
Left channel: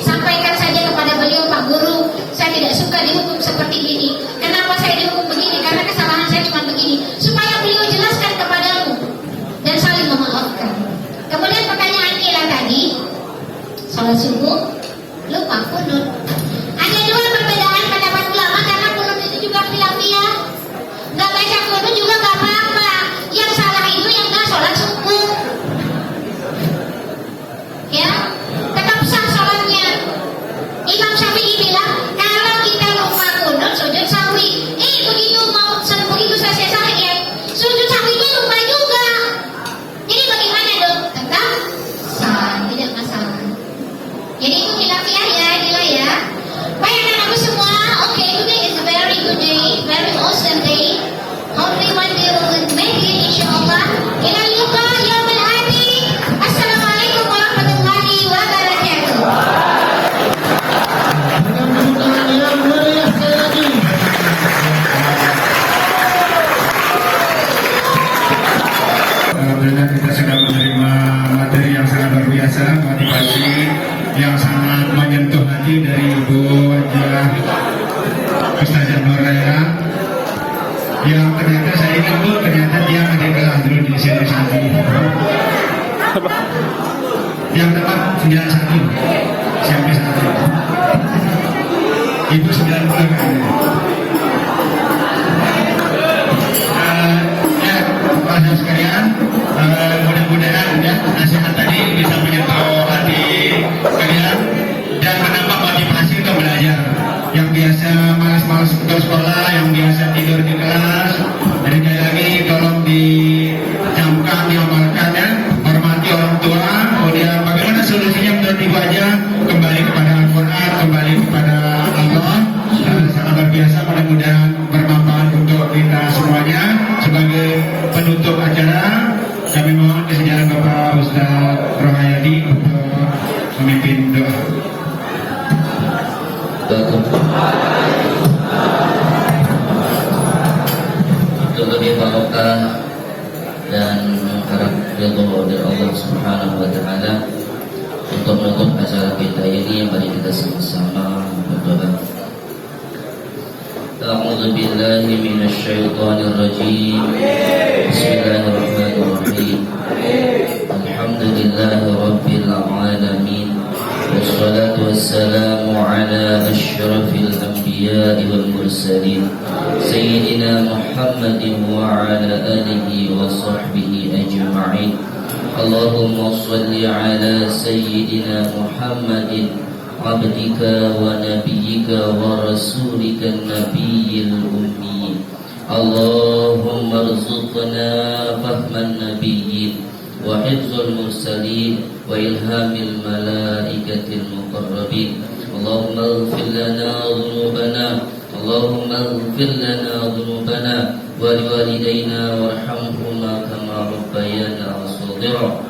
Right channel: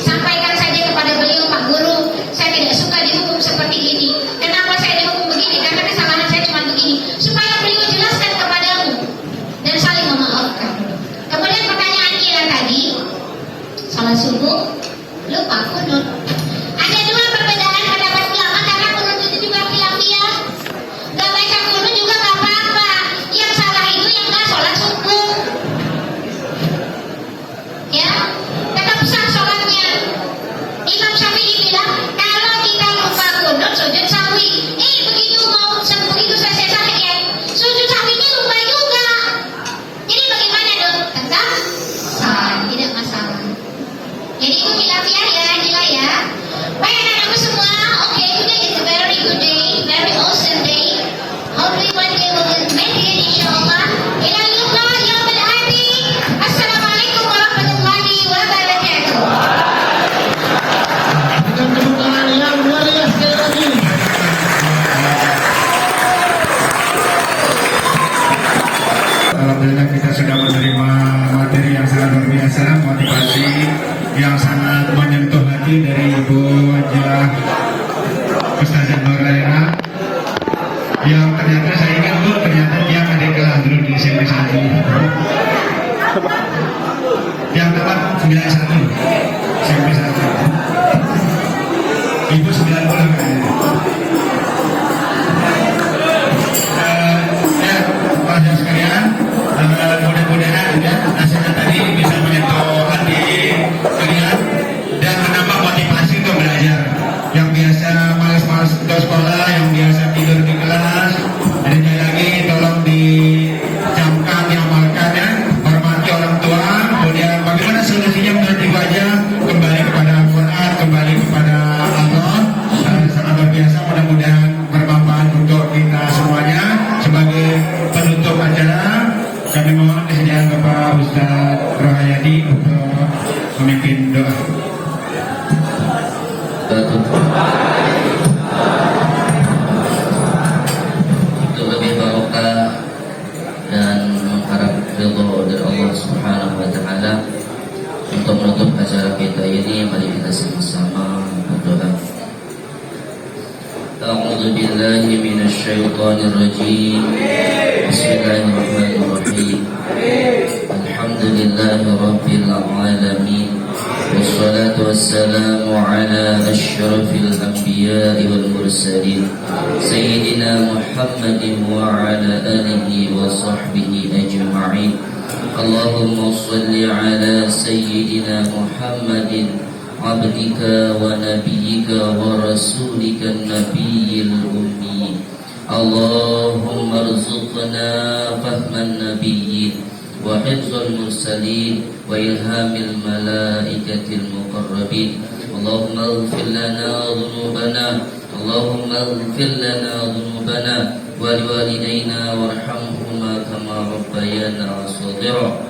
sampaikan saja kepada beliau, Pak Guru, saya tidak suka dihukum seperti ini. Kenapa saya dihukum begini? Karena kesalahan saya cuma begini. Supaya beliau jelaskan kepadamu dan saling memaafkan. Kemudian pertanyaan Ira tadi, salat subuh, lupa kunut. Ada dua perbedaan pendapat ulama karena kunut itu juga khilafiyah. Gak baca kunut juga gak apa-apa. Yang salah itu yang gak sholat subuh. Ya, tetap sah sholatnya. Imam Syafi'i bilang kalau kita lupa kunut sujud sawi. Begitu mau begitu selesai salat ya, sujud sawinya lupa juga. Jadi bagaimana dong? Tetap sah, tidak masalah. Jadi itu khilafiyah ya, Nila ya. Baik anak-anakku semua, okay, today is a very good day, very awesome day. How do we want to make it insyaAllah? Ila liqa yaumil ati. Assalamualaikum warahmatullahi wabarakatuh. Dengan kedutaan yang meriah sekali lagi. Alhamdulillah kita sudah menerima materi yang sangat luar biasa, motivasi yang sangat menyentuh hati dari Ibu Wajah Ustazah Nuraira, yang ternyata saya ingat Bu, ternyata dia ada kelas dulu di SMP 1 yang tepat 91 SMP 1 Ibu 90 kan. Ya, Pak Haji sekalian, mudah-mudahan ya nasihat tadi bisa menyentuh hati kalian menutup acara kita ini, mari kita sama-sama berdoa. A'udzu billahi minasyaitonir rajim. Bismillahirrahmanirrahim. Alhamdulillahi rabbil alamin. Wassalatu wassalamu ala asyrafil anbiya'i wal mursalin sayyidina Muhammadin wa ala alihi wa sahbihi ajma'in. Allahumma shalli ala sayyidina Muhammadin abdika wa nabiyyika wa rasulika nabiyil ummi. Allahumma rzuqna fahman nabiyyin wa hifzal mursalin wa ilhamil malaikatil muqarrabin. Allahumma ighfir lana dhunubana, Allahumma ighfir lana dhunubana wa liwalidayna warhamhuma kama rabbayana shaghira,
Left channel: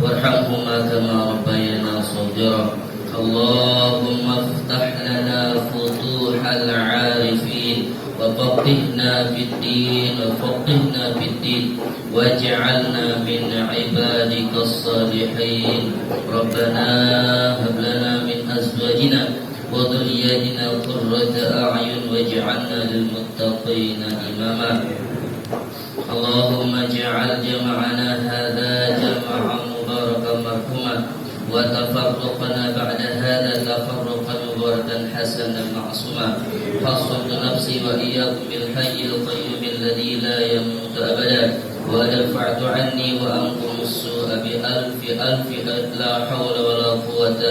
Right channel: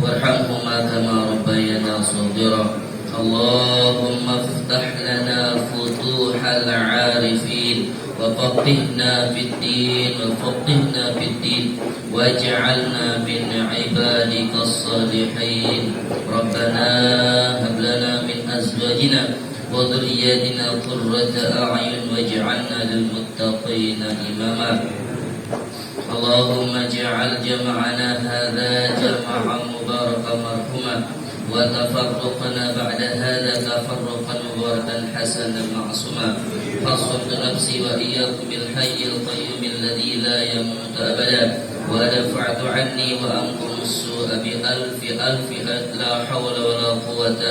warhamhuma kama rabbayana shaghira. اللهم افتح لنا فتوح العارفين وفقهنا في الدين واجعلنا من عبادك الصالحين. ربنا هب لنا من أزواجنا وذرياتنا قرة أعين واجعلنا للمتقين إماما. اللهم اجعل جمعنا هذا جمعا مباركا مرحوما وتفرقنا بعد هذا تفرقا مباركا حسنا معصوما. فاصفت نفسي وإياكم بالحي القيوم الذي لا يموت أبدا، ودفعت عني وأنكم السوء بألف ألف لا حول ولا قوة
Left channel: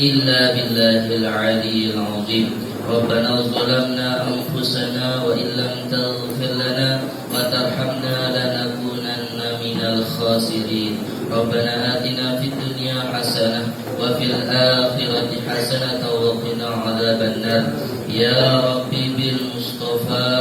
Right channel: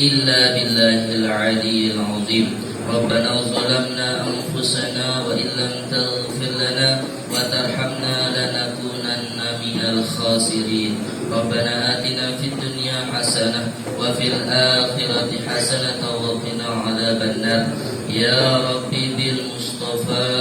إلا بالله العلي العظيم. ربنا ظلمنا أنفسنا وإن لم تغفر لنا وترحمنا لنكونن من الخاسرين. ربنا آتنا في الدنيا حسنة وفي الآخرة حسنة وقنا عذاب النار. يا ربي بالمصطفى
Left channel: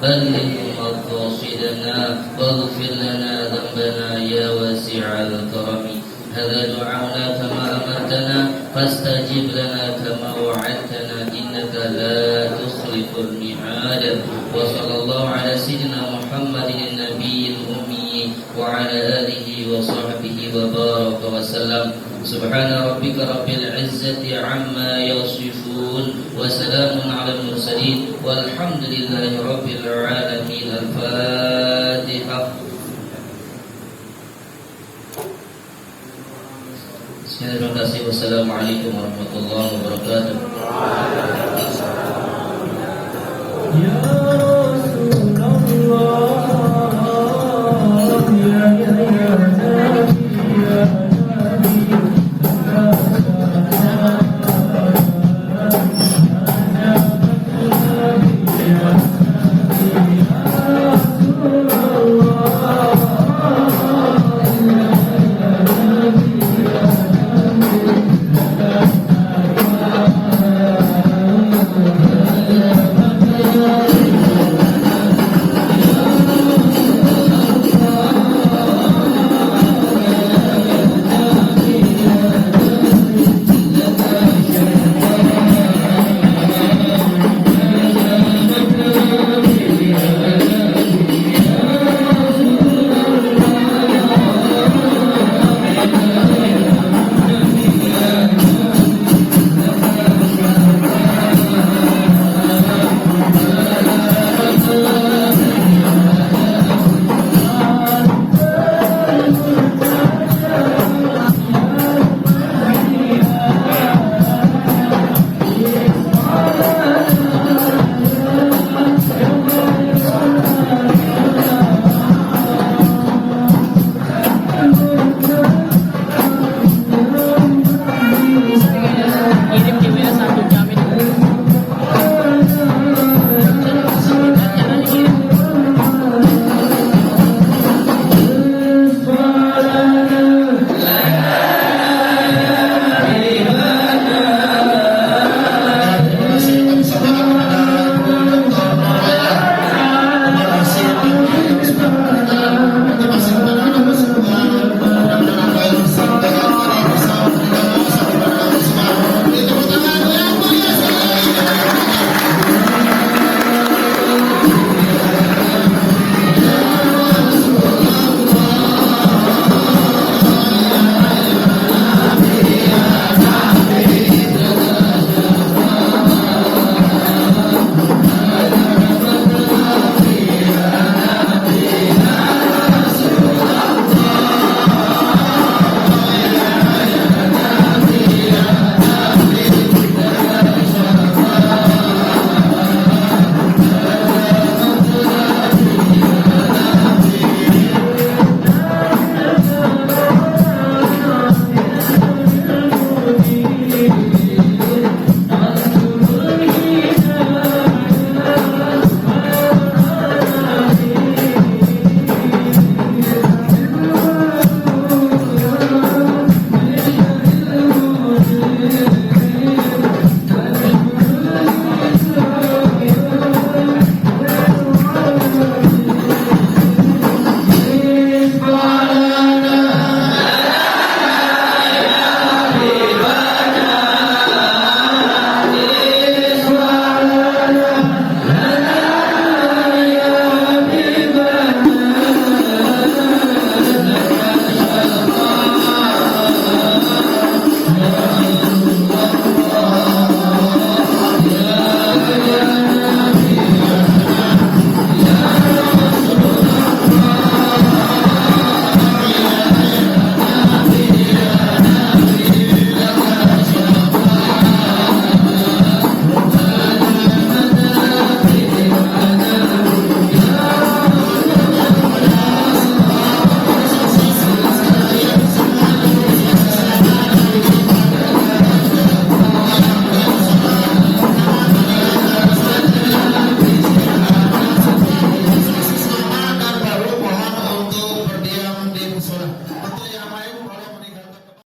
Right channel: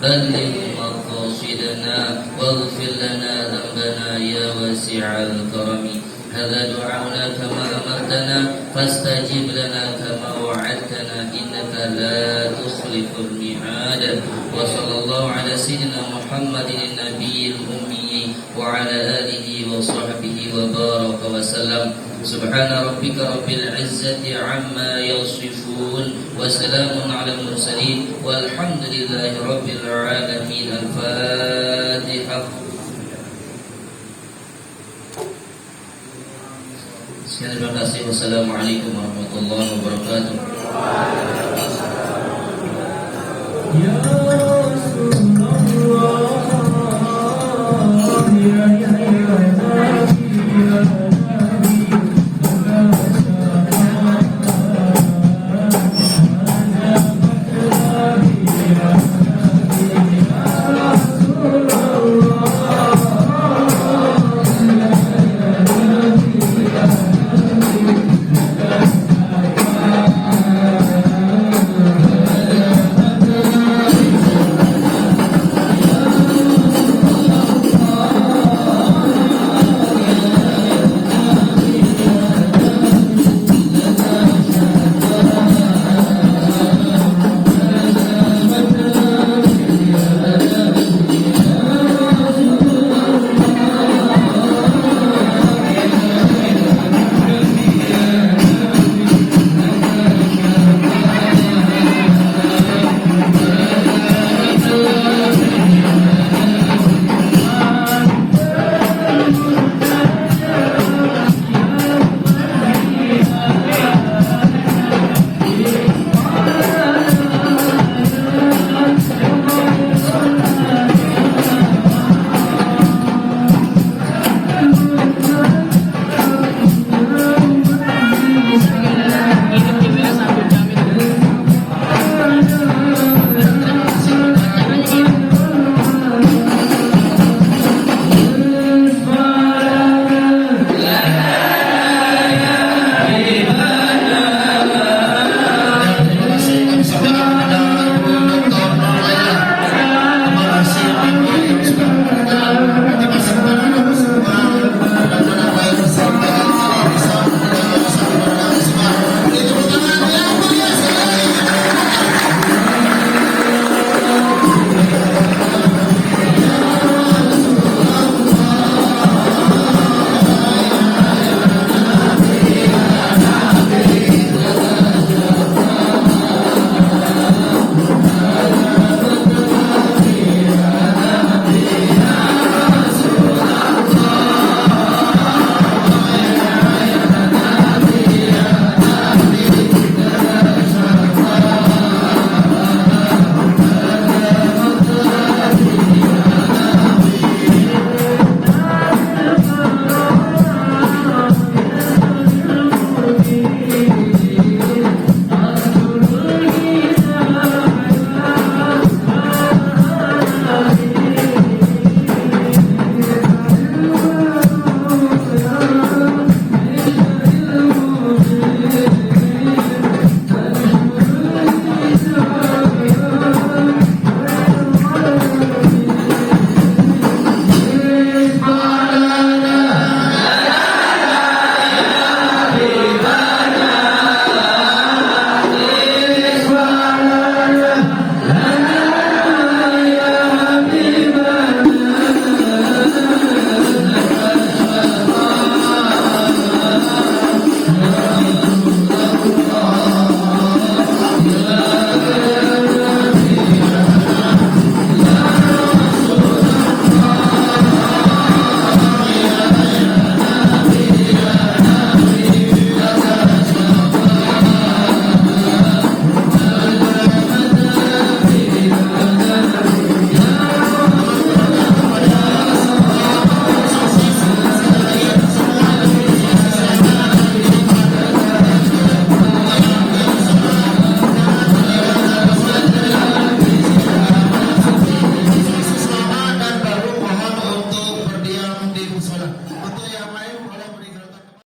بلغ مقاصدنا واغفر لنا ذنبنا يا واسع الكرم. هذا دعاؤنا كما أمرتنا فاستجب لنا كما وعدتنا إنك لا تخلف الميعاد. وصلى الله على سيدنا محمد النبي الأمي وعلى آله وصحبه وبارك وسلم. سبحان ربك رب العزة عما يصفون وسلام على المرسلين والحمد لله رب العالمين. الفاتحة. Terima kasih. Wassalamualaikum warahmatullahi wabarakatuh. Ya